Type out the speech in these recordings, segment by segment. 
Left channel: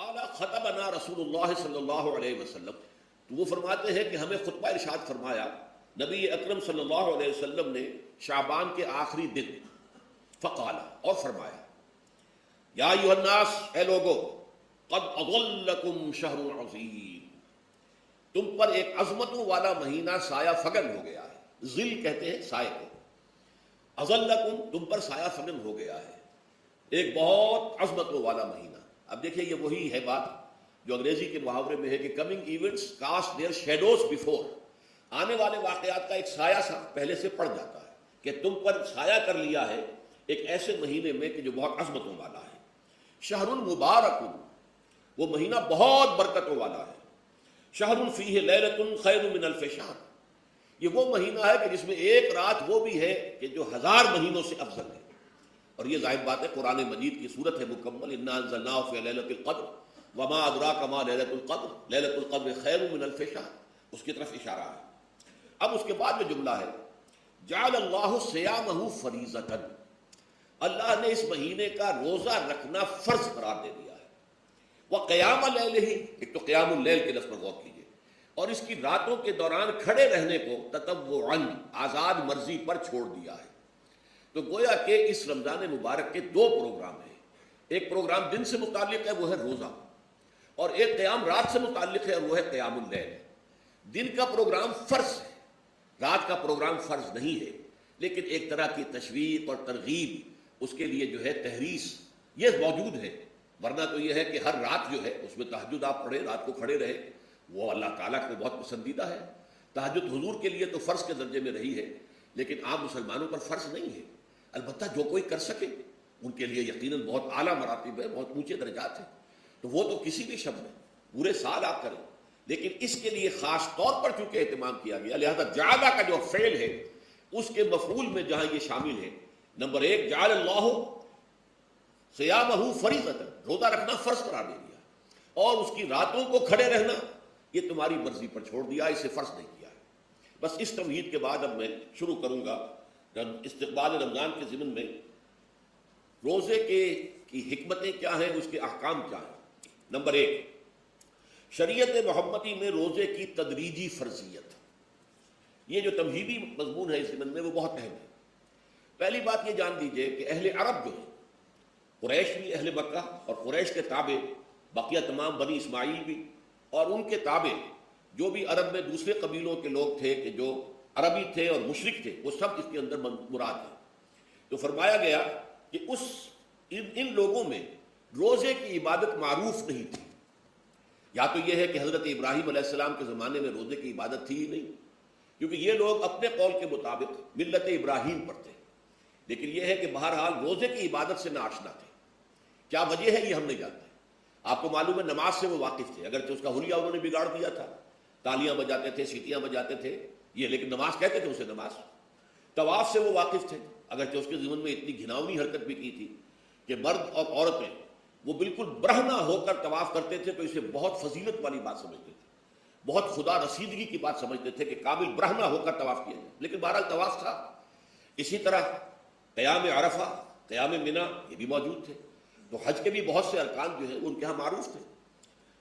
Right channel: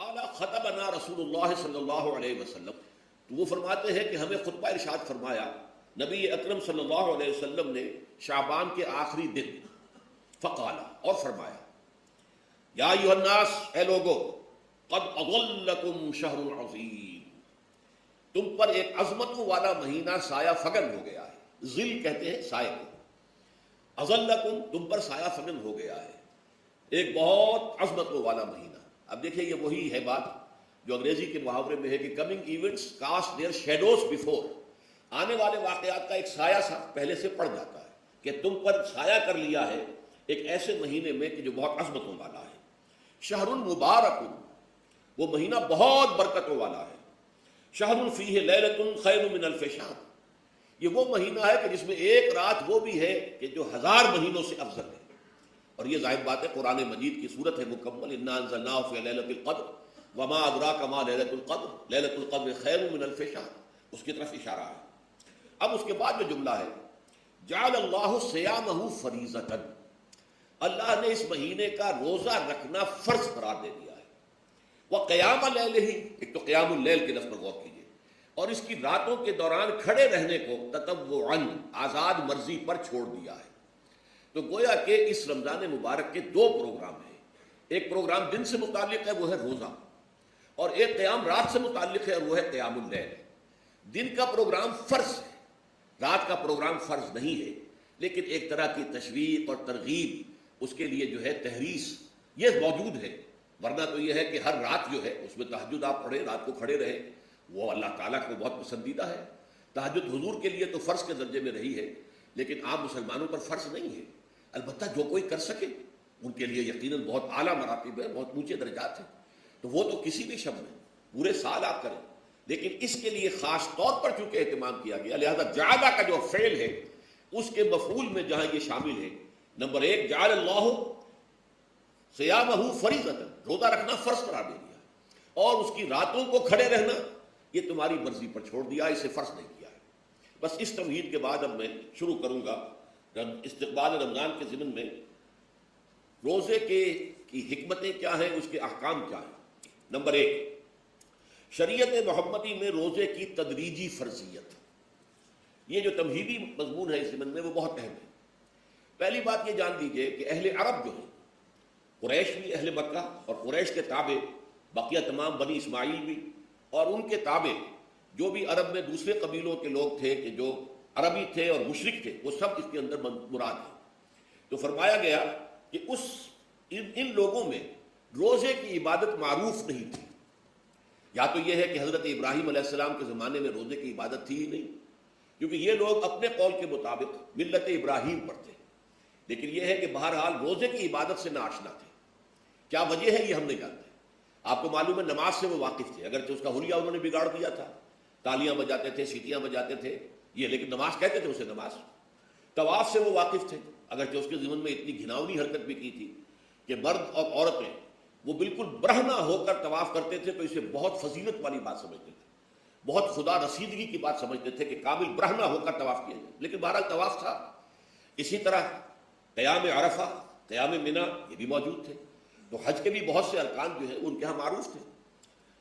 قال خطبنا رسول اللہ صلی اللہ علیہ وسلم، تو وہ فرماتے ہیں کہ ہمیں خطبہ ارشاد فرمایا نبی اکرم صلی اللہ علیہ وسلم نے شعبان کے آخری دن. فقال، اور فرمایا، یا ایھا الناس، اے لوگو، قد اضلکم شہر عظیم، تم پر ایک عظمتوں والا مہینہ سایہ فگن ہو گیا ہے. ظل کہتے ہیں سائے کو. اضلکم، تم پر سایہ فگن ہو گیا ہے، ایک بہت عظمتوں والا مہینہ. اب دیکھیں یہ وہی ہے بات جو انگریزی کے محاورے میں ہے کہ coming events cast their shadows before. آنے والے واقعات کا ایک سایہ سا پہلے سے پڑ جاتا ہے کہ تم پر سایہ کر لیا ہے ایک ایسے مہینے میں کہ جو بہت عظمتوں والا ہے. شہر مبارک، وہ مہینہ بہت برکتوں والا ہے. شہر فیہ لیلۃ خیر من الف شہر، یہ وہ مہینہ ہے کہ جس میں ایک رات وہ بھی ہے کہ جو 1000 مہینوں سے افضل ہے. اور یہ ظاہر بات ہے قرآن مجید کی صورت ہے مکمل، انا انزلناہ فی لیلۃ القدر وما ادراک ما لیلۃ القدر لیلۃ القدر خیر من الف شہر، اس کی طرف اشارہ ہے. اب اس کے بعد جو جملہ ہے، جعل اللہ صیامہ فریضۃ، اللہ نے اس مہینے کا روزہ رکھنا فرض قرار دے دیا ہے. وقیام اللیلہ، ایک تو قیام اللیل کے لفظ پر غور کیجیے، اور اس کی راتوں کے دوران کھڑے رہنے کو تطوعاً، آزاد مرضی پر چھوڑ دیا ہے. تو گویا کہ اس رمضان مبارک کے 2 پروگرام ہیں. ایک پروگرام دن سے متعلق ہے، وہ ہے روزہ، اور ایک قیام رات سے متعلق ہے، وہ ہے قیام اللیل. دن کا پروگرام فرض ہے، رات کا پروگرام فرض نہیں ہے، لیکن ایک طرح کی تشویق اور ترغیب، اس کے لیے جو ہے تحریص، یہ موجود ہے. ورنہ تو یہ ہے کہ ہر رات جو ہے اس میں تہجد آپ پڑھیں، رات کو کھڑے رہے، وہ اللہ تعالیٰ کو بہت پسندیدہ ہے. تہجد حضور کے لیے تو فرض کے درجے میں رہی ہے، لیکن عام مسلمانوں پر فرض نہیں ہے. البتہ جو کوئی کر سکے ان کے لیے یقیناً بہت اعلیٰ مراتب ہے، بہت اونچے درجات ہیں. تو وہ تو کسی بھی شب میں پورے سال آپ کریں، لیکن اس کے لیے خاص طور پر چونکہ اہتمام کیا گیا، لہذا جعل کا جو فعل ہے اس کے مفعول میں جہاں یہ شامل ہے. نمبر 1، جعل اللہ صیامہ فریضۃ، روزہ رکھنا فرض قرار دے دیا، اور اس کی راتوں کو کھڑے رہنا یہ تمہاری مرضی پر چھوڑ دیا، اسے فرض نہیں کیا. بس اس توحید کے بعد اب میں شروع کروں گا استقبال رمضان کے ضمن میں روزے کی حکمتیں کیا ہیں، اس کے احکام کیا ہیں. نمبر 1، شریعت محمدی میں روزے کی تدریجی فرضیت. یہ جو تمہیدی مضمون ہے اس ضمن میں وہ بہت اہم ہے. پہلی بات یہ جان لیجئے کہ اہل عرب جو ہے، قریش بھی، اہل مکہ اور قریش کے تابع بقیہ تمام بنی اسماعیل بھی، اور ان کے تابع جو بھی عرب میں دوسرے قبیلوں کے لوگ تھے کہ جو عربی تھے اور مشرک تھے، وہ سب اس کے اندر مراد ہیں. تو فرمایا گیا کہ ان لوگوں میں روزے کی عبادت معروف نہیں تھی. یا تو یہ ہے کہ حضرت ابراہیم علیہ السلام کے زمانے میں روزے کی عبادت تھی ہی نہیں، کیونکہ یہ لوگ اپنے قول کے مطابق ملت ابراہیم پر تھے. لیکن یہ ہے کہ بہرحال روزے کی عبادت سے ناآشنا تھے. کیا وجہ ہے یہ ہم نہیں جانتے. آپ کو معلوم ہے نماز سے وہ واقف تھے، اگرچہ اس کا حلیہ انہوں نے بگاڑ دیا تھا، تالیاں بجاتے تھے، سیٹیاں بجاتے تھے یہ، لیکن نماز کہتے تھے اسے نماز. طواف سے وہ واقف تھے، اگرچہ اس کے ضمن میں اتنی گھناؤنی حرکت بھی کی تھی کہ مرد اور عورتیں وہ بالکل برہنہ ہو کر طواف کرتے تھے، تو اسے بہت فضیلت والی بات سمجھتے تھے، بہت خدا رسیدگی کی بات سمجھتے تھے کہ کامل برہنہ ہو کر طواف کیا جائے. لیکن بہرحال طواف تھا. اسی طرح قیام عرفہ، قیام منی، یہ بھی موجود تھے. تو حج کے بھی بہت سے ارکان جو ہیں وہ ان کے یہاں معروف تھے.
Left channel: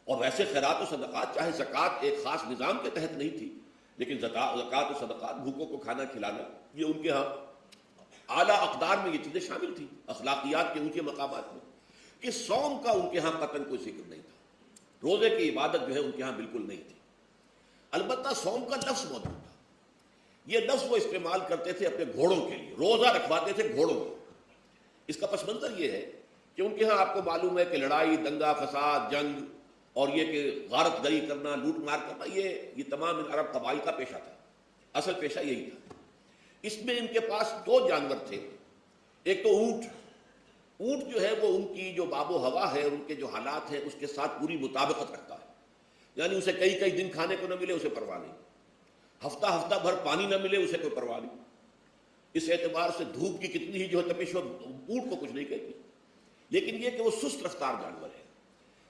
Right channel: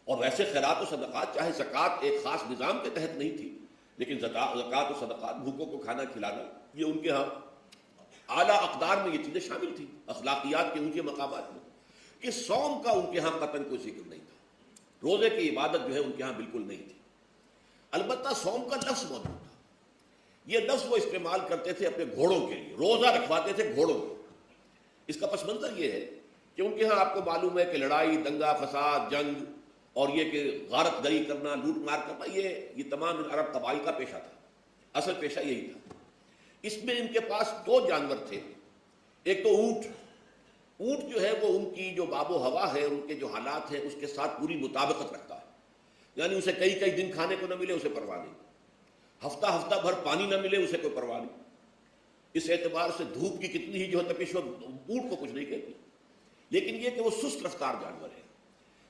اور ویسے خیرات و صدقات، چاہے زکوٰۃ ایک خاص نظام کے تحت نہیں تھی، لیکن زکوٰۃ و صدقات، بھوکوں کو کھانا کھلانا، یہ ان کے ہاں اعلیٰ اقدار میں یہ چیزیں شامل تھیں، اخلاقیات کے ان کے مقامات میں. اس صوم کا ان کے ہاں قطعاً کوئی ذکر نہیں تھا. روزے کی عبادت جو ہے ان کے ہاں بالکل نہیں تھی. البتہ صوم کا لفظ موجود تھا. یہ لفظ وہ استعمال کرتے تھے اپنے گھوڑوں کے لیے، روزہ رکھواتے تھے گھوڑوں کو. اس کا پس منظر یہ ہے کہ ان کے یہاں آپ کو معلوم ہے کہ لڑائی، دنگا فساد، جنگ، اور یہ کہ غارت گری کرنا، لوٹ مار کرنا، یہ تمام عرب قبائل کا پیشہ تھا. اصل پیشہ یہی تھا. اس میں ان کے پاس 2 جانور تھے. ایک تو اونٹ. اونٹ جو ہے وہ ان کی جو آب و ہوا ہے، ان کے جو حالات ہیں، اس کے ساتھ پوری مطابقت کرتا ہے. یعنی اسے کئی دن کھانے کو نہ ملے اسے پرواہ نہیں، ہفتہ بھر پانی نہ ملے اسے کوئی پرواہ نہیں. اس اعتبار سے دھوپ کی کتنی ہی جو تپش ہو، اونٹ کو کچھ نہیں کہتی. لیکن یہ کہ وہ سست رفتار جانور ہے.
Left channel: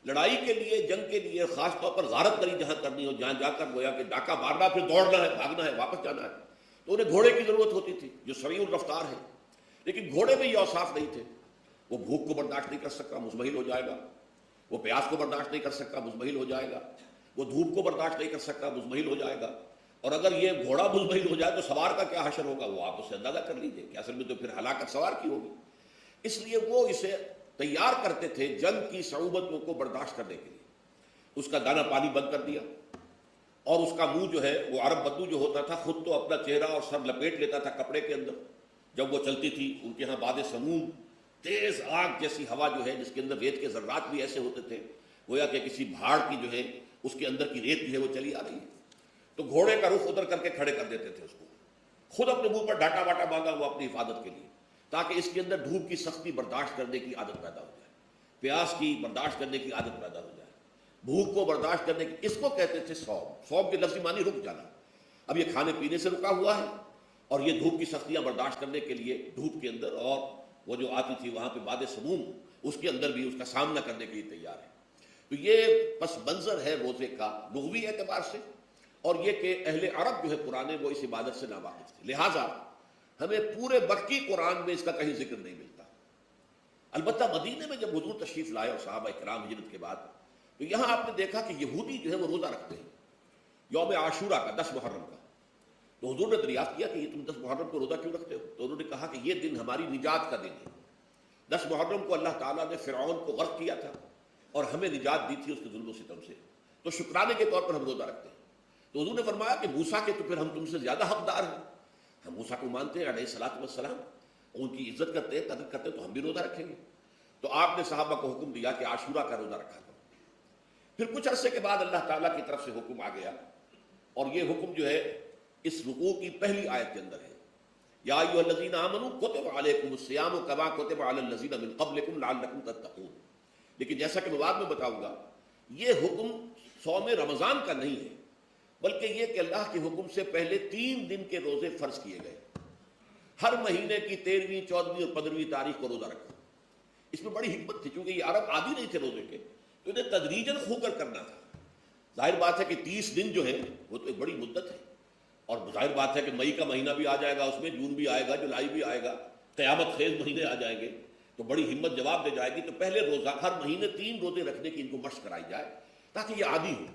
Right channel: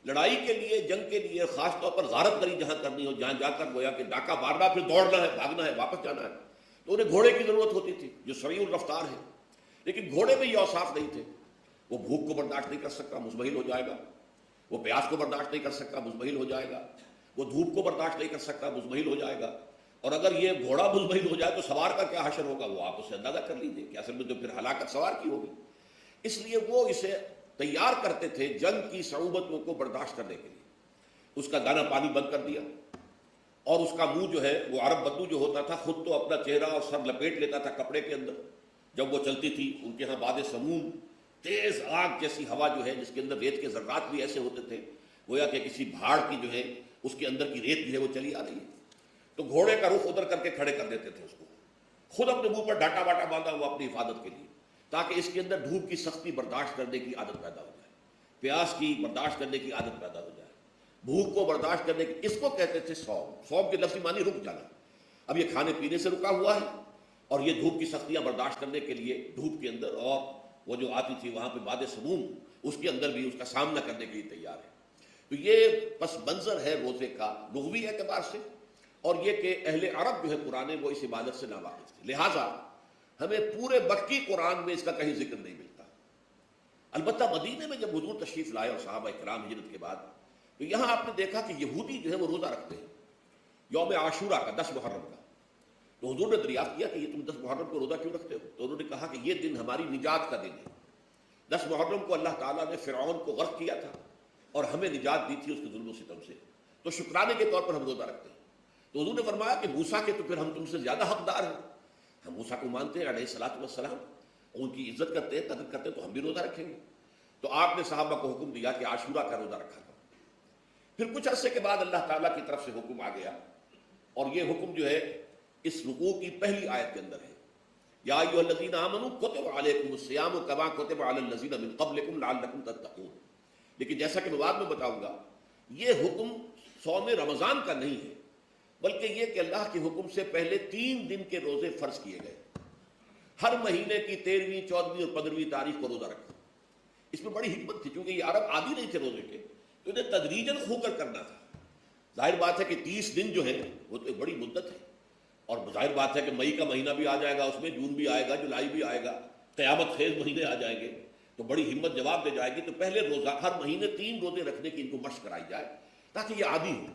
لڑائی کے لیے، جنگ کے لیے، خاص طور پر غارت گری جہاں کرنی ہو، جہاں جا کر گویا کہ ڈاکہ مارنا، پھر دوڑنا ہے، بھاگنا ہے، واپس جانا ہے، تو انہیں گھوڑے کی ضرورت ہوتی تھی جو سریع الرفتار ہے. لیکن گھوڑے میں یہ اوصاف نہیں تھے. وہ بھوک کو برداشت نہیں کر سکتا، مزمحل ہو جائے گا. وہ پیاس کو برداشت نہیں کر سکتا، مزمحل ہو جائے گا، وہ دھوپ کو برداشت نہیں کر سکتا، مزمحل ہو جائے گا، اور اگر یہ گھوڑا مزمحل ہو جائے تو سوار کا کیا حشر ہوگا، وہ آپ اسے اندازہ کر لیجیے کہ اصل میں تو پھر ہلاکت سوار کی ہوگی۔ اس لیے وہ اسے تیار کرتے تھے جنگ کی صعوبتوں کو برداشت کرنے کے لیے۔ اس کا دانا پانی بند کر دیا، اور اس کا منہ جو ہے وہ عرب بدو جو ہوتا تھا خود تو اپنا چہرہ اور سر لپیٹ لیتا تھا کپڑے کے اندر جب وہ چلتی تھی۔ ان کے ہاں باد سموم تیز آگ جیسی ہوا جو ہے، جس کے اندر ریت کے ذرات بھی ایسے ہوتے تھے گویا کہ کسی پہاڑ کی جو ہے اس کے اندر کی ریت جو ہے وہ چلی آ رہی ہے، تو گھوڑے کا رخ ادھر کر کے کھڑے کر دیتے تھے اس کو، خود اپنے منہ پر ڈھاٹا واٹا باندھا ہوا اپنی حفاظت کے لیے، تاکہ اس کے اندر دھوپ کی سختی برداشت کرنے کی عادت پیدا ہو جائے، پیاس کی برداشت کرنے کی عادت پیدا ہو جائے، بھوک کو برداشت کرنے کی۔ اس کو کہتے تھے صوم۔ صوم کے لفظی معنی رک جانا۔ اب یہ کھانے پینے سے رکا ہوا ہے، اور یہ دھوپ کی سختیاں برداشت کرنے کے لیے دھوپ کے اندر، اور وہ جو آتی تھی وہاں پہ باد سموم، اس کے اندر بھی اس کا سامنا کرنے کے لیے تیار ہے۔ تو یہ پس منظر ہے روزے کا لغوی اعتبار سے، اور یہ کہ اہل عرب جو ہے پرانے وہ اس عبادت سے ناواقف تھے، لہٰذا ہمیں پورے مکی قرآن میں اس کا کہیں ذکر نہیں ملتا۔ البتہ مدینے میں جب حضور تشریف لائے اور صحابہ اکرام ہجرت کے بعد، تو یہاں آپ نے دیکھا کہ یہودی جو ہے وہ روزہ رکھتے ہیں یوم عاشورہ کا، 10 محرم کا۔ تو حضور نے دریافت کیا کہ یہ تم 10 محرم کو روزہ کیوں رکھتے ہو؟ تو انہوں نے کہا کہ یہ دن ہماری نجات کا دن ہے۔ 10 محرم کو اللہ تعالیٰ نے فرعون کو غرق کیا تھا اور ہمیں نجات دی تھی اس کے ظلم و ستم سے، تو شکرانے کے طور پر ہم روزہ رکھتے ہیں۔ تو حضور نے فرمایا کہ موسیٰ کے تو پھر ہم تم سے زیادہ حقدار ہیں، ہم موسیٰ کو مانتے ہیں علیہ الصلوۃ والسلام، ان کی عزت کرتے ہیں، قدر کرتے ہیں، تو ہم بھی روزہ رکھیں گے۔ تو آپ نے صحابہ کو حکم دیا کہ عاشورہ کا روزہ رکھا کرو۔ پھر کچھ عرصے کے بعد اللہ تعالیٰ کی طرف سے حکم آ گیا، اور یہ حکم جو ہے اس رکوع کی پہلی آیت کے اندر ہے، یا ایھا الذین آمنوا کتب علیکم الصیام کما کتب علی الذین من قبلکم لعلکم تتقون۔ لیکن جیسا کہ میں بعد میں بتاؤں گا، یہ حکم صوم رمضان کا نہیں ہے، بلکہ یہ کہ اللہ کے حکم سے پہلے 3 دن کے روزے فرض کیے گئے، ہر مہینے کی 13ویں، 14ویں اور 15ویں تاریخ کو روزہ رکھا۔ اس میں بڑی حکمت تھی، چونکہ یہ عرب عادی نہیں تھے روزے کے، تو انہیں تدریجاً ہو کر کرنا تھا۔ ظاہر بات ہے کہ 30 دن جو ہے وہ تو ایک بڑی مدت ہے، اور ظاہر بات ہے کہ مئی کا مہینہ بھی آ جائے گا، اس میں جون بھی آئے گا، جولائی بھی آئے گا، قیامت خیز مہینے آ جائیں گے، تو بڑی ہمت جواب دے جائے گی۔ تو پہلے روزہ ہر مہینے 3 روزے رکھنے کی ان کو مشق کرائی جائے تاکہ یہ عادی ہو۔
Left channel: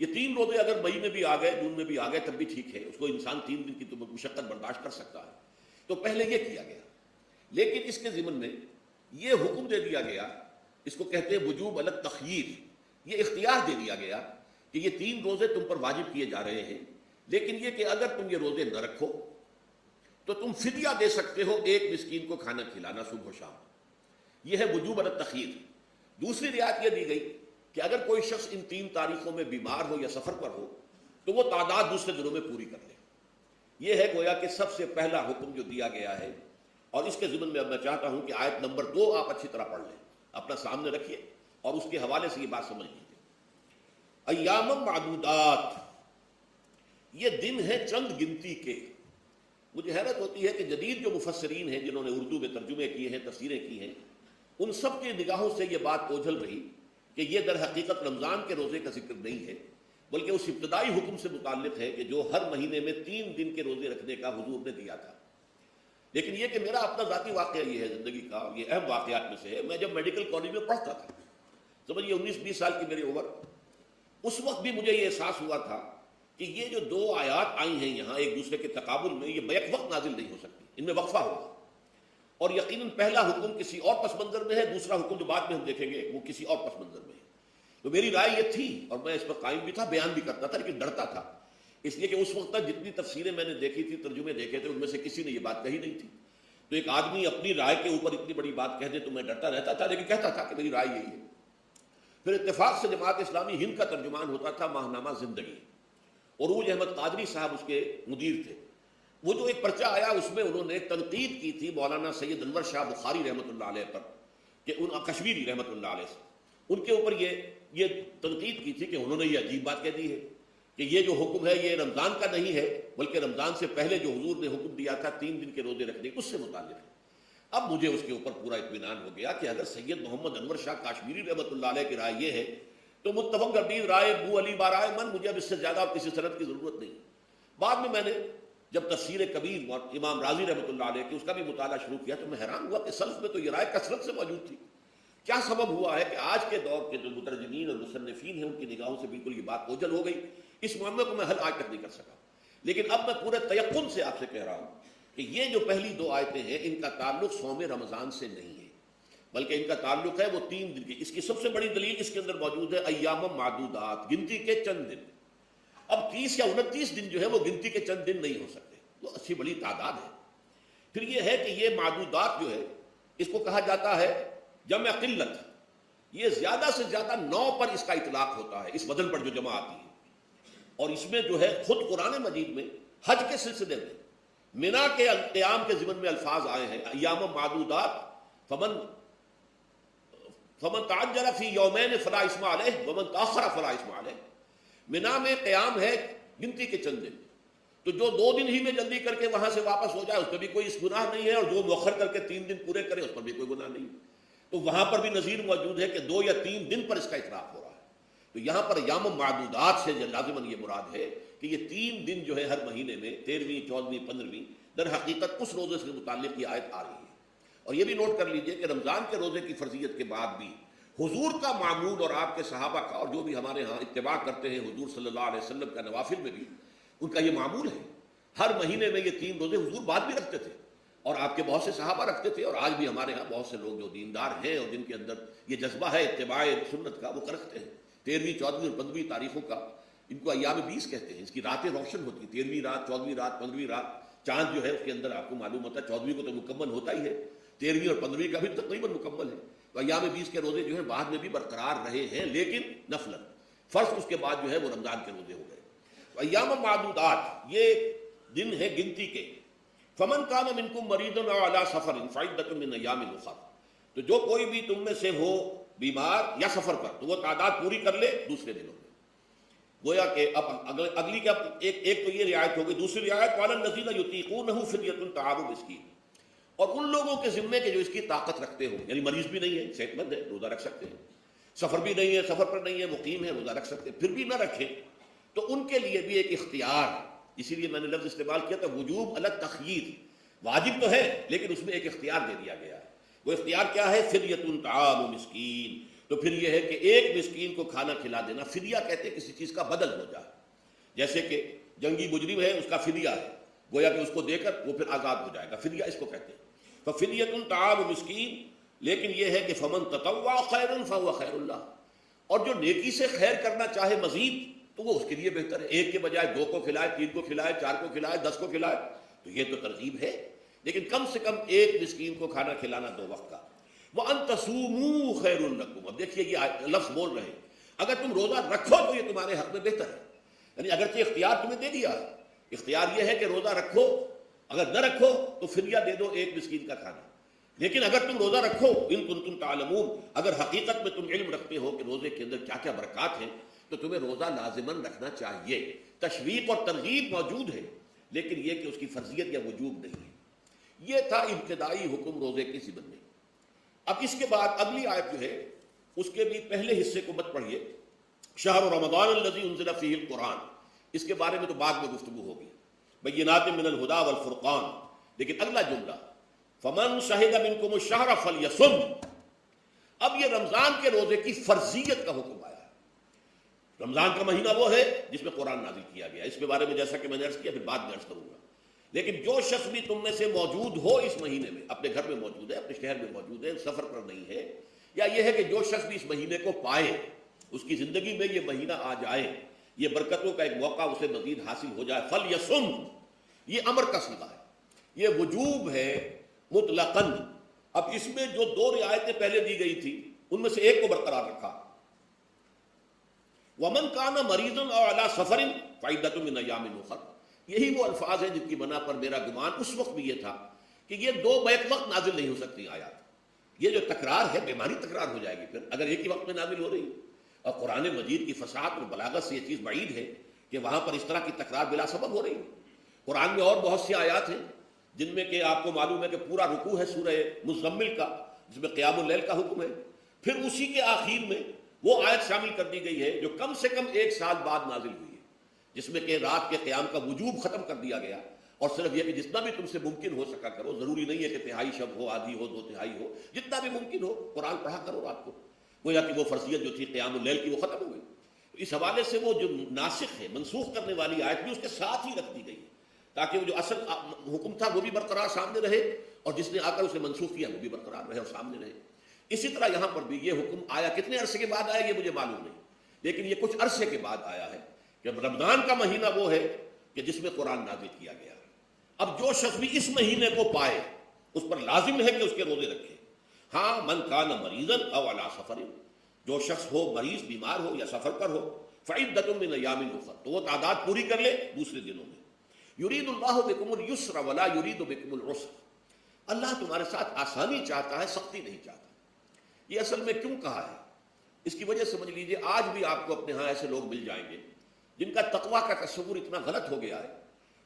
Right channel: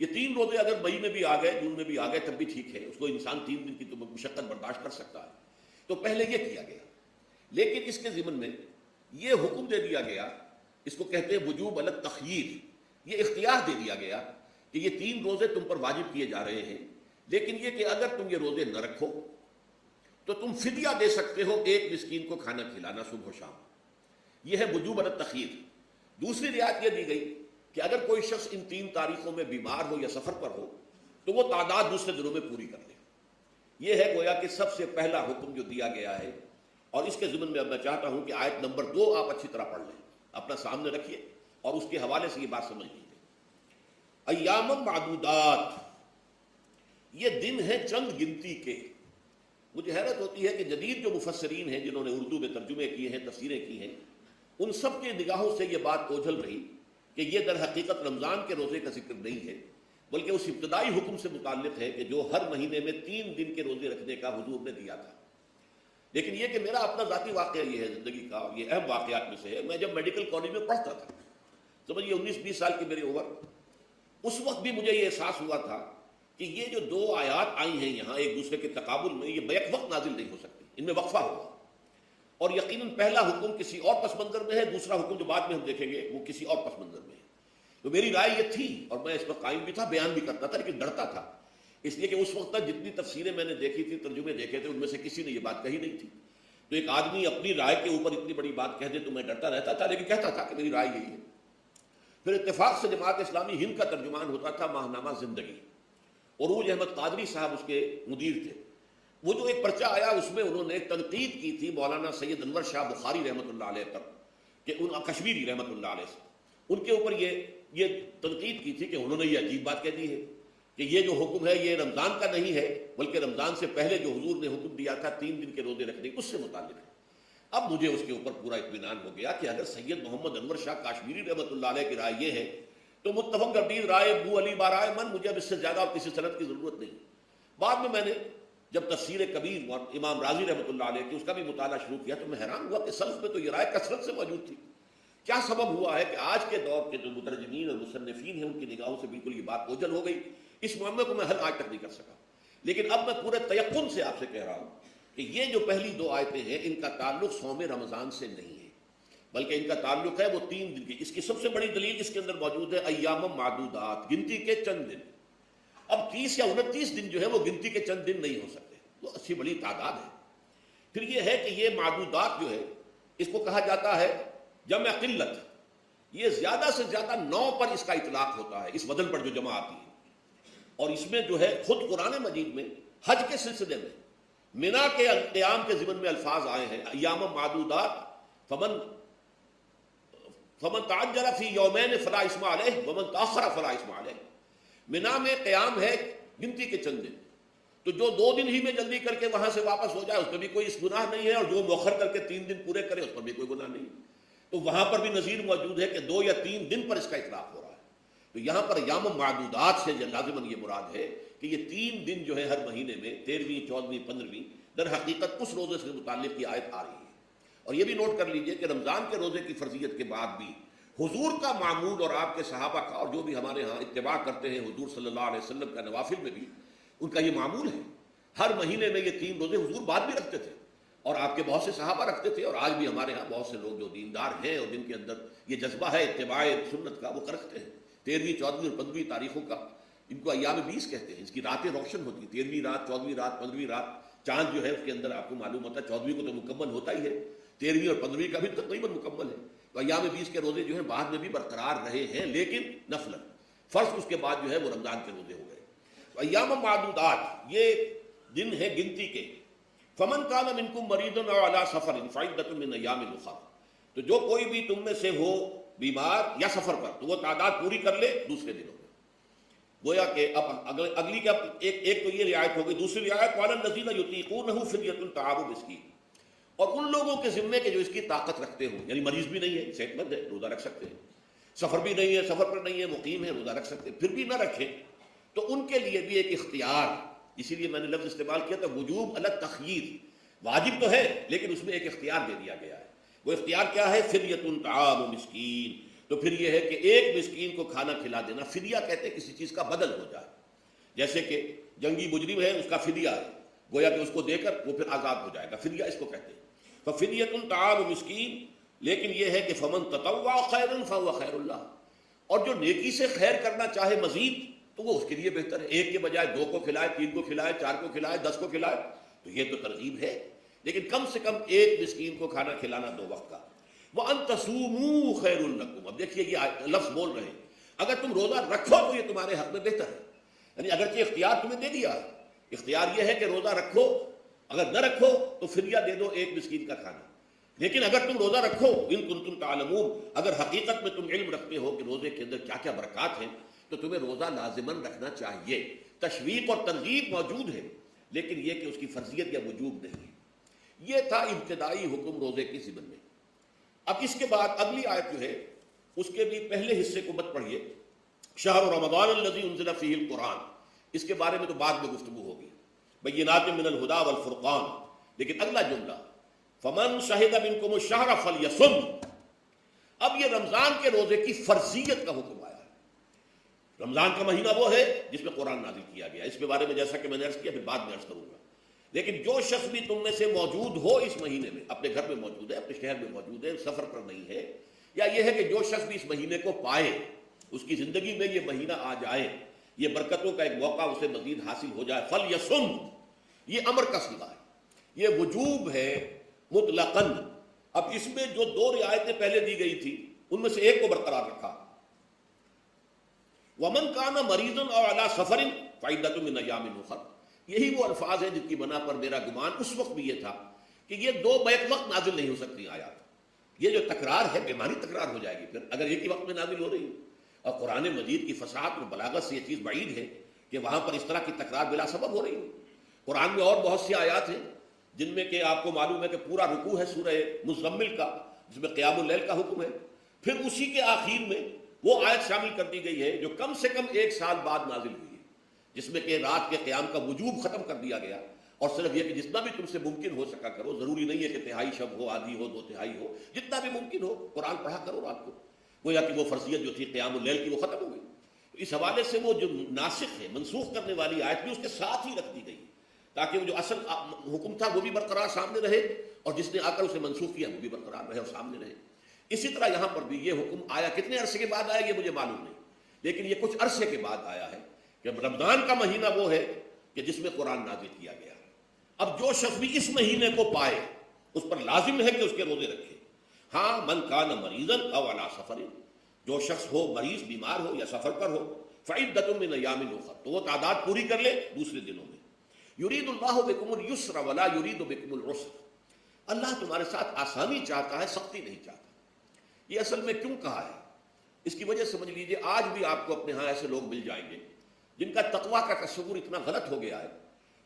یہ 3 روزے اگر مئی میں بھی آ گئے، جون میں بھی آ گئے، تب بھی ٹھیک ہے، اس کو انسان 3 دن کی تو مشقت برداشت کر سکتا ہے۔ تو پہلے یہ کیا گیا، لیکن اس کے ضمن میں یہ حکم دے دیا گیا، اس کو کہتے ہیں وجوب علی التخییر، یہ اختیار دے دیا گیا کہ یہ 3 روزے تم پر واجب کیے جا رہے ہیں، لیکن یہ کہ اگر تم یہ روزے نہ رکھو تو تم فدیہ دے سکتے ہو 1 مسکین کو کھانا کھلانا صبح و شام۔ یہ ہے وجوب علی التخییر۔ دوسری رعایت یہ دی گئی کہ اگر کوئی شخص ان 3 تاریخوں میں بیمار ہو یا سفر پر ہو تو وہ تعداد دوسرے دنوں میں پوری کر لے۔ یہ ہے گویا کہ سب سے پہلا حکم جو دیا گیا ہے، اور اس کے ضمن میں اب میں چاہتا ہوں کہ آیت نمبر 2 آپ اچھی طرح پڑھ لیں، اپنا سامنے رکھیے اور اس کے حوالے سے یہ بات سمجھ لیجیے۔ ایام معدودات، یہ دن ہے چند گنتی کے۔ مجھے حیرت ہوتی ہے کہ جدید جو مفسرین ہیں جنہوں نے اردو میں ترجمے کیے ہیں، تفسیریں کی ہیں، ان سب کی نگاہوں سے یہ بات اوجھل رہی کہ یہ در حقیقت رمضان کے روزے کا ذکر نہیں ہے، بلکہ اس ابتدائی حکم سے متعلق ہے کہ جو ہر مہینے میں 3 دن کے روزے رکھنے کا حضور نے دیا تھا۔ لیکن یہ کہ میرا اپنا ذاتی واقعہ یہ ہے زندگی کا، یہ اہم واقعات میں سے ہے۔ میں جب میڈیکل کالج میں پڑھتا تھا، سمجھیے 19-20 سال کی میری عمر، اس وقت بھی مجھے یہ احساس ہوا تھا کہ یہ جو 2 آیات آئی ہیں یہاں ایک دوسرے کے تقابل میں، یہ بیک وقت نازل نہیں ہو سکتی، ان میں وقفہ ہوگا، اور یقیناً پہلا حکم کسی اور پس منظر میں ہے، دوسرا حکم جو بعد میں ہم دیکھیں گے وہ کسی اور پس منظر میں ہے۔ تو میری رائے یہ تھی، اور میں اس پر قائم بھی تھا، بیان بھی کرتا تھا، لیکن ڈرتا تھا، اس لیے کہ اس وقت تک جتنی تفسیریں میں نے دیکھی تھی، ترجمے دیکھے تھے، ان میں سے کسی نے یہ بات کہی نہیں تھی۔ تو ایک آدمی اپنی رائے کے اوپر اتنی بڑی بات کہہ دے تو میں ڈرتا رہتا تھا، لیکن کہتا تھا کہ میری رائے یہی ہے۔ پھر اتفاق سے جماعت اسلامی ہند کا ترجمان ہوتا تھا ماہنامہ زندگی، عروج احمد قادری صاحب اس کے مدیر تھے۔ وہ جو ایک پرچہ آیا اس میں انہوں نے تنقید کی تھی مولانا سید انور شاہ بخاری رحمۃ اللہ علیہ پر، کہ ان کشمیری رحمۃ اللہ علیہ سے ان کے اوپر یہ تنقید کی تھی کہ انہوں نے یہ عجیب بات کہہ دی ہے کہ یہ جو حکم ہے یہ رمضان کا نہیں ہے، بلکہ رمضان سے پہلے جو حضور نے حکم دیا تھا 3 دن کے روزے رکھنے اس سے متعلق ہے۔ اب مجھے اس کے اوپر پورا اطمینان ہو گیا کہ اگر سید محمد انور شاہ کاشمیری رحمۃ اللہ علیہ کی رائے یہ ہے تو متفق گردید رائے بو علی بارائے من، مجھے اب اس سے زیادہ کسی سند کی ضرورت نہیں۔ بعد میں نے جب تفسیر کبیر اور امام راضی رحمۃ اللہ علیہ کی اس کا بھی مطالعہ شروع کیا تو میں حیران ہوا کہ سلف میں تو یہ رائے کثرت سے موجود تھی کیا سبب ہوا ہے کہ آج کے دور کے جو مترجمین اور مصنفین ہیں ان کی نگاہوں سے بالکل یہ بات اوجھل ہو گئی؟ اس معاملے کو میں حل آج تک نہیں کر سکا، لیکن اب میں پورے تیقن سے آپ سے کہہ رہا ہوں کہ یہ جو پہلی دو آیتیں ہیں ان کا تعلق صوم رمضان سے نہیں ہے، بلکہ ان کا تعلق ہے وہ 3 دن کی۔ اس کی سب سے بڑی دلیل اس کے اندر موجود ہے ایام معدودات، گنتی کے چند دن۔ اب 30 یا 29 دن جو ہے وہ گنتی کے چند دن نہیں ہو سکتے، وہ اچھی بڑی تعداد ہے۔ پھر یہ ہے کہ یہ معدودات جو ہے اس کو کہا جاتا ہے جمع قلت، یہ زیادہ سے زیادہ 9 پر اس کا اطلاق ہوتا ہے، اس بدل پر جو جمع آتی ہے۔ اور اس میں جو ہے خود قرآن مجید میں حج کے سلسلے میں منا کے قیام کے ضمن میں الفاظ آئے ہیں، ایام معدودات فمن تعجل فی یومین فلا اثم علیہ ومن تاخر فلا اثم علیہ۔ منا میں قیام ہے گنتی کے چند دن، تو جو 2 دن ہی میں جلدی کر کے وہاں سے واپس ہو جائے اس پر بھی کوئی گناہ نہیں ہے، اور جو مؤخر کر کے 3 دن پورے کرے اس پر بھی کوئی گناہ نہیں ہے۔ تو وہاں پر بھی نظیر موجود ہے کہ 2 یا 3 دن پر اس کا اطلاق ہوگا۔ تو یہاں پر یام معدودات سے لازماً یہ مراد ہے کہ یہ 3 دن جو ہے ہر مہینے میں 13ویں، 14ویں، 15ویں، در حقیقت اس روزے سے متعلق یہ آیت آ رہی ہے۔ اور یہ بھی نوٹ کر لیجیے کہ رمضان کے روزے کی فرضیت کے بعد بھی حضور کا معمول اور آپ کے صحابہ کا اور جو بھی ہمارے ہاں اتباع کرتے ہیں حضور صلی اللہ علیہ وسلم کا نوافل میں بھی ان کا یہ معمول ہے، ہر مہینے میں یہ 3 روزے حضور بعد بھی رکھتے تھے اور آپ کے بہت سے صحابہ رکھتے تھے، اور آج بھی ہمارے ہاں بہت سے لوگ جو دیندار ہیں اور جن کے اندر یہ جذبہ ہے اتباع سنت کا، وہ رکھتے ہیں 13ویں، 14ویں اور 15ویں تاریخوں کا۔ ان کو ایام بیس کہتے ہیں، اس کی راتیں روشن ہوتی ہیں، 13ویں رات، 14ویں رات، 15ویں رات۔ چاند جو ہے اس کے اندر آپ کو معلوم ہوتا ہے 14ویں کو تو مکمل ہوتا ہی ہے، 13ویں اور 15ویں کا بھی تقریباً مکمل ہے۔ تو ایام بیس کے روزے جو ہے بعد میں بھی برقرار رہے ہیں، لیکن نفل فرض اس کے بعد جو ہے وہ رمضان کے روزے ہو گئے۔ ایام معدودات یہ دن ہے گنتی کے۔ فمن کان منکم مریضا او علی سفر فعدۃ من ایام اخر، تو جو کوئی بھی تم میں سے ہو بیمار یا سفر پر تو وہ تعداد پوری کر لے دوسرے دن۔ گویا کہ اب اگلی کا ایک تو یہ رعایت ہوگی، دوسری رعایت وعلی الذین یطیقونہ فدیۃ طعام مسکین، اور ان لوگوں کے ذمے کے جو اس کی طاقت رکھتے ہوں، یعنی مریض بھی نہیں ہے، صحت مند ہے، روزہ رکھ سکتے ہیں، سفر بھی نہیں ہے، سفر پر نہیں ہے، مقیم ہے، روزہ رکھ سکتے ہیں، پھر بھی نہ رکھے تو ان کے لیے بھی ایک اختیار، اسی لیے میں نے لفظ استعمال کیا تھا وجوب الگ تخییر، واجب تو ہے لیکن اس میں ایک اختیار دے دیا گیا ہے۔ وہ اختیار کیا ہے؟ فدیۃ طعام مسکین۔ تو پھر یہ ہے کہ ایک مسکین کو کھانا کھلا دینا، فدیہ کہتے ہیں کسی چیز کا بدل ہو جائے، جیسے کہ جنگی مجرم ہے اس کا فدیہ ہے، گویا کہ اس کو دے کر وہ پھر آزاد ہو جائے گا، فدیہ اس کو کہتے ہیں۔ تو فدیۃ طعام مسکین، لیکن یہ ہے کہ فمن تطوع خیرا فهو خیر اللہ، اور جو نیکی سے خیر کرنا چاہے مزید تو وہ اس کے لیے بہتر ہے، ایک کے بجائے 2 کو کھلائے، 3 کو کھلائے، 4 کو کھلائے، 10 کو کھلائے، تو یہ تو ترغیب ہے، لیکن کم سے کم ایک مسکین کو کھانا کھلانا 2 وقت کا۔ وَأَن تَصُومُوا خَيْرٌ لَكُمْ، اب دیکھیے یہ لفظ بول رہے ہیں اگر تم روزہ رکھو تو یہ تمہارے حق میں بہتر ہے، یعنی اگرچہ اختیار تمہیں دے دیا ہے، اختیار یہ ہے کہ روزہ رکھو، اگر نہ رکھو تو فدیہ دے دو ایک مسکین کا کھانا، لیکن اگر تم روزہ رکھو ان کنتم تعلمون، اگر حقیقت میں تم علم رکھتے ہو کہ روزے کے اندر کیا کیا برکات ہیں تو تمہیں روزہ لازماً رکھنا چاہیے۔ تشویق اور ترغیب موجود ہے لیکن یہ کہ اس کی فرضیت یا وجوب نہیں ہے۔ یہ تھا ابتدائی حکم روزے کے ضمن میں۔ اب اس کے بعد اگلی آیت جو ہے اس کے بھی پہلے حصے کو مت پڑھیے، شہر رمضان الذی انزل فیہ القرآن، اس کے بارے میں تو بعد میں گفتگو ہوگی، بینات من الہدی والفرقان، لیکن اگلا جملہ فمن شہد منکم الشہر فلیصم، اب یہ رمضان کے روزے کی فرضیت کا حکم آیا ہے۔ رمضان کا مہینہ وہ ہے جس میں قرآن نازل کیا گیا، اس کے بارے میں جیسا کہ میں نے عرض کیا پھر بعد میں عرض کروں گا، لیکن جو شخص بھی تم میں سے موجود ہو اس مہینے میں، اپنے گھر میں موجود ہے، اپنے شہر میں موجود ہے، سفر پر نہیں ہے، یا یہ ہے کہ جو شخص بھی اس مہینے کو پائے، اس کی زندگی میں یہ مہینہ آ جائے، یہ برکتوں کا ایک موقع اسے مزید حاصل ہو جائے، فلیصم، یہ امر کا صیغہ ہے، یہ وجوب ہے مطلقاً۔ اب اس میں جو 2 رعایتیں پہلے دی گئی تھی ان میں سے ایک کو برقرار رکھا، ومن کان مریض او علی سفر فعدۃ من ایام اخر، یہی وہ الفاظ ہیں جن کی بنا پر میرا گمان اس وقت بھی یہ تھا کہ یہ 2 بیک وقت نازل نہیں ہو سکتی آیات، یہ جو تکرار ہے بیماری تکرار ہو جائے گی پھر اگر ایک ہی وقت میں نازل ہو رہی ہے، اور قرآن مجید کی فصاحت اور بلاغت سے یہ چیز بعید ہے کہ وہاں پر اس طرح کی تکرار بلا سبب ہو رہی ہے۔ قرآن میں اور بہت سی آیات ہیں جن میں کہ آپ کو معلوم ہے کہ پورا رکوع ہے سورہ مزمل کا جس میں قیام اللیل کا حکم ہے، پھر اسی کے آخر میں وہ آیت شامل کر دی گئی ہے جو کم سے کم 1 سال بعد نازل ہوئی ہے، جس میں کہ رات کے قیام کا وجوب ختم کر دیا گیا اور صرف یہ کہ جتنا بھی تم سے ممکن ہو سکا کرو، ضروری نہیں ہے کہ تہائی شب ہو، آدھی ہو، 2/3 ہو، جتنا بھی ممکن ہو قرآن پڑھا کرو، رات کو گویا کہ وہ فرضیت جو تھی قیام اللیل کی وہ ختم ہو گئی۔ اس حوالے سے وہ جو ناسخ ہے، منسوخ کرنے والی آیت کو اس کے ساتھ ہی رکھ دی گئی تاکہ وہ جو اصل حکم تھا وہ بھی برقرار سامنے رہے، اور جس نے آ کر اسے منسوخ کیا وہ بھی برقرار رہے اور سامنے رہے۔ اسی طرح یہاں پر بھی یہ حکم آیا، کتنے عرصے کے بعد آیا یہ مجھے معلوم نہیں، لیکن یہ کچھ عرصے کے بعد آیا ہے کہ رمضان کا مہینہ وہ ہے کہ جس میں قرآن نازل کیا گیا۔ اب جو شخص بھی اس مہینے کو پائے اس پر لازم ہے کہ اس کے روزے رکھے۔ ہاں، من کان مریضا او علی سفر، جو شخص ہو مریض، بیمار ہو یا سفر پر ہو، فعدۃ من ایام اخر، تو وہ تعداد پوری کر لے دوسرے دنوں میں۔ یرید اللہ بکم اليسر ولا یرید بکم العسر، اللہ تمہارے ساتھ آسانی چاہتا ہے، سختی نہیں چاہتا۔ یہ اصل میں کیوں کہا ہے؟ اس کی وجہ سمجھ لیجیے، آج بھی آپ کو اپنے ہاں ایسے لوگ مل جائیں گے جن کا تقویٰ کا تصور اتنا غلط ہو گیا ہے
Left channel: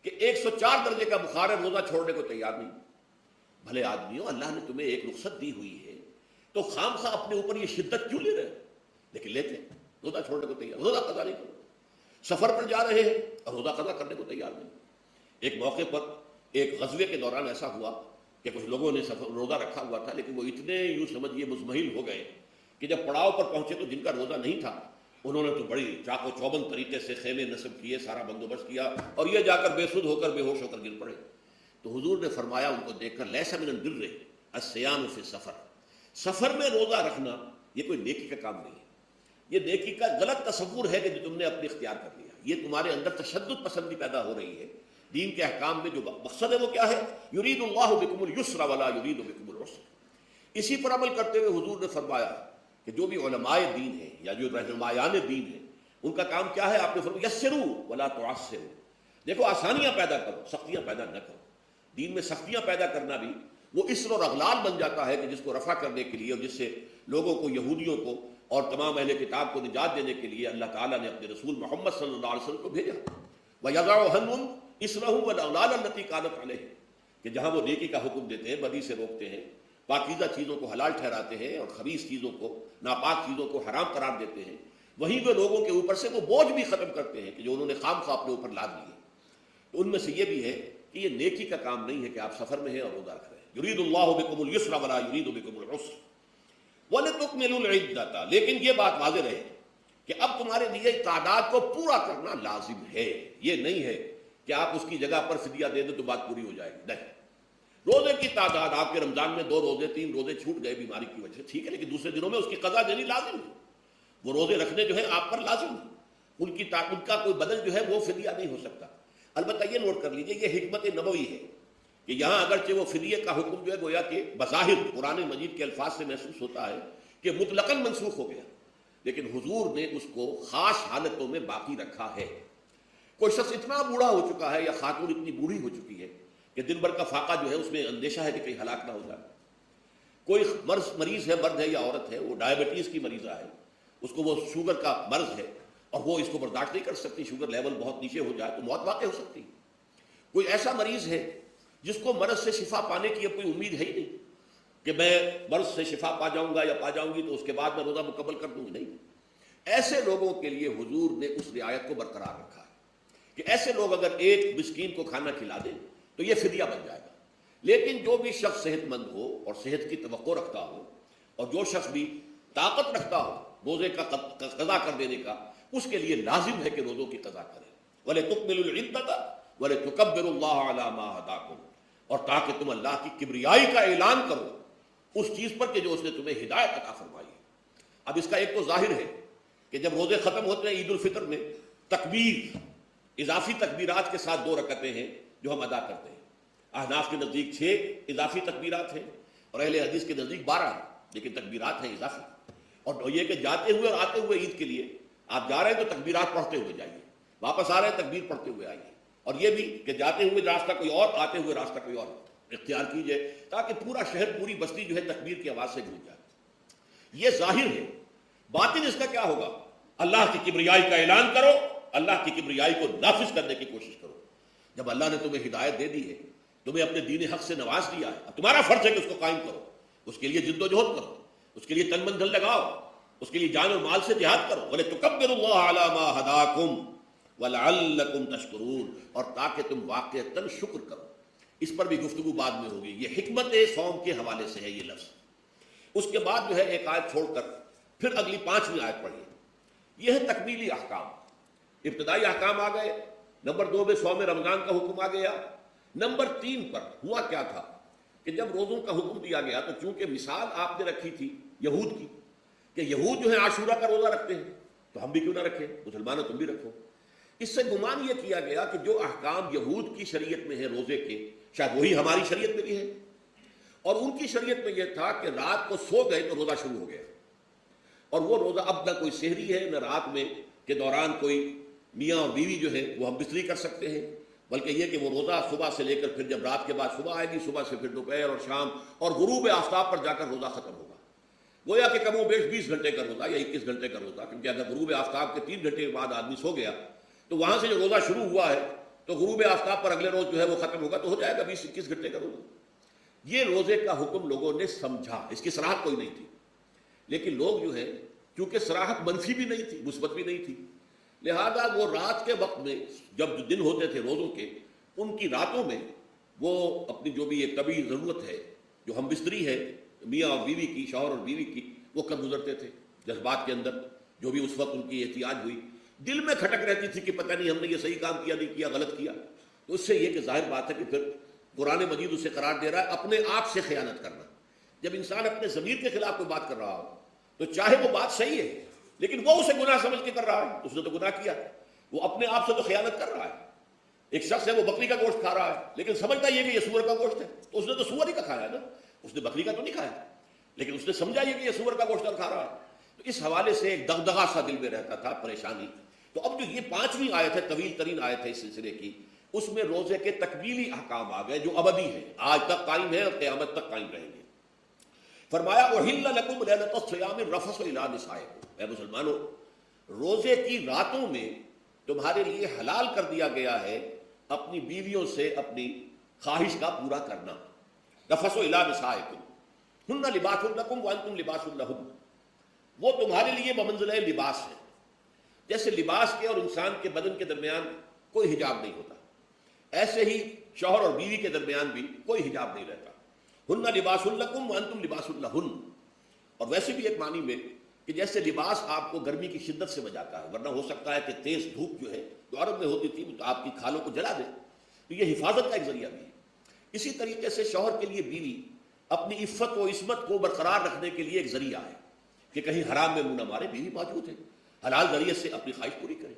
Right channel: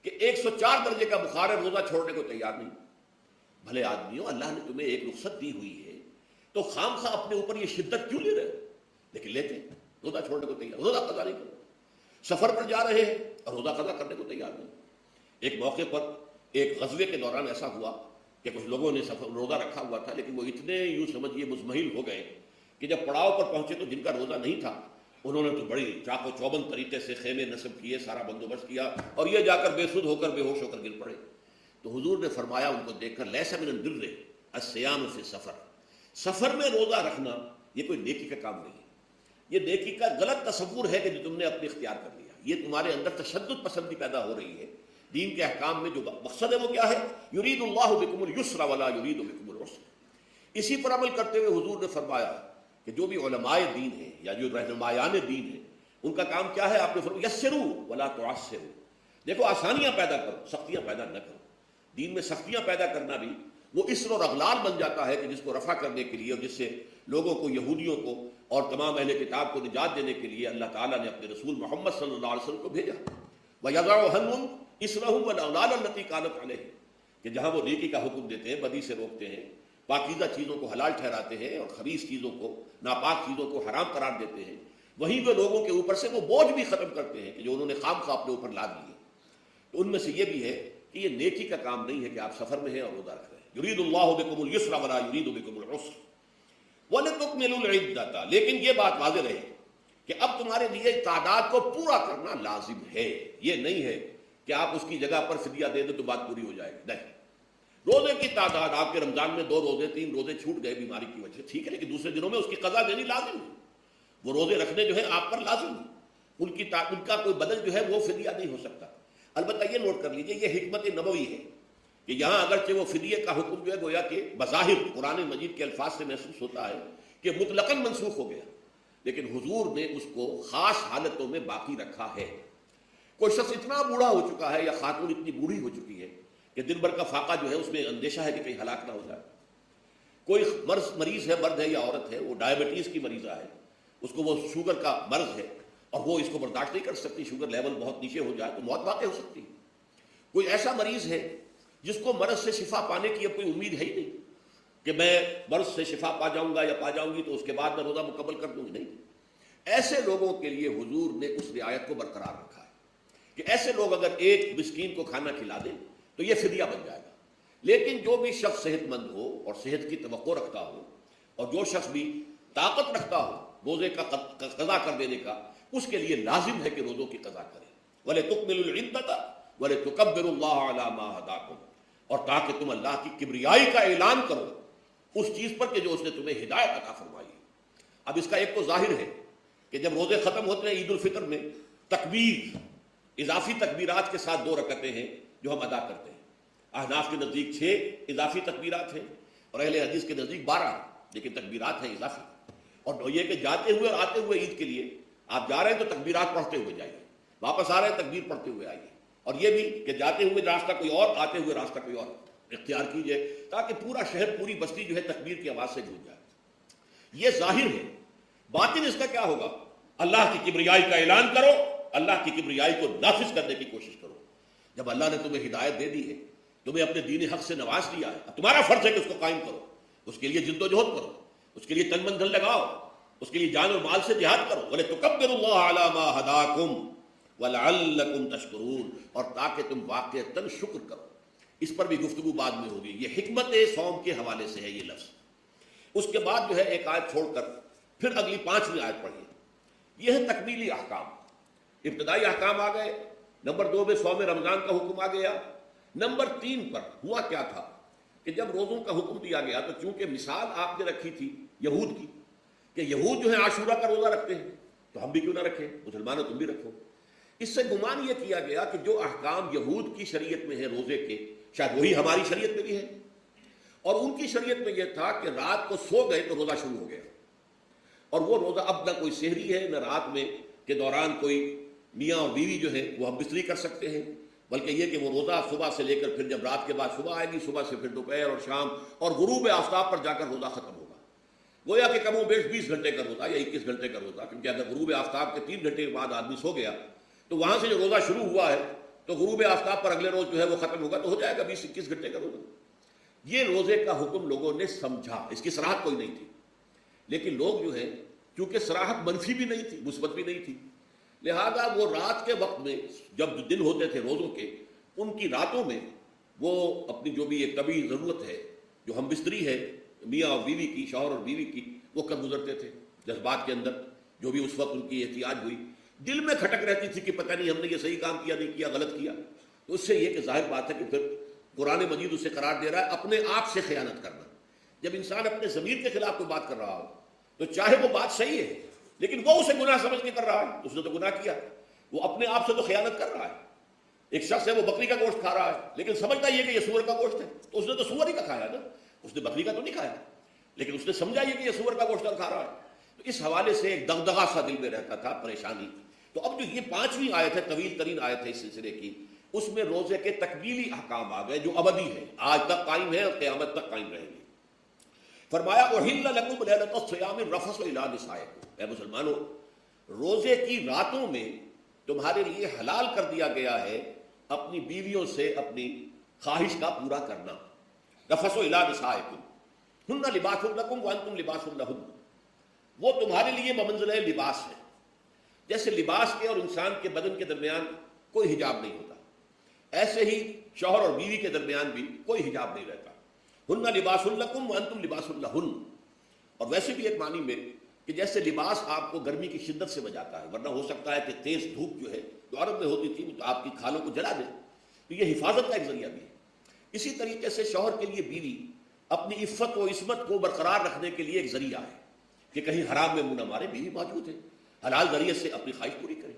کہ 104 درجے کا بخار ہے، روزہ چھوڑنے کو تیار نہیں۔ بھلے آدمیوں، اللہ نے تمہیں ایک رخصت دی ہوئی ہے تو خام خواہ اپنے اوپر یہ شدت کیوں لے رہے ہیں؟ لیکن لیتے ہیں، روزہ چھوڑنے کو تیار، روزہ قضا نہیں کرو، سفر پر جا رہے ہیں اور روزہ قضا کرنے کو تیار نہیں۔ ایک موقع پر ایک غزوے کے دوران ایسا ہوا کہ کچھ لوگوں نے سفر روزہ رکھا ہوا تھا، لیکن وہ اتنے یوں سمجھیے مزمحل ہو گئے کہ جب پڑاؤ پر پہنچے تو جن کا روزہ نہیں تھا انہوں نے تو بڑی چاق و چوبند طریقے سے خیمے نصب کیے، سارا بندوبست کیا، اور یہ جا کر بے سود ہو کر بے ہوش ہو کر گر پڑے۔ تو حضور نے فرمایا ان کو دیکھ کر، لیس من البر الصیام فی السفر، سفر میں روزہ رکھنا یہ کوئی نیکی کا کام نہیں ہے، یہ نیکی کا غلط تصور ہے کہ جو تم نے اپنے اختیار کر لیا، یہ تمہارے اندر تشدد پسندی پیدا ہو رہی ہے۔ دین کے احکام میں جو مقصد ہے وہ کیا ہے؟ یرید اللہ بکم اليسر ولا یرید بکم العسر۔ اسی پر عمل کرتے ہوئے حضور نے فرمایا کہ جو بھی علماء دین ہیں یا جو رہنمایان دین ہیں ان کا کام کیا ہے؟ آپ نے فرمایا یسروا ولا تعسروا، دیکھو آسانیاں پیدا کرو، سختیاں پیدا نہ کرو۔ دین میں سختیاں پیدا کرنا بھی وہ اسم اور اغلال بن جاتا ہے کہ جس کو رفع کرنے کے لیے اور جس سے لوگوں کو، یہودیوں کو اور تمام اہل کتاب کو نجات دینے کے لیے اللہ تعالیٰ نے اپنے رسول محمد صلی اللہ علیہ وسلم کو بھیجا۔ وَيَضَعُ عَنْهُمْ إِصْرَهُمْ وَالْأَغْلَالَ الَّتِي كَانَتْ عَلَيْهِمْ، کہ جہاں وہ نیکی کا حکم دیتے ہیں، بدی سے روکتے ہیں، پاکیزہ چیزوں کو حلال ٹھہراتے ہیں اور خبیث چیزوں کو، ناپاک چیزوں کو حرام قرار دیتے ہیں، وہی جو لوگوں کے اوپر سے وہ بوجھ بھی ختم کرتے ہیں کہ جو انہوں نے خام خواہ اپنے اوپر لاد دیے۔ تو ان میں سے یہ بھی ہے کہ یہ نیکی کا کام نہیں ہے کہ آپ سفر میں ہیں اور روزہ رکھ رہے ہیں۔ یرید اللہ بکم اليسر ولا یرید بکم العسر وَلِتُكْمِلُوا الْعِدَّةَ، لیکن یہ بات واضح ہے کہ اب تمہارے لیے تعداد کو پورا کرنا لازم ہے، یہ نہیں ہے کہ آپ اس کی جگہ پر فدیہ دے دیں تو بات پوری ہو جائے گی، نہیں۔ روزے کی تعداد، آپ کے رمضان میں 2 روزے 3 روزے چھوٹ گئے بیماری کی وجہ سے، ٹھیک ہے، لیکن دوسرے دنوں میں اس کی قضا دینی لازم ہے، وہ روزے رکھنے جو ہے آپ پر لازم ہے، ان کا کوئی بدل جو ہے وہ فدیہ نہیں ہو سکتا۔ البتہ یہ نوٹ کر لیجیے، یہ حکمت نبوی ہے کہ یہاں اگرچہ وہ فدیے کا حکم جو ہے گویا کہ بظاہر قرآن مجید کے الفاظ سے محسوس ہوتا ہے کہ مطلقاً منسوخ ہو گیا، لیکن حضور نے اس کو خاص حالتوں میں باقی رکھا ہے۔ کوئی شخص اتنا بوڑھا ہو چکا ہے یا خاتون اتنی بوڑھی ہو چکی ہے کہ دن بھر کا فاقہ جو ہے اس میں اندیشہ ہے کہ کہیں ہلاک نہ ہو جائے، کوئی مریض ہے، مرد ہے یا عورت ہے، وہ ڈائبٹیز کی مریضہ ہے، اس کو وہ شوگر کا مرض ہے اور وہ اس کو برداشت نہیں کر سکتی، شوگر لیول بہت نیچے ہو جائے تو موت واقع ہو سکتی ہے۔ کوئی ایسا مریض ہے جس کو مرض سے شفا پانے کی اب کوئی امید ہے ہی نہیں کہ میں مرض سے شفا پا جاؤں گا یا پا جاؤں گی تو اس کے بعد میں روزہ مکمل کر دوں گی، نہیں۔ ایسے لوگوں کے لیے حضور نے اس رعایت کو برقرار رکھا ہے کہ ایسے لوگ اگر ایک مسکین کو کھانا کھلا دیں تو یہ فدیہ بن جائے گا۔ لیکن جو بھی شخص صحت مند ہو اور صحت کی توقع رکھتا ہو اور جو شخص بھی طاقت رکھتا ہو روزے کا قضا کر دینے کا، اس کے لیے لازم ہے کہ روزوں کی قضا کرے۔ وَلِتُكْمِلُوا الْعِدَّةَ وَلِتُكَبِّرُوا اللَّهَ عَلَى مَا هَدَاكُمْ، اور تاکہ تم اللہ کی کبریائی کا اعلان کرو اس چیز پر کہ جو اس نے تمہیں ہدایت عطا فرمائی ہے۔ اب اس کا ایک تو ظاہر ہے کہ جب روزے ختم ہوتے ہیں عید الفطر میں تکبیر، اضافی تکبیرات کے ساتھ 2 رکعتیں ہیں جو ہم ادا کرتے ہیں۔ احناف کے نزدیک 6 اضافی تکبیرات ہیں اور اہل حدیث کے نزدیک 12، لیکن تکبیرات ہیں اضافی۔ اور یہ کہ جاتے ہوئے اور آتے ہوئے عید کے لیے آپ جا رہے ہیں تو تکبیرات پڑھتے ہوئے جائیے، واپس آ رہے ہیں تکبیر پڑھتے ہوئے آئیے، اور یہ بھی کہ جاتے ہوئے راستہ کوئی اور، آتے ہوئے راستہ کوئی اور اختیار کیجیے تاکہ پورا شہر، پوری بستی جو ہے تکبیر کی آواز سے گونج جائے۔ یہ ظاہر ہے۔ باطن اس کا کیا ہوگا؟ اللہ کی کبریائی کا اعلان کرو، اللہ کی کبریائی کو نافذ کرنے کی کوشش کرو۔ جب اللہ نے تمہیں ہدایت دے دی ہے، تمہیں اپنے دین حق سے نواز دیا ہے، اب تمہارا فرض ہے کہ اس کو قائم کرو، اس کے لیے جد و جہد کرو، اس کے لیے تن من دھن لگاؤ، اس کے لیے جان اور مال سے جہاد کرو۔ وَلِتُكَبِّرُوا اللَّهَ عَلَى مَا هَدَاكُمْ، وَلَعَلَّكُمْ تَشْكُرُونَ، اور تاکہ تم واقعتاً شکر کرو۔ اس پر بھی گفتگو بعد میں ہوگی۔ یہ حکمت صوم کے حوالے سے ہے یہ لفظ۔ اس کے بعد جو ہے ایک آیت چھوڑ کر پھر اگلی 5ویں آیت پڑھیے۔ یہ ہے تکمیلی احکام۔ ابتدائی احکام آ گئے، نمبر 2 میں صوم رمضان کا حکم آ گیا، نمبر 3 پر ہوا کیا تھا کہ جب روزوں کا حکم دیا گیا تو چونکہ مثال آپ نے رکھی تھی یہود کی کہ یہود جو ہے عاشورہ کا روزہ رکھتے ہیں تو ہم بھی کیوں نہ رکھیں، مسلمانوں تم بھی رکھو۔ اس سے گمان یہ کیا گیا کہ جو احکام یہود کی شریعت میں ہے روزے کے، شاید وہی ہماری شریعت میں بھی ہے، اور ان کی شریعت میں یہ تھا کہ رات کو سو گئے تو روزہ شروع ہو گیا، اور وہ روزہ اب نہ کوئی سحری ہے نہ رات میں کے دوران کوئی میاں اور بیوی جو ہے وہ اب بستری کر سکتے ہیں، بلکہ یہ کہ وہ روزہ صبح سے لے کر پھر جب رات کے بعد صبح آئے گی، صبح سے پھر دوپہر اور شام اور غروب آفتاب پر جا کر روزہ ختم ہوگا۔ گویا کہ کم و بیش 20 گھنٹے کا روزہ یا 21 گھنٹے کا روزہ، کیونکہ اگر غروب آفتاب کے 3 گھنٹے کے بعد آدمی سو گیا تو وہاں سے جو روزہ شروع ہوا ہے تو غروب آفتاب پر اگلے روز جو ہے وہ ختم ہوگا، تو ہو جائے گا 20-21 گھنٹے کا روزہ۔ یہ روزے کا حکم لوگوں نے سمجھا، اس کی صراحت کوئی نہیں تھی، لیکن لوگ جو ہے کیونکہ صراحت منفی بھی نہیں تھی مثبت بھی نہیں تھی، لہذا وہ رات کے وقت میں جب دن ہوتے تھے روزوں کے، ان کی راتوں میں وہ اپنی جو بھی ایک طبیعی ضرورت ہے، جو ہم بستری ہے میاں اور بیوی کی، شوہر اور بیوی کی، وہ کر گزرتے تھے جذبات کے اندر، جو بھی اس وقت ان کی احتیاج ہوئی، دل میں کھٹک رہتی تھی کہ پتہ نہیں ہم نے یہ صحیح کام کیا نہیں کیا، غلط کیا۔ تو اس سے یہ کہ ظاہر بات ہے کہ پھر قرآن مجید اسے قرار دے رہا ہے اپنے آپ سے خیانت کرنا۔ جب انسان اپنے ضمیر کے خلاف کوئی بات کر رہا ہو تو چاہے وہ بات صحیح ہے لیکن وہ اسے گناہ سمجھ کے کر رہا ہے، اس نے تو گناہ کیا، وہ اپنے آپ سے تو خیانت کر رہا ہے۔ ایک شخص ہے وہ بکری کا گوشت کھا رہا ہے لیکن سمجھتا یہ کہ یہ سور کا گوشت ہے، تو اس نے تو سور ہی کا کھایا تھا، اس نے بکری کا تو نہیں کھایا، لیکن اس نے سمجھا یہ کہ یہ سور کا گوشت کھا رہا ہے۔ تو اس حوالے سے ایک دغدغہ سا دل میں رہتا تھا، پریشانی۔ تو اب جو یہ 5ویں آیت ہے، طویل ترین آیت ہے اس سلسلے کی، اس میں روزے کے تکمیلی احکام آ گئے جو ابدی ہیں، آج تک قائم ہے اور قیامت تک قائم رہیں گے۔ فرمایا احل لکم لیلۃ الصیام الرفث الی نسائکم، اے مسلمانوں روزے کی راتوں میں تمہارے لیے حلال کر دیا گیا ہے اپنی بیویوں سے اپنی خواہش کا پورا کرنا۔ رفث الی نسائکم ہن لباس لکم وانتم لباس لہن، وہ تمہارے لیے بمنزلہ لباس ہے، جیسے لباس کے اور انسان کے بدن کے درمیان کوئی حجاب نہیں ہوتا، ایسے ہی شوہر اور بیوی کے درمیان بھی کوئی حجاب نہیں رہتا۔ ہن لباس لکم وانتم لباس لہن، اور ویسے بھی ایک معنی میں کہ جیسے لباس آپ کو گرمی کی شدت سے بچاتا ہے، ورنہ ہو سکتا ہے کہ تیز دھوپ جو ہے جو عرب میں ہوتی تھی تو آپ کی کھالوں کو جلا دے، تو یہ حفاظت کا ایک ذریعہ بھی ہے۔ اسی طریقے سے شوہر کے لیے بیوی اپنی عفت و عصمت کو برقرار رکھنے کے لیے ایک ذریعہ ہے کہ کہیں حرام میں منہ نہ مارے، بیوی موجود ہے، حلال ذریعے سے اپنی خواہش پوری کرے۔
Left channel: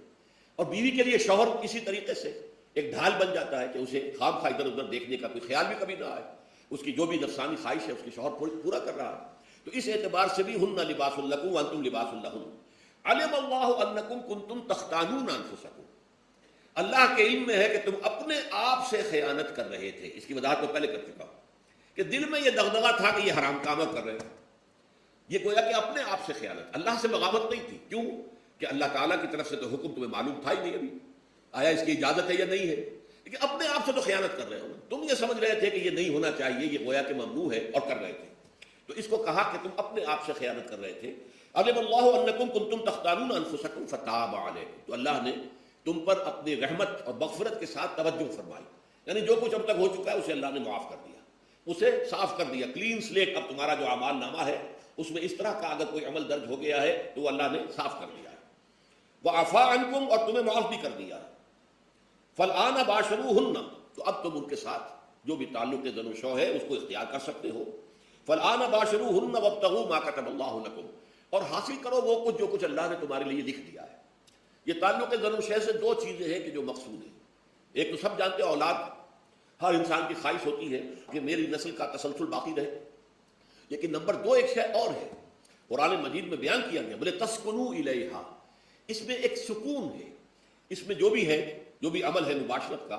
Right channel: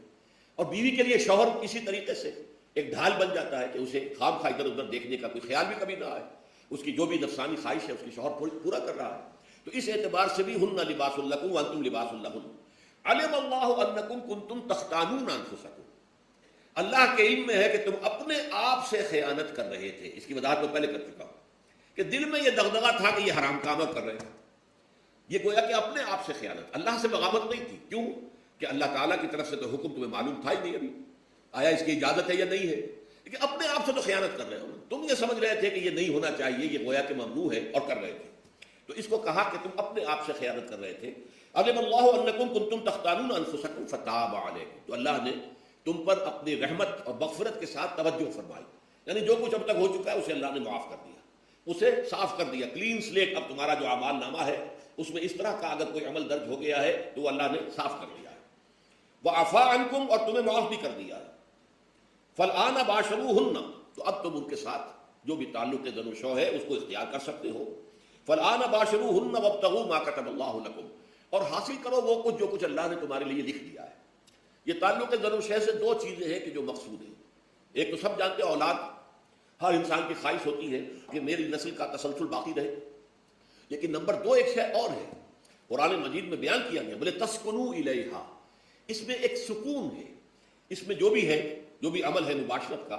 اور بیوی کے لیے شوہر اسی طریقے سے ایک ڈھال بن جاتا ہے کہ اسے خواب خواہ ادھر ادھر دیکھنے کا کوئی خیال بھی کبھی نہ آئے، اس کی جو بھی نفسانی خواہش ہے اس کے شوہر پورا کر رہا ہے۔ تو اس اعتبار سے بھی ہن لباس لکم وانتم لباس لہن، علم اللہ انکم کنتم تختانون انفسکم، اللہ کے علم میں ہے کہ تم اپنے آپ سے خیانت کر رہے تھے۔ اس کی وضاحت میں پہلے کر چکا ہوں کہ دل میں یہ دغدغہ تھا کہ یہ حرام کام کر رہے تھے، یہ گویا کہ اپنے آپ سے خیانت، اللہ سے بغاوت نہیں تھی۔ کیوں کہ اللہ تعالیٰ کی طرف سے تو حکم تمہیں معلوم تھا ہی نہیں، آیا اس کی اجازت ہے یا نہیں ہے، لیکن اپنے آپ سے تو خیانت کر رہے ہو، تم یہ سمجھ رہے تھے کہ یہ نہیں ہونا چاہیے، یہ گویا کہ ممنوع ہے اور کر رہے تھے، تو اس کو کہا کہ تم اپنے آپ سے خیانت کر رہے تھے۔ علم اللہ انکم کنتم تختانون انفسکم فتاب علیکم، تو اللہ نے تم پر اپنی رحمت اور مغفرت کے ساتھ توجہ فرمائی، یعنی جو کچھ اب تک ہو چکا ہے اسے اللہ نے معاف کر دیا، اسے صاف کر دیا، کلین سلیٹ۔ اب تمہارا جو اعمال نامہ ہے اس میں اس طرح کا اگر کوئی عمل درج ہو گیا ہے تو اللہ نے صاف کر دیا ہے، وعفا عنکم، اور تمہیں معاف بھی کر دیا ہے۔ فالآن باشروہن، تو اب تم ان کے ساتھ جو بھی تعلق زن و شو ہے اس کو اختیار کر سکتے ہو۔ فالآن باشروہن وابتغوا ما کتب اللہ لکم، اور حاصل کرو وہ کچھ جو کچھ اللہ نے تمہارے لیے لکھ دیا ہے۔ یہ تعلق زن و شو سے 2 چیزیں ہیں کہ جو مقصود ہیں، ایک تو سب جانتے ہیں اولاد، ہر انسان کی خواہش ہوتی ہے کہ میری نسل کا تسلسل باقی رہے، لیکن نمبر 2 ایک شے اور ہے، قرآن مجید میں بیان کیا کہ بولے تسکنوا الیہا، اس میں ایک سکون ہے، اس میں جو بھی ہے جو بھی عمل ہے مباشرت کا،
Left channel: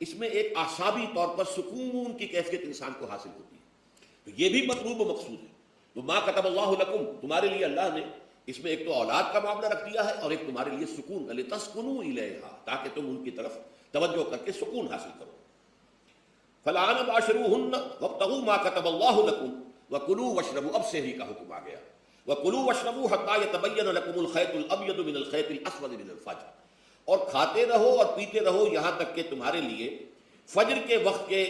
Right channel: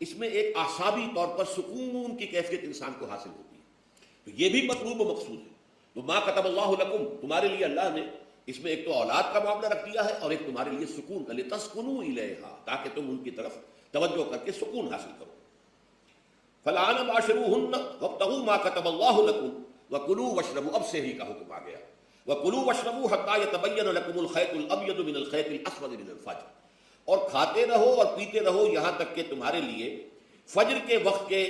اس میں ایک اعصابی طور پر سکون کی کیفیت انسان کو حاصل ہوتی ہے، تو یہ بھی مطلوب و مقصود ہے۔ تو ما کتب اللہ لکم، تمہارے لیے اللہ نے اس میں ایک تو اولاد کا معاملہ رکھ دیا ہے اور ایک تمہارے لیے سکون، لتسکنوا الیہا، تاکہ تم ان کی طرف توجہ کر کے سکون حاصل کرو۔ فالآن باشروہن وابتغوا ما کتب اللہ لکم وکلوا واشربوا، اب سحری کا حکم آ گیا، وکلوا واشربوا حتی یتبین لکم الخیط الابیض من الخیط الاسود من الفجر، اور کھاتے رہو اور پیتے رہو یہاں تک کہ تمہارے لیے فجر کے وقت کے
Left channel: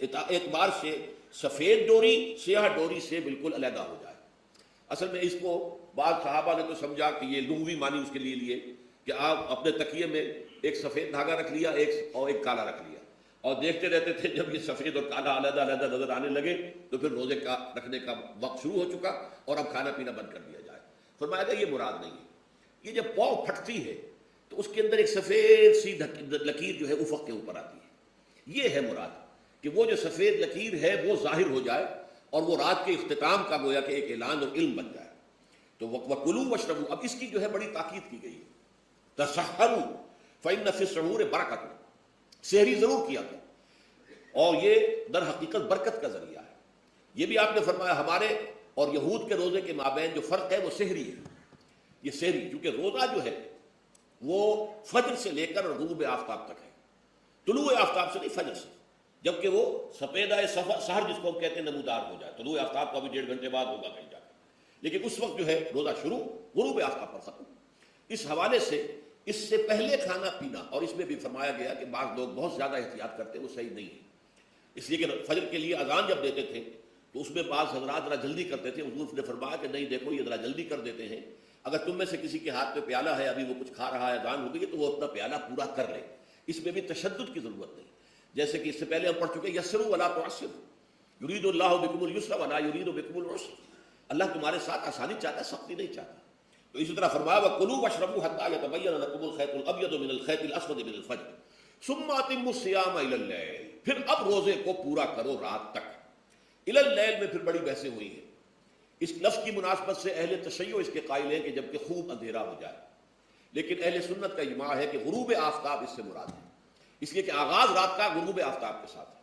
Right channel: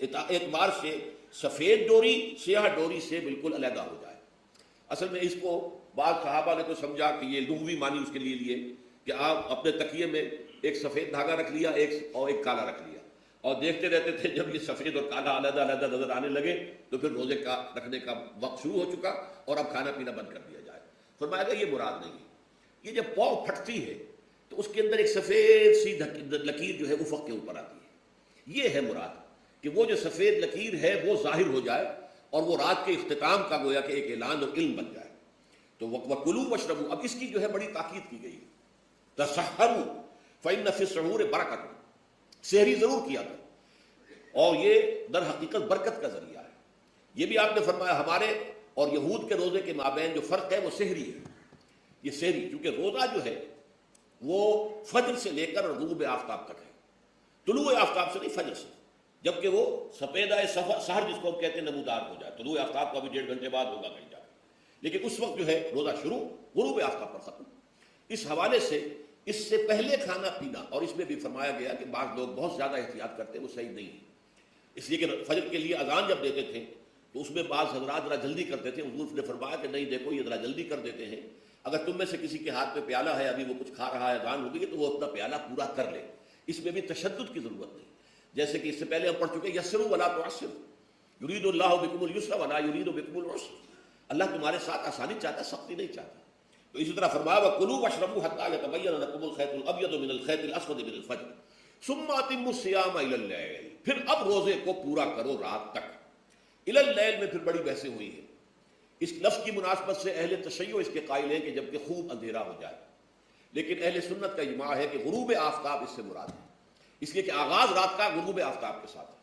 اعتبار سے سفید ڈوری سیاہ ڈوری سے بالکل علیحدہ ہو جائے۔ اصل میں اس کو بعض صحابہ نے تو سمجھا کہ یہ لغوی معنی اس کے لیے لیے کہ آپ اپنے تکیے میں ایک سفید دھاگا رکھ لیا اور ایک کالا رکھ لیا، اور دیکھتے رہتے تھے جب یہ سفید اور کالا علیحدہ نظر آنے لگے تو پھر روزے کا رکھنے کا وقت شروع ہو چکا اور اب کھانا پینا بند کر دیا جائے۔ فرمایا کہ یہ مراد نہیں ہے، یہ جب پاؤں پھٹتی ہے تو اس کے اندر ایک سفید سی لکیر جو ہے افق کے اوپر آتی ہے، یہ ہے مراد کہ وہ جو سفید لکیر ہے وہ ظاہر ہو جائے اور وہ رات کے اختتام کا گویا کہ ایک اعلان اور علم بن جائے۔ تو وَكُلُوا وَاشْرَبُوا، اب اس کی جو ہے بڑی تاکید کی گئی ہے، تَسَحَّرُوا فَإِنَّ فِي السَّحُورِ بَرَكَةً، سحری ضرور کیا تھا، اور یہ در حقیقت برکت کا ذریعہ ہے۔ یہ بھی آپ نے فرمایا ہمارے اور یہود کے روزے کے مابین جو فرق ہے وہ سحری ہے، یہ سحری، کیونکہ روزہ جو ہے وہ فجر سے لے کر غروب آفتاب تک ہے، طلوع آفتاب سے نہیں، فجر سے، جبکہ وہ سفیدہ سحر جس کو کہتے ہیں نمودار ہو جائے، طلوع آفتاب کو ابھی 1.5 گھنٹے بعد ہوگا کہیں جائے، لیکن اس وقت جو ہے روزہ شروع، غروب آفتاب پر ختم۔ اس حوالے سے اس سے پہلے کھانا پینا، اور اس میں بھی فرمایا گیا کہ بعض لوگ بہت زیادہ احتیاط کرتے ہیں، وہ صحیح نہیں ہے، اس لیے کہ فجر کے لیے اذان جب دیتے تھے تو اس میں بعض حضرات ذرا جلدی کرتے تھے، حضور نے فرمایا کہ نہیں دیکھو یہ ذرا جلدی کر دیتے ہیں، اگر تم میں سے کسی کے ہاتھ میں پیالہ ہے، ابھی وہ کچھ کھا رہا ہے، اذان ہو گئی تو وہ اپنا پیالہ پورا کر لے، اس میں بھی تشدد کی ضرورت نہیں، جیسے کہ اس سے پہلے ہم پڑھ چکے یسروا ولا تعسروا، یرید اللہ بکم الیسر ولا یرید بکم العسر، اللہ تمہارے ساتھ آسانی چاہتا ہے، سختی نہیں چاہتا۔ تو اسی طرح فرمایا وَكُلُوا وَاشْرَبُوا حَتَّىٰ يَتَبَيَّنَ لَكُمُ الْخَيْطُ الْأَبْيَضُ مِنَ الْخَيْطِ الْأَسْوَدِ مِنَ الْفَجْرِ ثُمَّ أَتِمُّوا الصِّيَامَ إِلَى اللَّيْلِ، پھر اب روزے کو پورا کرو رات تک۔ إِلَى اللَّيْلِ میں پھر بڑی بحثیں ہوئی ہیں، اس لفظ کی مناسبت سے اہل تشیع اس کے قائل ہیں کہ جبکہ خوب اندھیرا ہو جائے، لیکن اہل سنت کا اجماع ہے کہ غروب آفتاب اس سے مراد ہے، اس لیے کہ آغاز رات کا غروب آفتاب کے ساتھ ہے،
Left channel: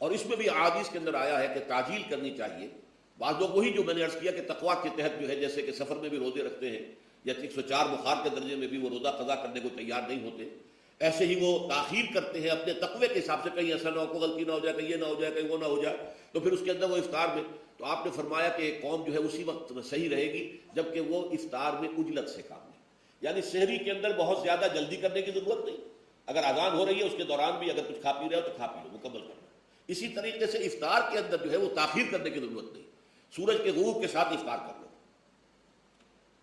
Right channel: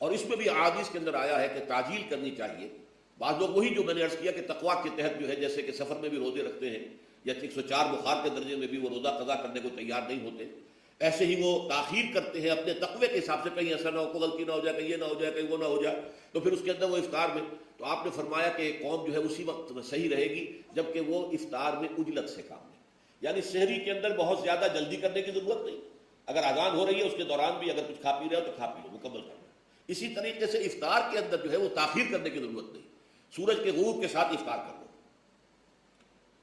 اور اس میں بھی احادیث کے اندر آیا ہے کہ تاجیل کرنی چاہیے۔ بعض لوگ وہی جو میں نے عرض کیا کہ تقویٰ کے تحت جو ہے، جیسے کہ سفر میں بھی روزے رکھتے ہیں، یا 104 بخار کے درجے میں بھی وہ روزہ قضا کرنے کو تیار نہیں ہوتے، ایسے ہی وہ تاخیر کرتے ہیں اپنے تقوی کے حساب سے، کہیں ایسا نہ ہو کوئی غلطی نہ ہو جائے، کہیں یہ نہ ہو جائے، کہیں وہ نہ ہو جائے، تو پھر اس کے اندر وہ افطار میں، تو آپ نے فرمایا کہ قوم جو ہے اسی وقت صحیح رہے گی جبکہ وہ افطار میں اجلت سے کھاتے ہیں، یعنی سحری کے اندر بہت زیادہ جلدی کرنے کی ضرورت نہیں، اگر اذان ہو رہی ہے اس کے دوران بھی اگر کچھ کھا پی رہے ہو تو کھا پی لو، مکمل کرنا۔ اسی طریقے سے افطار کے اندر جو ہے وہ تاخیر کرنے کی ضرورت نہیں، سورج کے غروب کے ساتھ افطار کر دو۔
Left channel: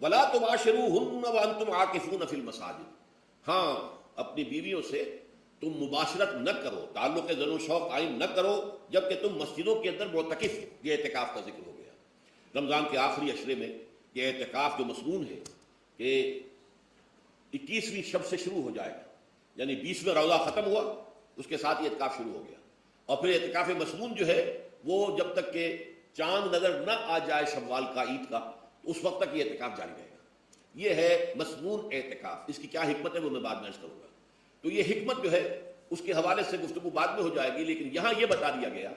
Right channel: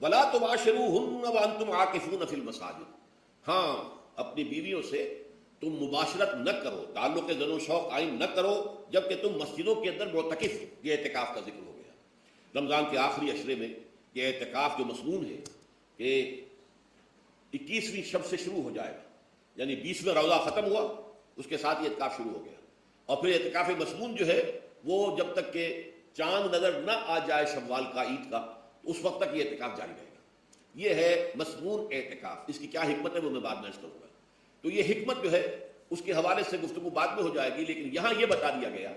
وَلَا تُبَاشِرُوهُنَّ وَأَنْتُمْ عَاكِفُونَ فِي الْمَسَاجِدِ، ہاں اپنی بیویوں سے تم مباشرت نہ کرو، تعلق زن و شوق قائم نہ کرو جبکہ تم مسجدوں کے اندر معتکف ہو۔ یہ اعتکاف کا ذکر ہو گیا رمضان کے آخری عشرے میں، یہ اعتکاف جو مصنون ہے کہ 21ویں شب سے شروع ہو جائے گا، یعنی 20واں روزہ ختم ہوا اس کے ساتھ یہ اعتکاف شروع ہو گیا، اور پھر اعتکاف مصنون جو ہے وہ جب تک کہ چاند نظر نہ آ جائے شوال کا، عید کا، اس وقت تک یہ اعتکاف جاری رہے گا۔ یہ ہے مصنون اعتکاف، اس کی کیا حکمت ہے وہ میں بعد میں اس کروں گا، تو یہ حکمت جو ہے اس کے حوالے سے گفتگو بعد میں ہو جائے گی، لیکن یہاں یہ بتا دیا گیا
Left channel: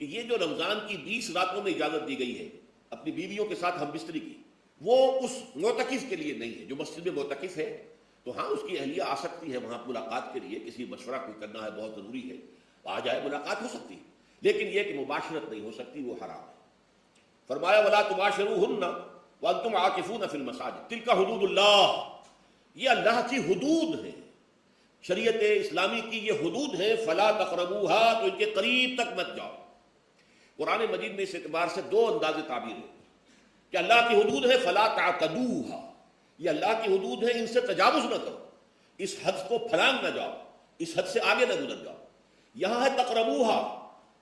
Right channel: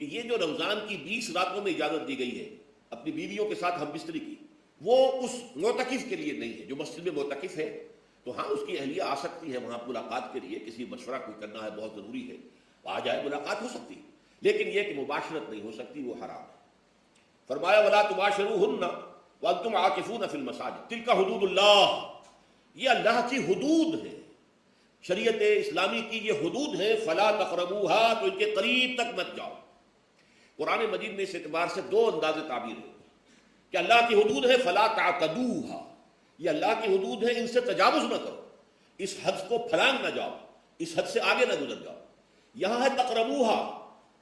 کہ یہ جو رمضان کی 20 راتوں میں اجازت دی گئی ہے اپنی بیویوں کے ساتھ ہم بستری کی، وہ اس معتکف کے لیے نہیں ہے جو مسجد میں معتکف ہے، تو ہاں اس کی اہلیہ آ سکتی ہے وہاں ملاقات کے لیے، کسی مشورہ کو کرنا ہے بہت ضروری ہے، آ جائے ملاقات ہو سکتی ہے، لیکن یہ کہ مباشرت نہیں ہو سکتی، وہ حرام ہے۔ فرمایا وَلَا تُبَاشِرُوهُنَّ وَأَنْتُمْ عَاكِفُونَ فِي الْمَسَاجِدِ تِلْكَ حُدُودُ اللَّهِ، یہ اللہ کی حدود ہے، شریعت اسلامی کی یہ حدود ہے، فَلَا تَقْرَبُوهَا، تو ان کے قریب تک مت جاؤ۔ قرآن مجید میں اس اعتبار سے دو انداز تعبیر ہے کہ اللہ کی حدود ہے فَلَا تَعْتَدُوهَا، یہ اللہ کی حدود ہے، ان سے تجاوز نہ کرو، اس حد کو پھلانگ نہ جاؤ، اس حد سے آگے نہ گزر جاؤ۔ یہاں ہے تقربوها،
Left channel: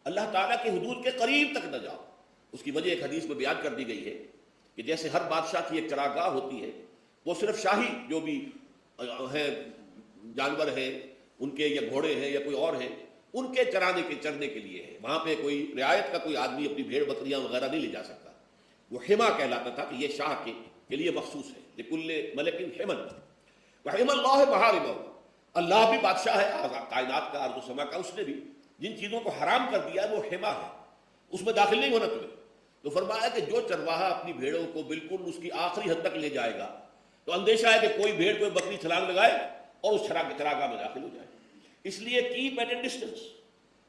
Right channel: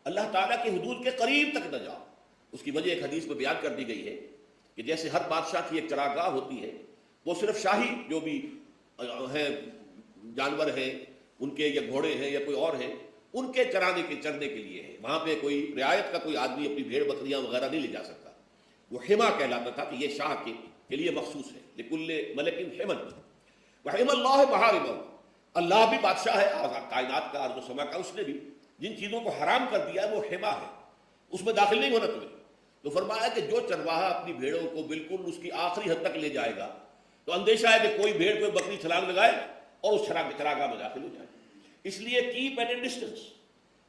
اللہ تعالیٰ کی حدود کے قریب تک نہ جاؤ۔ اس کی وجہ ایک حدیث میں بیان کر دی گئی ہے کہ جیسے ہر بادشاہ کی ایک چراگاہ ہوتی ہے، وہ صرف شاہی جو بھی ہیں جانور ہیں ان کے، یا گھوڑے ہیں یا کوئی اور ہے، ان کے چرانے کے چرنے کے لیے ہے، وہاں پہ کوئی رعایت کا کوئی آدمی اپنی بھیڑ بکریاں وغیرہ نہیں لے جا سکتا، وہ حما کہلاتا تھا کہ یہ شاہ کے لیے مخصوص ہے، لکل ملک حمل، وحم اللہ محارمہ، اللہ بھی بادشاہ ہے کائنات کا، ارض و سما کا، اس نے بھی جن چیزوں کو حرام کر دیا ہے وہ حما ہے، اس میں داخل نہیں ہونا تمہیں۔ تو فرمایا کہ جو چرواہا اپنی بھیڑوں کو بالکل اس کی آخری حد تک لے جائے گا تو اندیشہ ہے کہ کوئی بھیڑ کوئی بکری چھلانگ لگائے اور اس چراگاہ میں داخل ہو جائے، اس لیے کیپ ایٹ اے ڈسٹینس،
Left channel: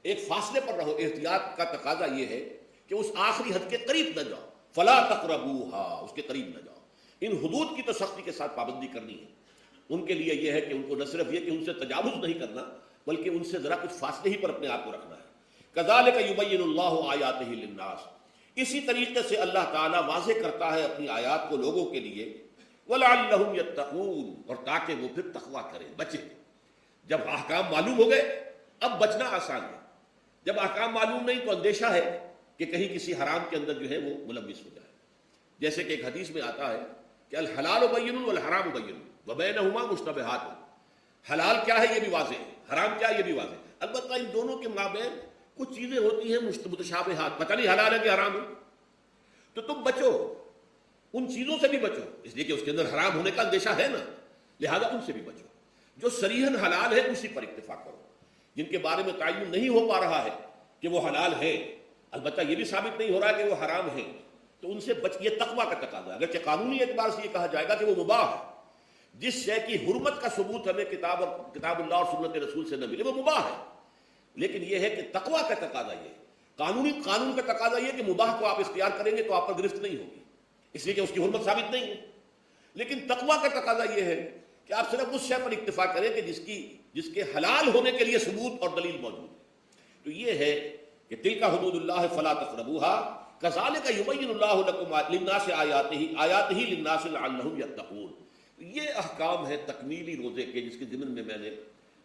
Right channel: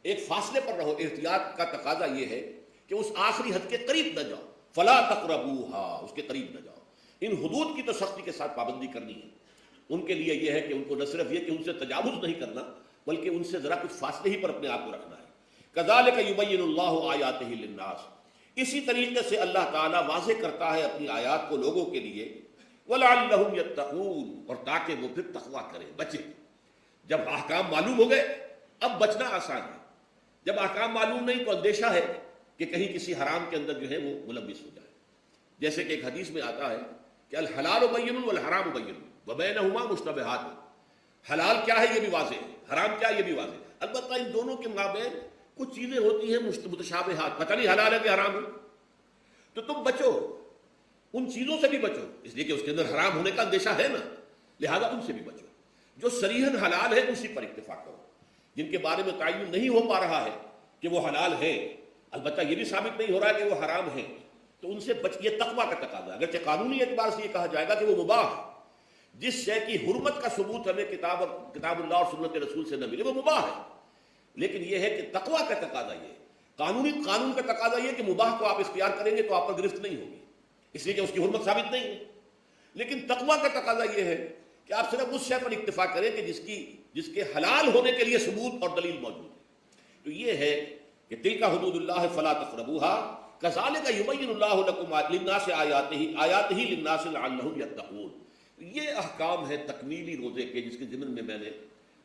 ایک فاصلے پر رہو۔ احتیاط کا تقاضا یہ ہے کہ اس آخری حد کے قریب نہ جاؤ، فلا تقربوها، اس کے قریب نہ جاؤ۔ ان حدود کی تو سختی کے ساتھ پابندی کرنی ہے۔ ان کے لیے یہ ہے کہ ان کو نہ صرف یہ کہ ان سے تجاوز نہیں کرنا بلکہ ان سے ذرا کچھ فاصلے ہی پر اپنے آپ کو رکھنا ہے. کذالک یبین اللہ آیاتہ للناس، اسی طریقے سے اللہ تعالیٰ واضح کرتا ہے اپنی آیات کو لوگوں کے لیے. وَلَعَلَّهُمْ يَتَّقُونَ، اور تاکہ وہ پھر تقویٰ کریں، بچیں. جب احکام معلوم ہو گئے اب بچنا آسان ہے. جب احکام معلوم نہیں تو اندیشہ ہے کہ کہیں کسی حرام کے اندر جو ہے وہ ملوث ہو جائے. جیسے کہ ایک حدیث میں آتا ہے کہ الحلال بین والحرام بین وبینہما مشتبہات، حلال کیا ہے یہ بھی واضح ہے، حرام کیا ہے یہ بھی واضح ہے. البتہ ان دونوں کے مابین کچھ چیزیں ہوتی ہیں متشابہات، پتہ نہیں حلال ہے کہ حرام ہے، تو تم بچو، ان چیزوں سے بھی بچو، اس لیے کہ اس کے اندر حرام ہونے کا اندیشہ ہے نا، لہذا ان سے بھی بچو. جو صریحاً حلال ہے اسی پر اتفاق کرو. جن کے بارے میں تعین نہیں ہو پا رہا ہے کہ وہ حلال ہے، البتہ یہ بھی ثابت نہیں ہو رہا کہ وہ حرام ہے، تو ان سے بچ، یہ تقویٰ کا تقاضا. اگرچہ قانونی اعتبار سے یہ کہا جائے گا کہ وہ مباح ہے، جس شے کی حرمت کا ثبوت ہمیں کتاب اللہ اور سنت رسول سے نہ ملے وہ مباح ہے، لیکن یہ ہے کہ تقویٰ کا تقاضا یہ ہے. قانون کا تقاضا یہ کہ مباح کو آپ اختیار کریں گے تو آپ پر گرفت نہیں ہوگی، اس لیے کہ اس کی حرمت ثابت نہیں ہے. لیکن تقویٰ کا تقاضا یہ ہے کہ آپ صرف اس شے پر اکتفا کریں کہ جس کے حلال ہونے کے لیے ثبوت اور دلیل موجود ہے. تو یہ ہے کہ تلک حدود اللہ فلا تقربوها کذالک یبین اللہ لکم للناس آیاتہ للناس لعلہم یتقون. یہ احکام ہے تکمیلی روزے کے، جس کے ضمن میں نے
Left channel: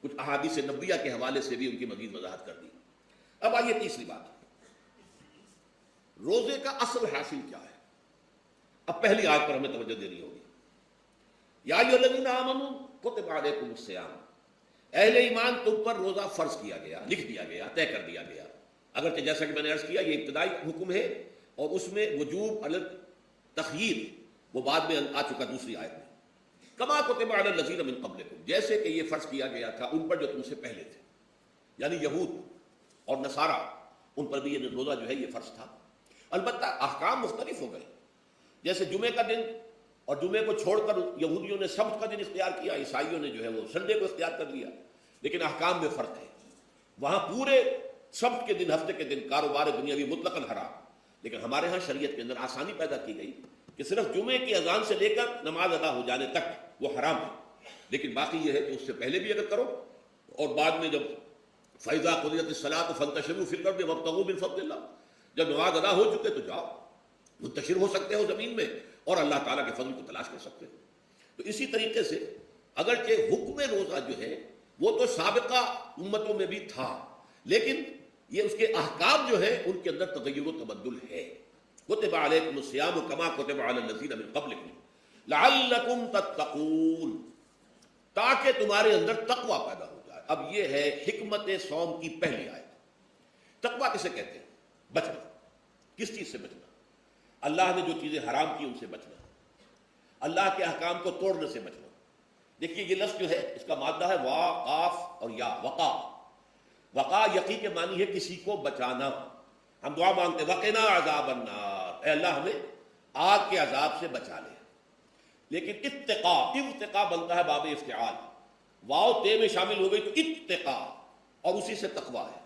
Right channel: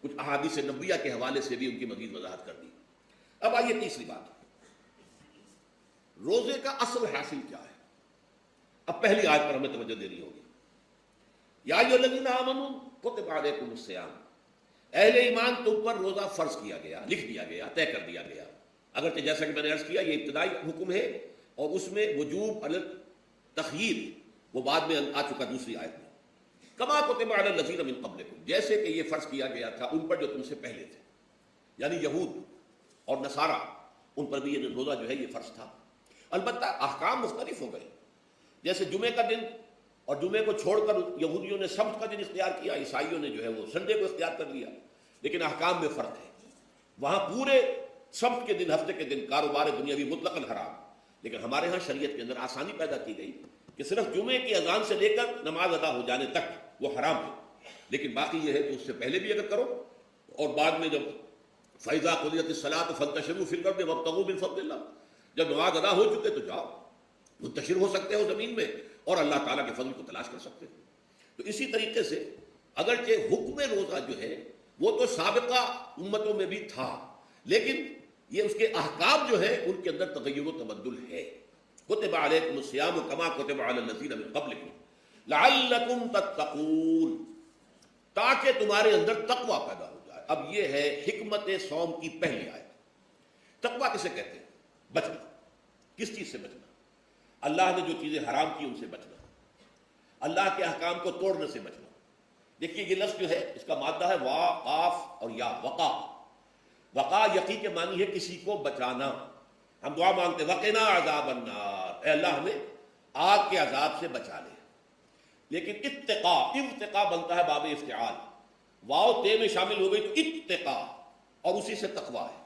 کچھ احادیث نبویہ کے حوالے سے بھی ان کی مزید وضاحت کر دی. اب آئیے تیسری بات، روزے کا اصل حاصل کیا ہے. اب پہلی آیت پر ہمیں توجہ دینی ہوگی. یا ایھا الذین آمنوا کتب علیکم الصیام، اہل ایمان تم پر روزہ فرض کیا گیا، لکھ دیا گیا، طے کر دیا گیا. اگرچہ جیسا کہ میں نے عرض کیا یہ ابتدائی حکم ہے اور اس میں وجوب علی التخییر وہ بعد میں آ چکا دوسری آیت میں. کما کتب علی الذین من قبلکم، جیسے کہ یہ فرض کیا گیا تھا ان پر جو تم سے پہلے تھے، یعنی یہود اور نصارہ، ان پر بھی یہ روزہ جو ہے یہ فرض تھا. البتہ احکام مختلف ہو گئے. جیسے جمعے کا دن اور جمعے کو چھوڑ کر یہودیوں نے سبت کا دن اختیار کیا، عیسائیوں نے جو ہے وہ سنڈے کو اختیار کر لیا، لیکن احکام میں فرق ہے. وہاں پورے سبت کے دن، ہفتے کے دن کاروبار دنیاوی مطلقاً حرام، لیکن ہمارے ہاں شریعت کے اندر آسانی پیدا کی گئی کہ صرف جمعے کی اذان سے لے کر نماز ادا ہو جانے تک وہ حرام ہے. لیکن باقی یہ ہے کہ اس سے پہلے بھی اگر کرو اور بعد میں جب فَإِذَا قُضِيَتِ الصَّلَاةُ فَانتَشِرُوا فِي الْأَرْضِ وَابْتَغُوا مِن فَضْلِ اللَّهِ، جب نماز ادا ہو چکے تو جاؤ منتشر ہو سکتے ہو زمین میں اور اللہ تعالیٰ کے فضل کو تلاش کر سکتے ہو. تو اسی طریقے سے اگرچہ حکم روزہ جو ہے وہ تو سابقہ امتوں میں بھی تھا، لیکن یہ اس کے احکام جو ہے ان کے اندر تغیر و تبدل ہے. کتب علیکم الصیام کما کتب علی الذین من قبلکم لعلکم تتقون، تاکہ تمہارے اندر تقویٰ پیدا ہو جائے. اب یہ ہے حکمت صوم کی پہلی آیت. تقویٰ کسے کہتے ہیں؟ بچنا. کس چیز سے بچنا؟ اللہ نے جو چیزیں حرام کی ان سے بچنا، اللہ کے احکام کو توڑنے سے بچنا. دیکھیے یہ لفظ جو ہے اس کا مادہ ہے وا، قاف اور یا، وقا. وقا یقین کے معنی ہے کسی کو بچانا. ہم دعا مانگتے وقنا عذاب النار، اے اللہ ہمیں آگ کے عذاب سے بچا لے. لیکن ارتقا بنتا ہے باب افتعال، واو دے میں شامل ہو گئی تو ارتقا، اور اسی سے تقویٰ ہے.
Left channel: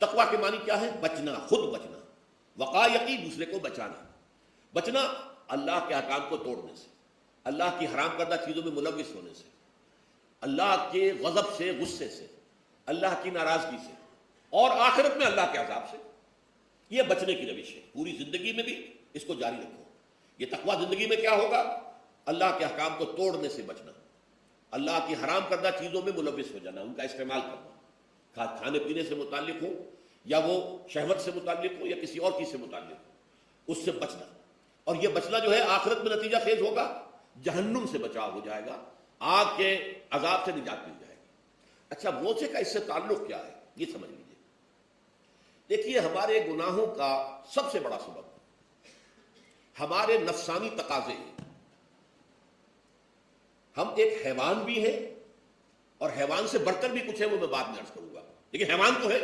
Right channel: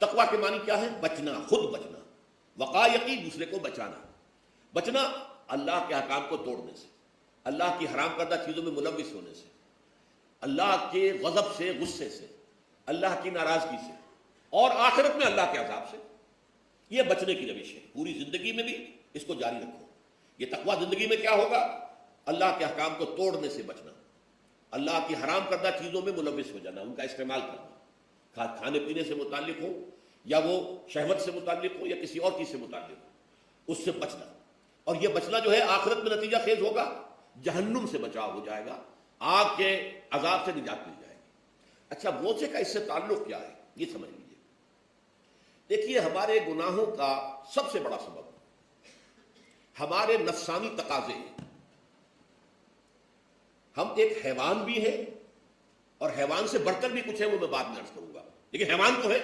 تقویٰ کے معنی کیا ہے؟ بچنا، خود بچنا. وقا یقین دوسرے کو بچانا. بچنا اللہ کے احکام کو توڑنے سے، اللہ کی حرام کردہ چیزوں میں ملوث ہونے سے، اللہ کے غضب سے، غصے سے، اللہ کی ناراضگی سے، اور آخرت میں اللہ کے عذاب سے. یہ بچنے کی روش ہے. پوری زندگی میں بھی اس کو جاری رکھو. یہ تقویٰ زندگی میں کیا ہوگا؟ اللہ کے احکام کو توڑنے سے بچنا، اللہ کی حرام کردہ چیزوں میں ملوث ہو جانا، ان کا استعمال کرنا، کھانے پینے سے متعلق ہو یا وہ شہوت سے متعلق ہو یا کسی اور چیز سے متعلق ہو، اس سے بچنا. اور یہ بچنا جو ہے آخرت میں نتیجہ خیز ہوگا، جہنم سے بچاؤ ہو جائے گا، آگ کے عذاب سے نجات مل جائے گی. اچھا روزے کا اس سے تعلق کیا ہے یہ سمجھ لیجیے. دیکھیے ہمارے گناہوں کا سب سے بڑا سبب ہمارے نفسانی تقاضے ہیں. ہم ایک حیوان بھی ہیں اور حیوان سے بڑھ کر بھی کچھ ہے، وہ میں بات میں عرض کروں گا. لیکن حیوان تو ہے،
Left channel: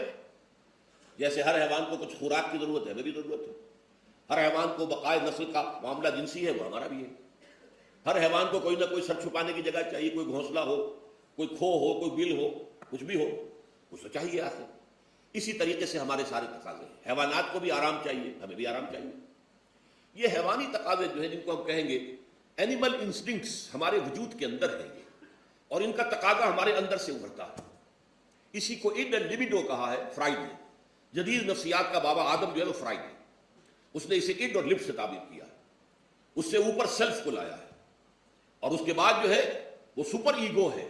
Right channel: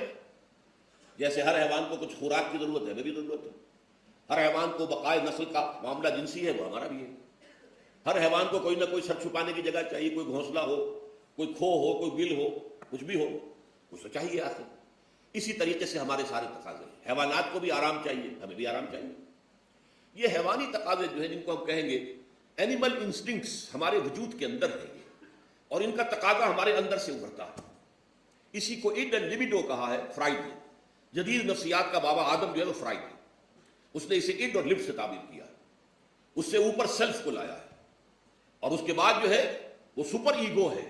جیسے ہر حیوان کو کچھ خوراک کی ضرورت ہے، ہمیں بھی ضرورت ہے. ہر حیوان کو بقائے نسل کا معاملہ جنسی ہے، وہ ہمارا بھی ہے. ہر حیوان کو کوئی نہ کوئی سر چھپانے کی جگہ چاہیے، کوئی گھونسلہ ہو، کوئی کھو ہو، کوئی بل ہو، کچھ بھی ہو اسے چاہیے آخر. اسی طریقے سے ہمارے سارے تقاضے ہیں. حیوانات کو بھی آرام چاہیے، ہمیں بھی آرام چاہیے. یہ حیوانی تقاضے جو ہیں جن کو ہم کہیں گے اینیمل انسٹنکٹس ہمارے وجود کے اندر ہیں. اور ان کا تقاضا ہمارے اندر سے ابھرتا ہے. اسی کو ایک لبیڈو کہا ہے فرائڈ نے. جدید نفسیات کا بابا آدم جو ہے وہ فرائڈ ہے. اس نے اسے ایڈ اور لب سے تعبیر کیا. اس سے اوپر سیلف کو لایا ہے اور اس کے بعد جو ہے وہ سپر ایگو ہے.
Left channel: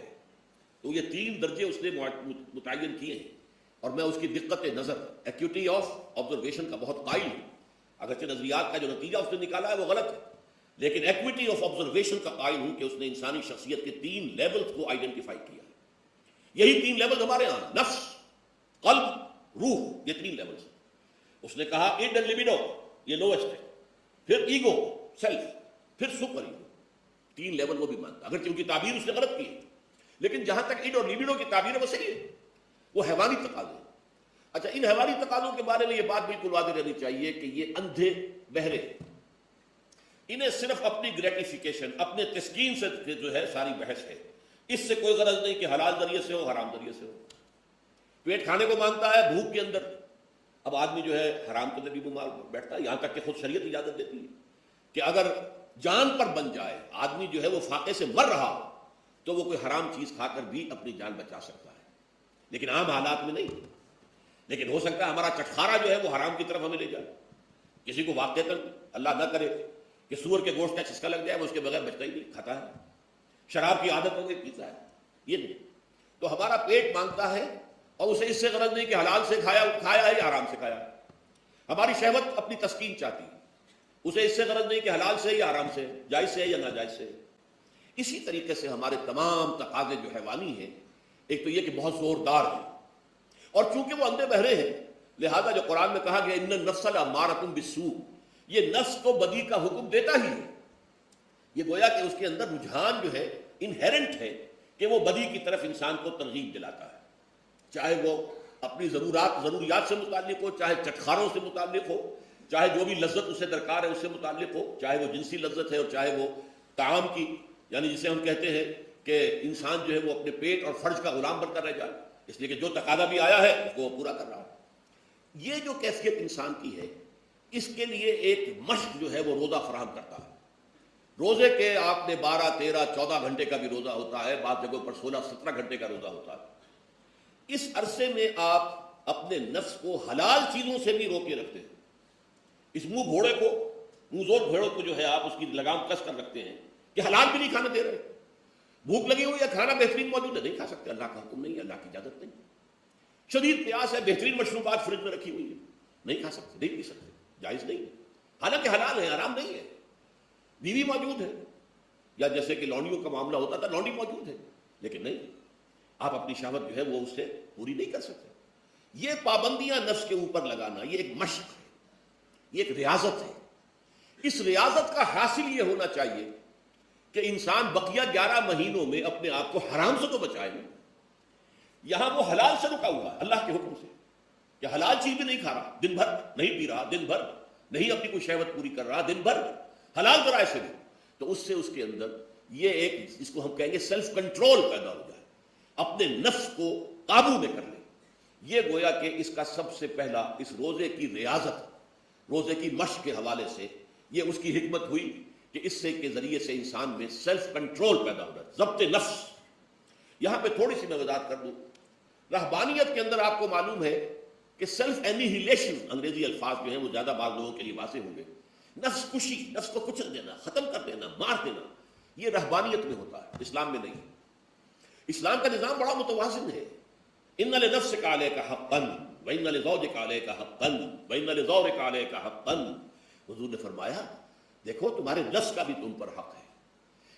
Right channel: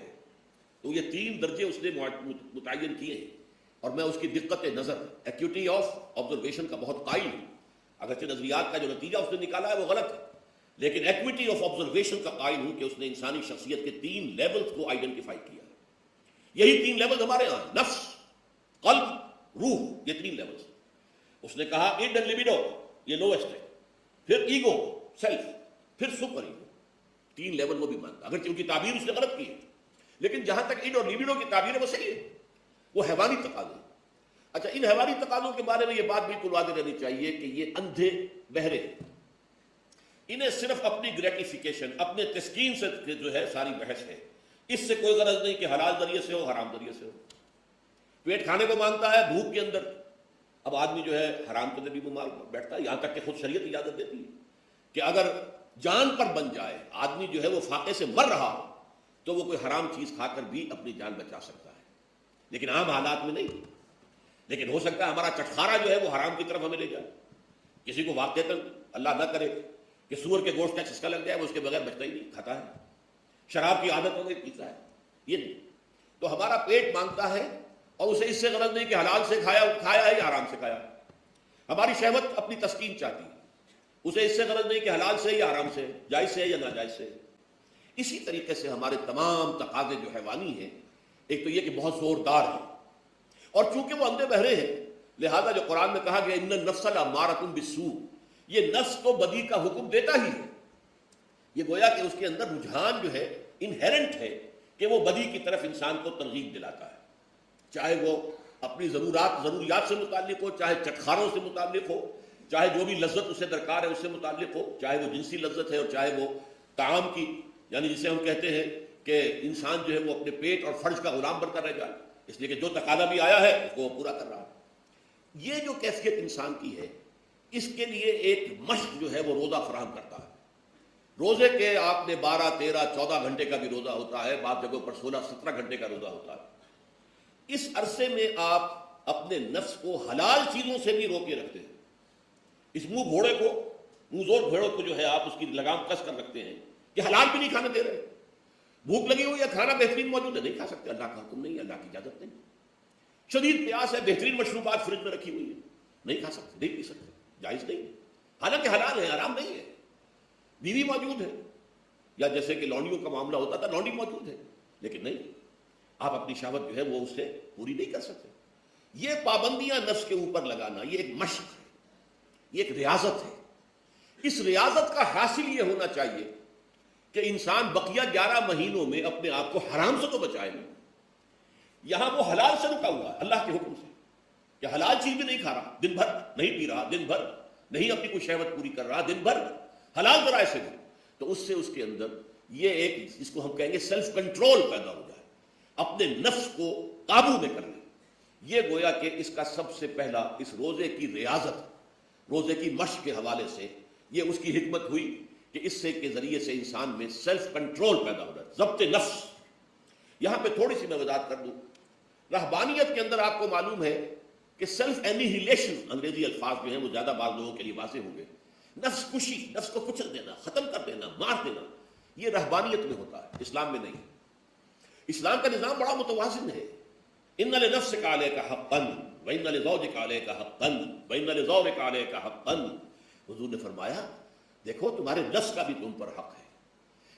تو یہ 3 درجے اس نے متعین کیے ہیں اور میں اس کی دقت نظر ایکوٹی آف آبزرویشن کا بہت قائل ہوں. اگرچہ نظریات کا جو نتیجہ اس نے نکالا ہے وہ غلط ہے، لیکن ایکوٹی آف آبزرویشن کا قائل ہوں کہ اس نے انسانی شخصیت کے 3 لیولز کو آئیڈینٹیفائی کیا. یہی 3 لیولز ہمارے یہاں، نفس، قلب، روح، یہ 3 لیولز. اس نے کہا ایڈ اینڈ لیبیڈو یہ لوسٹ ہے، پھر ایگو سیلف، پھر سپر ایگو. 3 لیول وہ بھی مانتا، اگرچہ ان کی تعبیر اس نے غلط کی ہے، لیکن جہاں تک ایڈ اور لیبیڈو کی تعبیر وہ صحیح ہے. وہ حیوانی تقاضے. اچھا، ان حیوانی تقاضوں کے بارے میں یہ بات بالکل واضح رہنی چاہیے کہ یہ اندھے بہرے، انہیں صرف اپنی گریٹیفیکیشن، اپنے تسکین سے جو ہے ساری بحث ہے. اس سے کوئی غرض نہیں کہ حلال ذریعے سے ہو حرام ذریعے سے ہو. پیٹ کھانے کو مانگتا ہے بھوک کے اندر. اب آدمی جو ہے حرام کے اندر بھی بیمار بیٹھتا ہے، یہاں تک کہ خود شریعت اجازت دیتی ہے کہ اگر جان پر بن جائے آدمی جو ہے وہ فاقے سے مر رہا ہو تو وہ کوئی حرام چیز کھا کر بھی اپنی جان بچا سکتا ہے. لیکن عام حالات میں نہیں. لیکن ہو سکتا ہے ہمارا چٹخارا جو ہے وہ حرام کی طرف ہمیں لے جائے. کسی کو واقعہ اللہ نہ کرے کہ سور کے گوشت کا چسکا لگ جائے، وہ اس کے بغیر بچتا ہی نہیں، کھاتا ہے. شراب کی عادت ہو گئی، پیتا ہے. یہ نہیں. تو ہمارا پیٹ مانگتا ہے اور اسے اس سے غرض نہیں کہ حلال سے کھایا ہے یا حرام سے کھایا. ہماری شہوت اپنی تسکین چاہتی ہے، اسے اس سے غرض نہیں کہ حلال سے یا حرام سے، جائز سے یا ناجائز سے. اسی طریقے سے ہمارے تمام تقاضے جو حیوانی ہیں، ایک تو یہ کہ بہت زوردار ہیں، اور چونکہ وہ اندھے بہرے ہیں لہذا جو قرآن میں کہا گیا ان النفس لامارۃ بالسوء، یہ نفس کو بدی کا حکم دیتا ہی ہے. یہ گویا کہ اس کے اندر رجحان جو ہے انہیرنٹ ہے کہ وہ بدی کی طرف انسان کو ترغیب دلاتا ہے، چاہے وہ اپنی ضروریات سے متعلق ہو، چاہے چٹخاروں سے متعلق ہو، چاہے جو بھی لذت اسے درکار ہے اس سے متعلق ہو، چاہے وہ جنسی لذت ہے اور چاہے وہ طعام کی، یعنی جسے ہم کہتے ہیں کہ انسان جو ہے وہ اپنے پیٹ اور فرج کا غلام بن کر رہ جائے، اس لیے کہ جو تقاضا بھی آیا ہے اس کو وہ پورا کر رہا ہے. یہ جو کیفیت انسان کی ہے، اس کے لیے ایک مشق جو ہے وہ روزہ فراہم کرتا ہے. روزے کے آپ نے 12 13 14 گھنٹے کا بھی روزہ ہوتا ہے، بعض جگہوں پر 16 17 گھنٹے کا روزہ ہوتا ہے. اس عرصے میں آپ اپنے نفس کو حلال چیزوں سے بھی روکے رکھتے ہیں. اس منہ زور گھوڑوں کو جو ہے آپ اس کی لگام کس کر رکھتے ہیں کہ حلال بھی نہیں کھانا دے رہے. بھوک لگی ہو یا کھانا بہترین موجود ہے، نہیں کھا سکتے، اللہ کا حکم نہیں ہے، اللہ کی اجازت نہیں. شدید پیاس ہے، بہترین مشروبات فریج میں رکھی ہوئی ہے، نہیں کھا سکتے، نہیں پی سکتے، جائز نہیں ہے، حالانکہ حلال ہے، حرام نہیں ہے. بیوی موجود ہے، یا جیسے کہ لونڈیوں کا معاملہ ہوتا تھا، لونڈی موجود ہے، لیکن نہیں، آپ اپنی شہوت جو ہے وہ اس سے پوری نہیں کر سکتے. یہ پابندیاں نفس کے اوپر لگانا یہ ایک مشق ہے، یہ ایک ریاضت ہے. اس ریاضت کا حاصل یہ ہونا چاہیے کہ انسان بقیہ 11 مہینوں میں اپنے آپ کو حرام سے تو بچائے نا. یہاں وہ حلال سے رکا ہوا اللہ کے حکم سے کہ حلال چیز بھی نہیں کھا رہا، دن بھر نہیں پی رہا، دن بھر نہیں اپنی کوئی شہوت پوری کر رہا، دن بھر حلال ذرائع سے بھی. تو اس سے اس کے اندر یہ ایک اس کو ہم کہیں گے سیلف کنٹرول پیدا ہو جائے، اپنے نفس کو قابو میں کر لے. یہ گویا کہ اس کا سب سے پہلا اس روزے کی ریاضت، روزے کی مشق کے حوالے سے یہ اس کی حکمت ہوئی کہ اس سے کے ذریعے سے انسان میں سیلف کنٹرول پیدا ہو جائے، ضبط نفس. یہاں پہ تھوڑی سی میں وضاحت کر دوں. رہبانیت کے اندر آپ کو معلوم ہے کہ سیلف اینیہیلیشن، انگریزی الفاظ جو ہیں وہ زیادہ بعض لوگوں کے لیے واضح ہوں گے، نفس کشی، نفس کو کچل دینا، ختم کر دینا، مار دینا، یہ رہبانیت میں ہوتا ہے، اسلام میں نہیں. اسلام کا نظام بڑا متوازن ہے. ان لنفسک علیک حقا وان لزوجک علیک حقا وان لزوجک علیک حقا. حضور نے فرمایا دیکھو تمہارے نفس کا بھی تم پر حق ہے،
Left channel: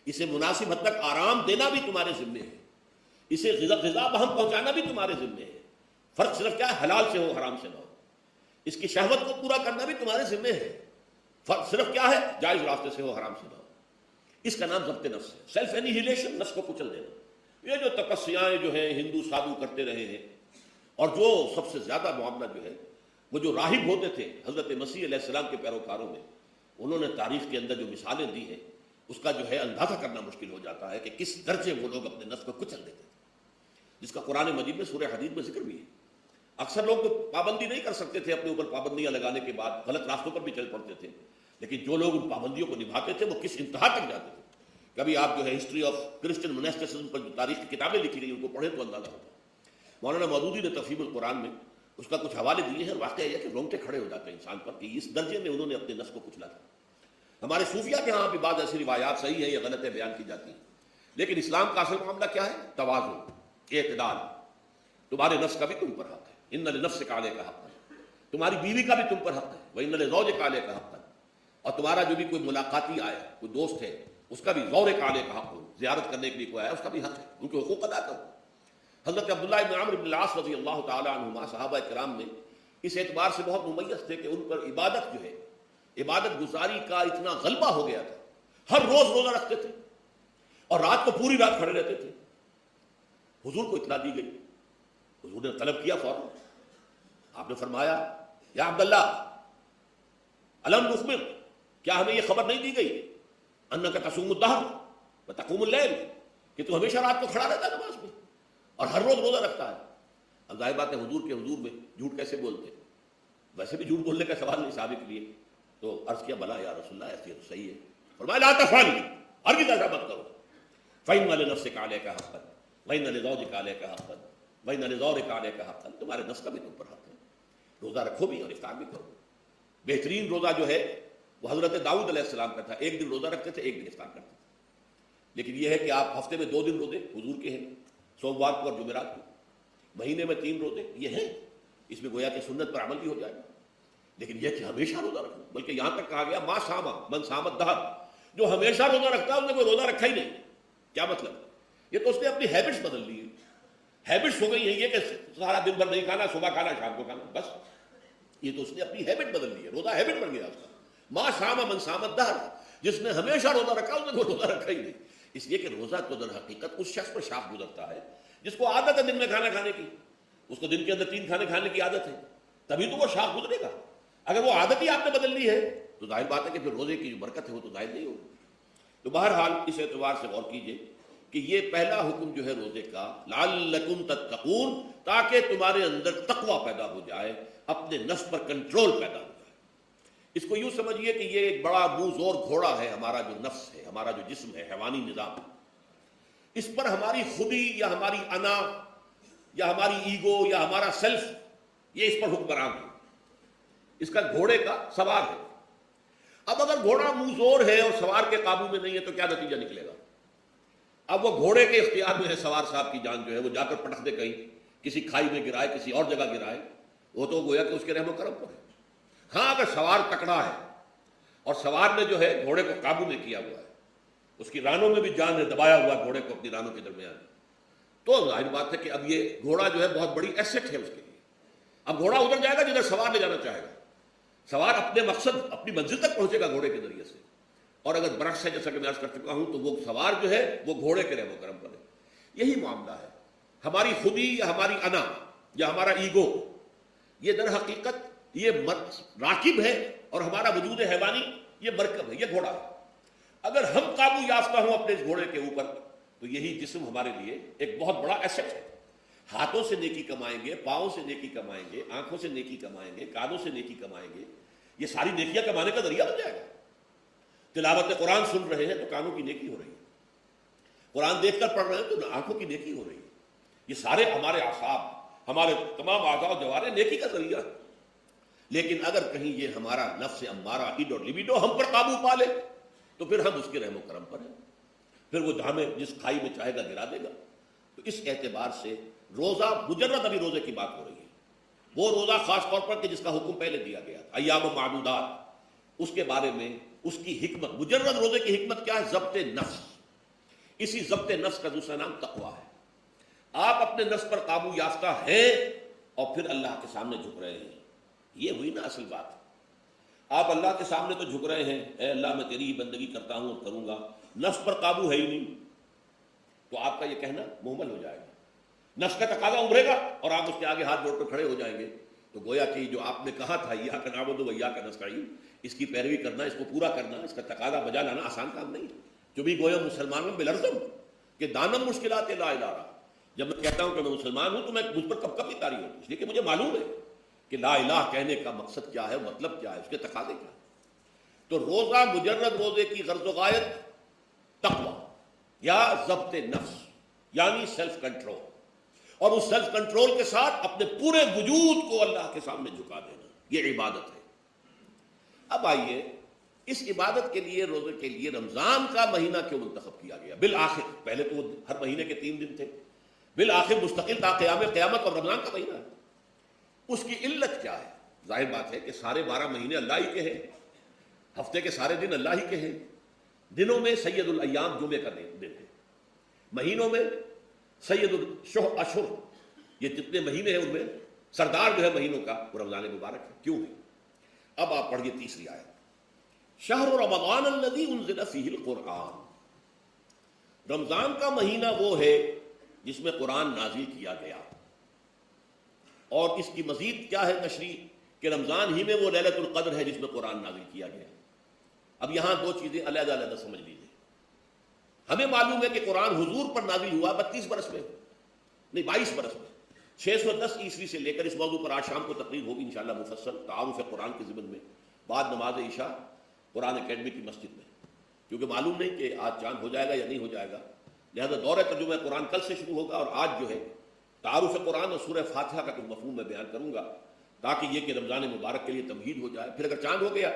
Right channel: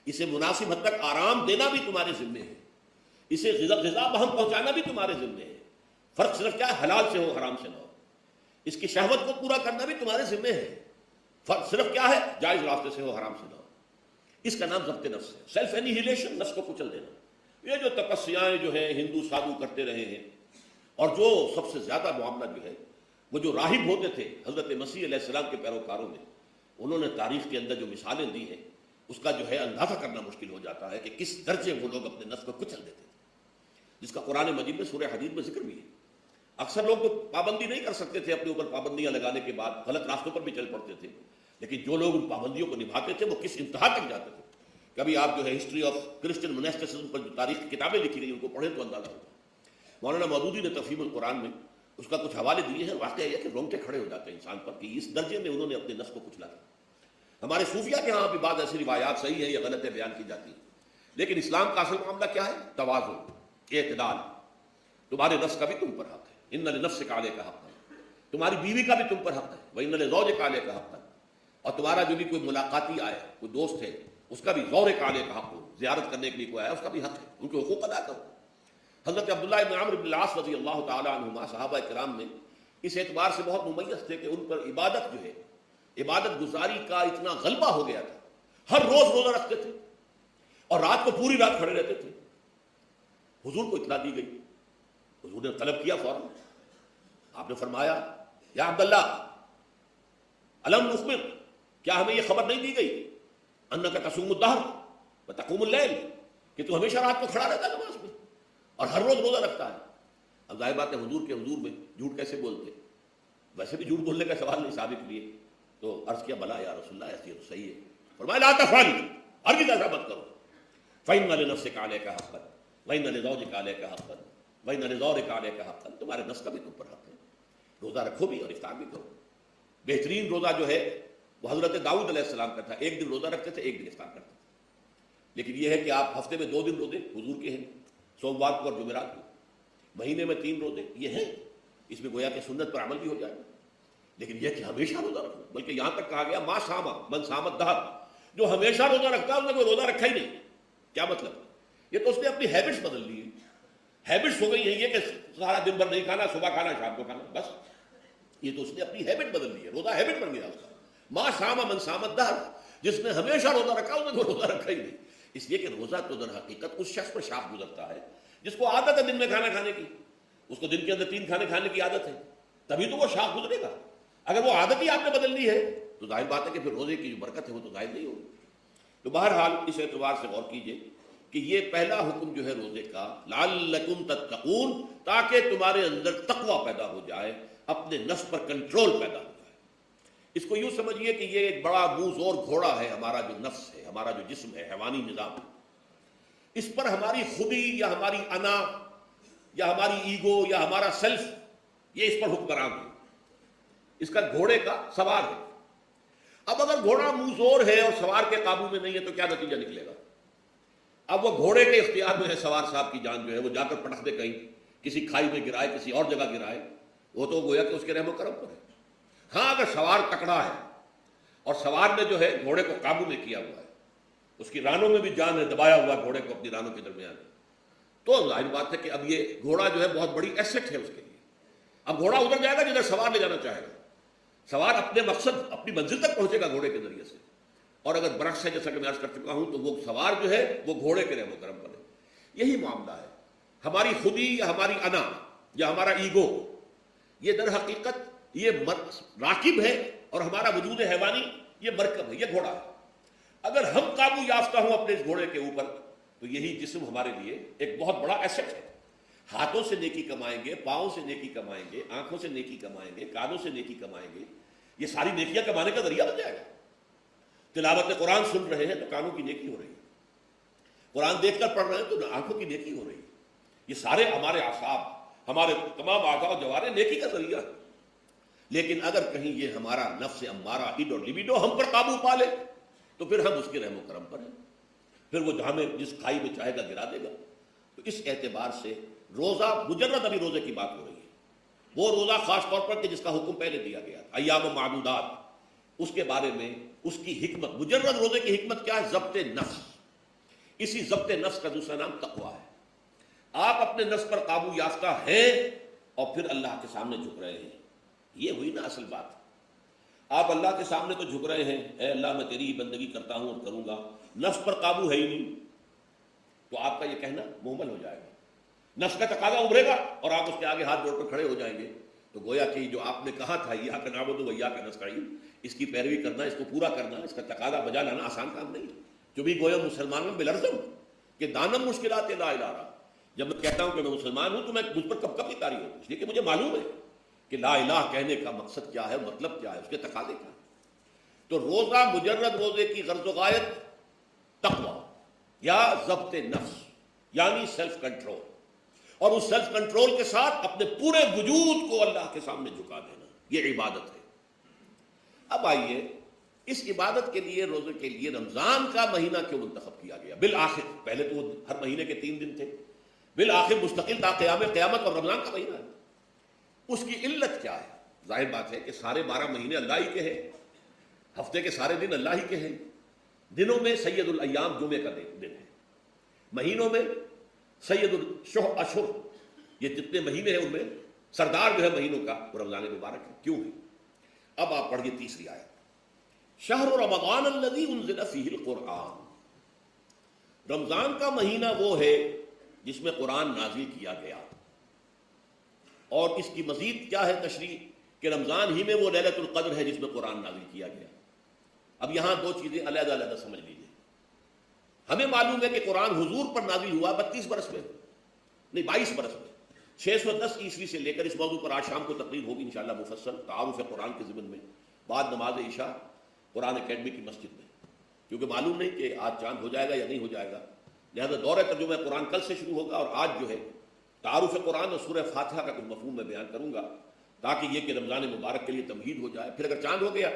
اسے مناسب حد تک آرام دینا بھی تمہارے ذمے ہے، اسے غذا وہاں پہنچانا بھی تمہارے ذمے ہے. فرق صرف کیا ہے، حلال سے ہو حرام سے نہ ہو. اس کی شہوت کو پورا کرنا بھی تمہارے ذمے ہے. فرق صرف کیا ہے، جائز راستے سے ہو حرام سے نہ ہو. اس کا نام ضبط نفس ہے، سیلف اینیہیلیشن، نفس کو کچل دینا. یہ جو تپسیاں جو ہیں ہندو سادھو کرتے رہے ہیں، اور جو سب سے زیادہ معاملہ جو ہے وہ جو راہب ہوتے تھے حضرت مسیح علیہ السلام کے پیروکاروں میں، انہوں نے تاریخ کے اندر جو مثالیں دی ہیں اس کا جو ہے اندازہ کرنا مشکل ہو جاتا ہے کہ کس درجے وہ لوگ اپنے نفس کو کچل دیتے تھے، جس کا قرآن مجید میں سورہ حدید میں ذکر ہوئی ہے. اکثر لوگ تو پابندی نہیں کر سکتے تھے، اپنے اوپر پابندیاں لگانے کے بعد غلط راستوں پر بھی چل پڑتے تھے، لیکن جو لوگ ان پابندیوں کو نبھاتے تھے وہ کس انتہا تک جاتے تھے. کبھی آپ جو ہے ہسٹری آف کرسچن موناسٹسزم پر جو تاریخ کی کتابیں لکھی گئی ان کو پڑھیں تو اندازہ ہوتا ہے۔ مولانا مودودی نے تفہیم القرآن میں اس کا کچھ حوالے دیے ہیں، واقعہ یہ کہ رونگٹے کھڑے ہو جاتے ہیں انسان پر کہ اس درجے میں انہوں نے اپنے نفس کو کچلا تھا۔ ہماری صوفیہ کے ہاں بھی بعض ایسی روایات صحیح ہے یا غلط ہے بیان کی جاتی ہیں، لیکن اسلام کا اصل معاملہ کیا ہے؟ توازن، اعتدال۔ تمہارے نفس کا بھی تم پر حق ہے، ان لنفسک علیک حق ہے، تمہاری بیوی کا بھی تم پر حق ہے، وان لزوجک علیک حق ہے، اور تمہارا جو بھی کوئی ملاقاتی آئے، کوئی دوست ہے، اس کا بھی زورک علیک حق ہو، زیارت کرنے کے لیے کوئی آیا اس کا بھی حق ہے، ان کے حقوق ادا کرو۔ حضرت عبداللہ بن عمرو بن العاص رضی اللہ تعالی عنہما صحابہ کرام میں اس اعتبار سے بہت ممیز تھے کہ ان پر عبادت جو ہے، عبادت گزاری کا اتنا غلبہ ہو گیا تھا، ہر روز روزہ رکھتے تھے اور رات کو پوری رات کھڑے رہتے تھے۔ حضور کو اطلاع دی گئی، حضور نے طلب کیا فوراً، آپ نے فرمایا یا عبداللہ الم نخبر، کیا ہمیں یہ خبر نہیں دی گئی انک تصوم الدہر وتقوم اللیل، کہ تو ہمیشہ رات کو کھڑا رہتا ہے نماز میں اور ہر روز روزہ رکھتا ہے۔ اب ظاہر بات ہے حضور کے حضور میں جھوٹ کیسے بولتے، ویسے بھی جھوٹ بولنے کا سوال نہیں ثابت لیے، تو عرض کیا بلا یا رسول اللہ ایسی تو صحیح ہے، فرمایا لا تفعل، ہرگز ایسا مت کرو، فإن لنفسک علیک حقا وإن لزوجک علیک حقا وإن لزورک علیک حقا، تمہارے نفس کا بھی تم پر حق ہے، روزہ رکھو بھی اور افطار بھی کرو۔ بہترین روزہ جو ہے وہ حضرت داؤد علیہ السلام کا تھا، ایک دن روزہ رکھتے تھے، ایک دن افطار کرتے تھے، لیکن یہ ہے کہ آپ ہفتے میں 2 دن روزے حضور کے ہیں، سوموار کو اور جمعرات کو، مہینے میں 3 روزے یہ ہیں، اس میں گویا کہ سنت پر عمل بھی ہو جائے، لیکن یہ کہ ہمیشہ روزہ رکھو، بلکہ یہاں تک کہا گیا ما صام من صام الدہر، جو ہمیشہ روزہ رکھتا ہے اس نے کوئی روزہ رکھا ہی نہیں۔ کیا مطلب؟ یہ تو اس نے اپنی ہیبٹس بدل لی ہے، ہیبٹس ہو گئی ہے یہ کہ سارا دن بھر نہیں کھانا، صبح کھانا شام کو کھانا، بس یہ تو اس نے اپنی ہیبٹ بدل لی ہے، روزہ ہیبٹ بن گیا۔ ما صام من صام الدہر، جس نے ہمیشہ روزہ رکھا اس نے کوئی روزہ رکھا ہی نہیں، اس لیے کہ روزہ تو در حقیقت اس شخص پر شام گزرتا ہے جس کو عادت ہے دن میں کھانا کھانے کی، اس کو دن کے اندر 3 کھانے کھانے کی عادت ہے، تبھی تو وہ شام گزرے گا۔ اگر وہ عادت ہی آپ نے بدل لی ہے تو ظاہر بات ہے کہ پھر روزے کی جو برکت ہے وہ تو ظاہر نہیں ہوگی۔ تو بہرحال اس اعتبار سے غور کیجیے کہ یہ پہلا حکم جو ہے روزے کا، لعلکم تتقون، تاکہ تمہارے اندر تقوی پیدا ہو جائے، اپنے نفس پر کنٹرول پیدا ہو جائے۔ اس کو یوں سمجھیے کہ یہ ایک بڑا بوزور گھوڑا ہے، ہمارا جو نفس ہے، ہمارا جو جسم ہے، حیوانی نظام، اس پر ہماری خودی یا ہماری انا یا ہماری ایگو یا ہمارا سیلف یہ اس پر حکمران ہے، اس کا گھوڑے کا سوار ہے۔ اب اگر گھوڑا منہ زور ہے اور سوار کے قابو میں نہیں ہے تو کیا نتیجہ نکلے گا؟ اب وہ گھوڑے کے اختیار میں ہے، سوار صاحب کی جان جو ہے وہ جا کر پٹک دے کہیں، کسی کھائی میں گرائے، کسی اور جگہ گرائے، وہ تو گویا کہ اس کے رحم و کرم پر ہے۔ ہاں اگر سوار تکڑا ہے اور سوار نے جو ہے گھوڑے کو قابو میں کیا ہوا ہے، اس کی رانوں میں بھی جان نے دبایا ہوا گھوڑے کو اپنی رانوں کے درمیان، تو ظاہر بات ہے کہ اب یہ گھوڑا جو ہے بہت بڑی ایسٹ ہے اس کے لیے۔ اب گھوڑا ادھر جائے گا جدھر سوار نہیں جانا چاہے گا، سوار اپنے مقصد اپنی منزل تک پہنچے گا گھوڑے کے ذریعے سے، اور اگر برعکس ہے جیسا کہ میں عرض کر چکا ہوں تو وہ سوار جو ہے وہ گھوڑے کے رحم و کرم پر ہے۔ یہی معاملہ ہے، ہماری خودی یا ہماری انا یا ہمارا ایگو یہ در حقیقت یہ راکب ہے، اور ہمارا وجود حیوانی یہ مرکب ہے، یہ گھوڑا ہے۔ اگر ہم قابو یافتہ ہوں اپنے اس گھوڑے کے اوپر تو یہی جسم ہمارے لیے ایک بہت بڑا ایسٹ ہے۔ ہاتھوں سے نیکی کمائیں گے، پاؤں سے نیکی کمائیں گے، آنکھوں سے نیکی کمائیں گے، کانوں سے نیکی کمائیں گے، یہ ساری نیکیاں کمانے کا ذریعہ بن جائے گا۔ تلاوت قرآن سن رہے ہیں تو کانوں کی نیکی ہو رہی ہے، قرآن دیکھ کر پڑھ رہے ہیں تو آنکھوں کی نیکی ہو رہی ہے، یہ سارے ہمارے اعصاب، ہمارے تمام اعضاء و جوارح نیکی کا ذریعہ ہے۔ لیکن اگر کہیں یہ ہمارا نفس ہمارا ایڈو لبیڈو ہم پر قابو پا لے تو پھر ہم اس کے رحم و کرم پر ہیں، پھر وہ ہمیں جس کھائی میں چاہے گا گرا دے گا۔ اس اعتبار سے روزہ مجرد ابھی روزے کی بات ہو رہی ہے، وہ روزہ خاص طور پر کہ جس کا حکم پہلے دیا گیا تھا ایام معدودات، اس کے بارے میں اس کی حکمت، مجرد روزے کی حکمت کیا ہے؟ ضبط نفس۔ اسی ضبط نفس کا دوسرا نام تقویٰ ہے۔ آپ اپنے نفس پر قابو یافتہ ہیں اور پھر اللہ کے سامنے جھک رہے ہیں، یہ ہوئی نا اصل بات۔ آپ اللہ کے سامنے تو جھک رہے ہیں، اے اللہ میں تیری بندگی کرتا ہوں اور کروں گا، نفس پر قابو ہے ہی نہیں، تو آپ کا یہ کہنا مہمل ہو جائے گا، نفس کا تقاضا ابھرے گا اور آپ اس کے آگے ہاتھ جوڑ کر کھڑے ہو جائیں گے، تو گویا کہ جو آپ نے کہا تھا ایاک نعبد و ایاک نستعین، اس کی پیروی کرنا، اس کو پورا کرنا، اس کا تقاضا بجا لانا آسان کام نہیں، جو بھی گویا مسلمانوں بلرزم کہ دامن مشکلات لا الہ الا، جب میں کہتا ہوں کہ میں مسلمان ہوں تو میں مجھ پر کب کب طاری ہوتی، اس لیے کہ مجھے معلوم ہے کہ لا الہ کہنے کا مقصد کیا ہے، مطلب کیا ہے، اس کے تقاضے کیا۔ تو روزہ مجرد روزے کی غرض و غایت تقویٰ، یا ضبط نفس یعنی سیلف کنٹرول، اور اس سیلف کنٹرول کے ساتھ اپنے پورے وجود کو اللہ کے سامنے جھکا دینا، یہ عبادت ہے۔ اب آئیے اس عبادت کے لیے، روزے کے لیے رمضان کا مہینہ کیوں منتخب کیا گیا بالآخر؟ پہلے تو ہر مہینے کے 3 دن تھے، بالآخر مستقل تا قیام قیامت اور رمضان کا مہینہ ہے۔ اس کی علت کیا ہے؟ ظاہر بات ہے کہ سارے 12 مہینے اللہ ہی کے ہیں، ہفتے کے سارے دن اللہ ہی کے ہیں، دنوں میں سید الایام جمعے کا دن ہے، مہینوں میں سید الاشہر، یہ جتنے مہینے ہیں ان میں سردار جو ہے مہینوں کا وہ رمضان مبارک ہے۔ کیوں؟ اب آپ پڑھیے تیسری آیت، شہر رمضان الذی انزل فیہ القرآن، رمضان کا مہینہ وہ ہے جس میں قرآن نازل کیا گیا، اور اس کی مزید کیا ہے تشریح کہ رمضان ہی میں وہ لیلۃ القدر ہے جس میں قرآن نازل کیا گیا۔ اب یہاں 2 چیزیں علیحدہ علیحدہ سمجھ لیجیے۔ ہمیں معلوم ہے کہ قرآن حضور پر نازل ہوا 32 برس میں، نہیں 22 برس میں، 610 عیسوی سے لے کر اس موضوع پر آج شام کو تقریر ہوگی انشاءاللہ مفصل تعارف قرآن کی ضمن میں، بعد نماز عشاء قرآن اکیڈمی کی مسجد میں، کیونکہ معلوم نہیں کہ آج چاند ہو جائے گا یا نہیں ہو جائے گا، لہذا دور ترجمہ قرآن کل سے شروع ہوگا، اور آج جو ہے تعارف قرآن اور سورہ فاتحہ کا کچھ مفہوم میں بیان کروں گا تاکہ یہ کہ رمضان مبارک کے لیے تمہید ہو جائے۔ پھر اگر چاند ہو گیا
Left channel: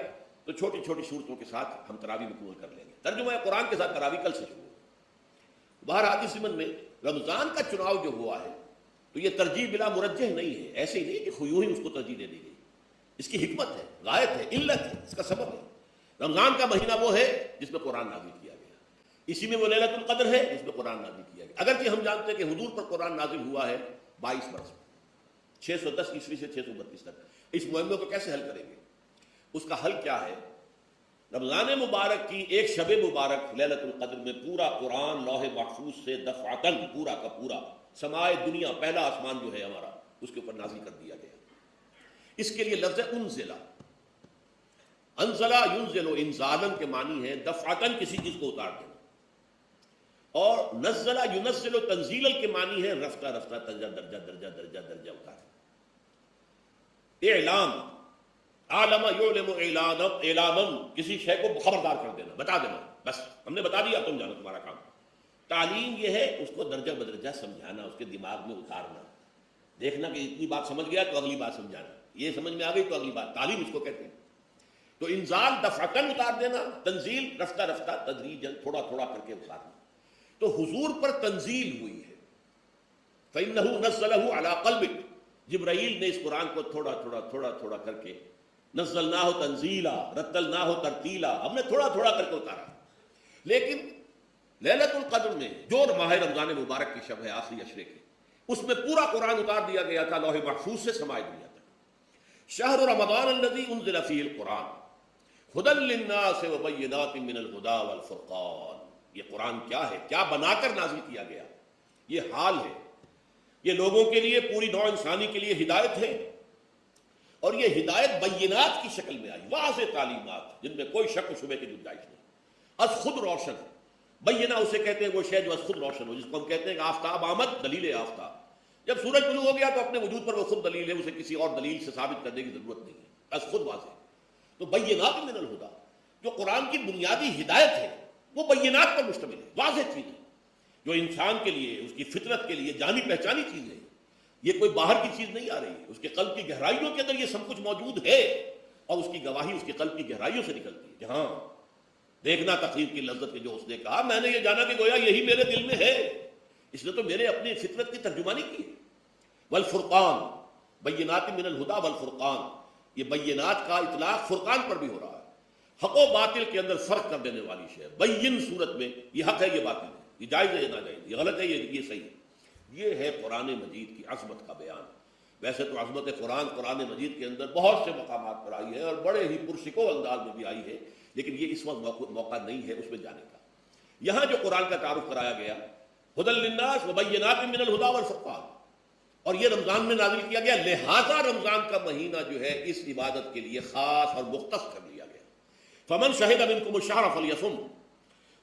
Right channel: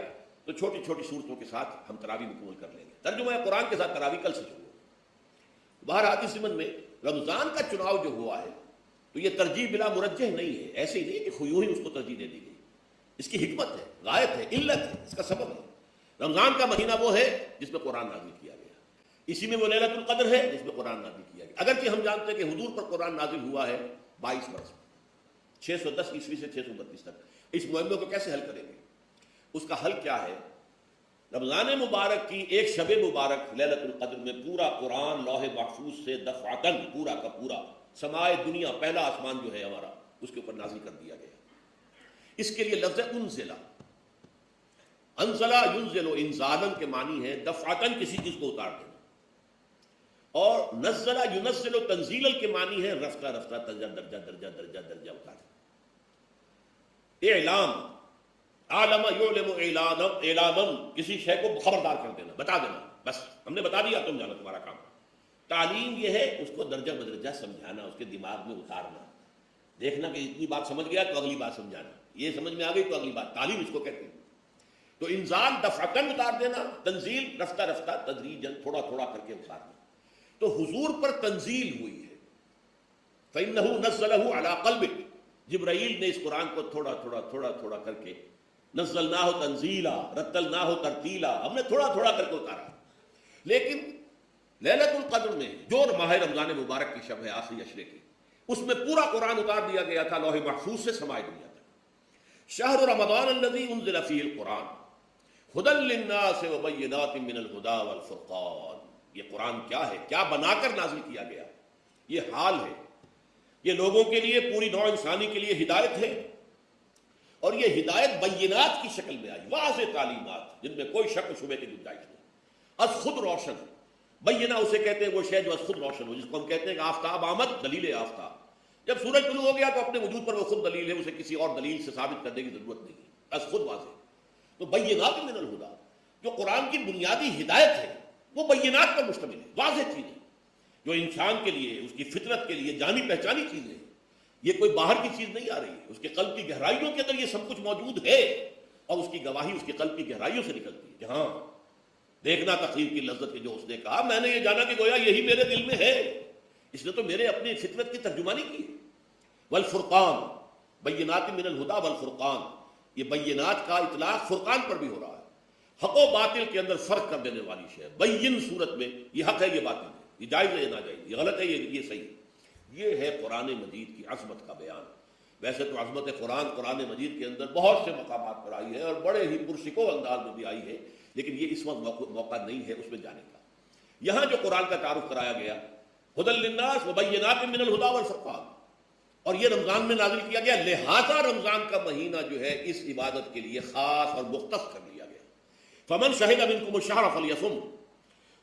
تو چھوٹی چھوٹی صورتوں کے ساتھ ہم تراویح مکمل کر لیں گے، ترجمہ قرآن کے ساتھ تراویح کل سے شروع۔ بہرحال اس ضمن میں رمضان کا چناؤ جو ہوا ہے تو یہ ترجیح بلا مرجح نہیں ہے، ایسے ہی نہیں کہ خیوری اس کو ترجیح دے دی گئی، اس کی حکمت ہے، غائب ہے، علت ہے، اس کا سبب ہے۔ رمضان کا مہینہ وہ ہے جس میں قرآن نازل کیا گیا، اسی میں وہ لیلۃ القدر ہے جس میں قرآن نازل کیا گیا۔ اگرچہ ہم جانتے ہیں کہ حضور پر قرآن نازل ہوا ہے 22 برس، 610 عیسوی سے 632 تک۔ اس معمے کو کیسے حل کریں گے؟ اس کا حل کیا ہے؟ رمضان مبارک کی ایک شب مبارک لیلۃ القدر میں پورا قرآن لوح محفوظ سے دفعتاً پورا کا پورا سمائے دنیا، پہلا آسمان جو ہے ہمارا، اس کے اوپر نازل کر دیا گیا۔ اس کے لیے لفظ انزلہ، انزلہ ینزل انزالاً کے معنی ہے دفعتاً کسی چیز کو اتار دینا، اور نزلہ ینزل تنزیلاً کے معنی ہے رفتہ رفتہ درجہ درجہ درجہ درجہ درجہ اتار دینا۔ اعلام، عالم یعلم اعلانم، اعلانم کسی شے کو خبردار کر دینا، بتا دینا، بس ہم نے بتا دیا تم جانو تمہارا کام۔ تعلیم یہ ہے اس کو درجہ بدرجہ سمجھانا، اس کے دماغ میں اتارنا، دیکھنا کہ اتنی بات سمجھ گیا تو اگلی بات سمجھانا، یہ سمجھ میں آ گئی تو اگلی بات، تعلیم اس کو کہتے ہیں۔ تو انزال دفعتاً اتار دینا، تنزیل رفتہ رفتہ تدریجاً تھوڑا تھوڑا کر کے اتارنا۔ تو حضور پر تنزیل ہوئی ہے، فإنه نزله على قلبك، جبرائیل نے اس قرآن کو تھوڑا تھوڑا تھوڑا تھوڑا کر کے نزلناہ تنزیلا رتلناہ ترتیلا، ہم نے تھوڑا تھوڑا کر کے اتارا۔ لیکن لیلۃ القدر میں جو ماہ رمضان مبارک کی شب ہے آخری عشرے کی، اس میں پورا قرآن اتار دیا گیا تھا لوح محفوظ سے سمائے دیا تھا۔ شہر رمضان الذی انزل فیہ القرآن ھدی للناس وبینات من الھدی والفرقان، یہ قرآن کیا ہے، کیا بنا کر نازل کیا گیا؟ یہ حال ہے، یہ لوگوں کے لیے، پوری نوع انسانی کے لیے ہدایت ہے، اور یہ ہدایت بینات کی شکل میں آئی، واضح تعلیمات جن میں کوئی شک و شبہ کی گنجائش نہیں، بس خود روشن ہے۔ بینہ اسے کہتے ہیں وہ شے جو خود روشن ہو، جس کو ہم کہتے ہیں کہ آفتاب آمد، دلیل آفتاب، جب سورج طلوع ہو گیا تو اپنے وجود پر وہ خود دلیل ہے، اسے کسی اور دلیل سے ثابت کرنے کی ضرورت نہیں ہے، بس خود واضح۔ تو بینات من الہدی، جو قرآن کی بنیادی ہدایت ہے وہ بینات پر مشتمل ہے، واضح چیز ہے، جو انسان کے لیے، اس کی فطرت کے لیے جانی پہچانی چیز ہے، یہ کوئی باہر کی چیز نہیں آ رہی ہے، اس کے قلب کی گہرائیوں کے اندر یہ سب کچھ موجود ہے، اور اس کی گواہی اس کے قلب کی گہرائیوں سے نکلتی ہے۔ ہاں، دیکھنا تقریر کی لذت میں جو اس نے کہا، میں نے یہ جانا کہ گویا یہی میرے دل میں ہے، اس نے تو میرے اپنی فطرت کی ترجمانی کی۔ والفرقان، بینات من الہدی والفرقان، یہ بینات کا اطلاق فرقان پر بھی ہو رہا ہے، حق و باطل کے اندر فرق کر دینے والی شے، بین صورت میں یہ حق ہے، یہ باطل ہے، یہ جائز ہے، یہ ناجائز، یہ غلط ہے، یہ صحیح ہے۔ یہ ہے قرآن مجید کی عظمت کا بیان۔ ویسے تو عظمت قرآن مجید کے اندر بہت سے مقامات پر آئی ہے اور بڑے ہی پرسکون انداز میں بھی آئی ہے، لیکن یہ اس وقت موقع نہیں ہے اس میں جانے کا۔ یہاں جو قرآن کا تعارف کرایا گیا، ھدی للناس وبینات من الھدی والفرقان، اور یہ رمضان میں نازل کیا گیا، لہذا رمضان کا مہینہ جو ہے اس عبادت کے لیے خاص اور مختص کر دیا گیا۔ فمن شہد منکم الشہر فلیصم،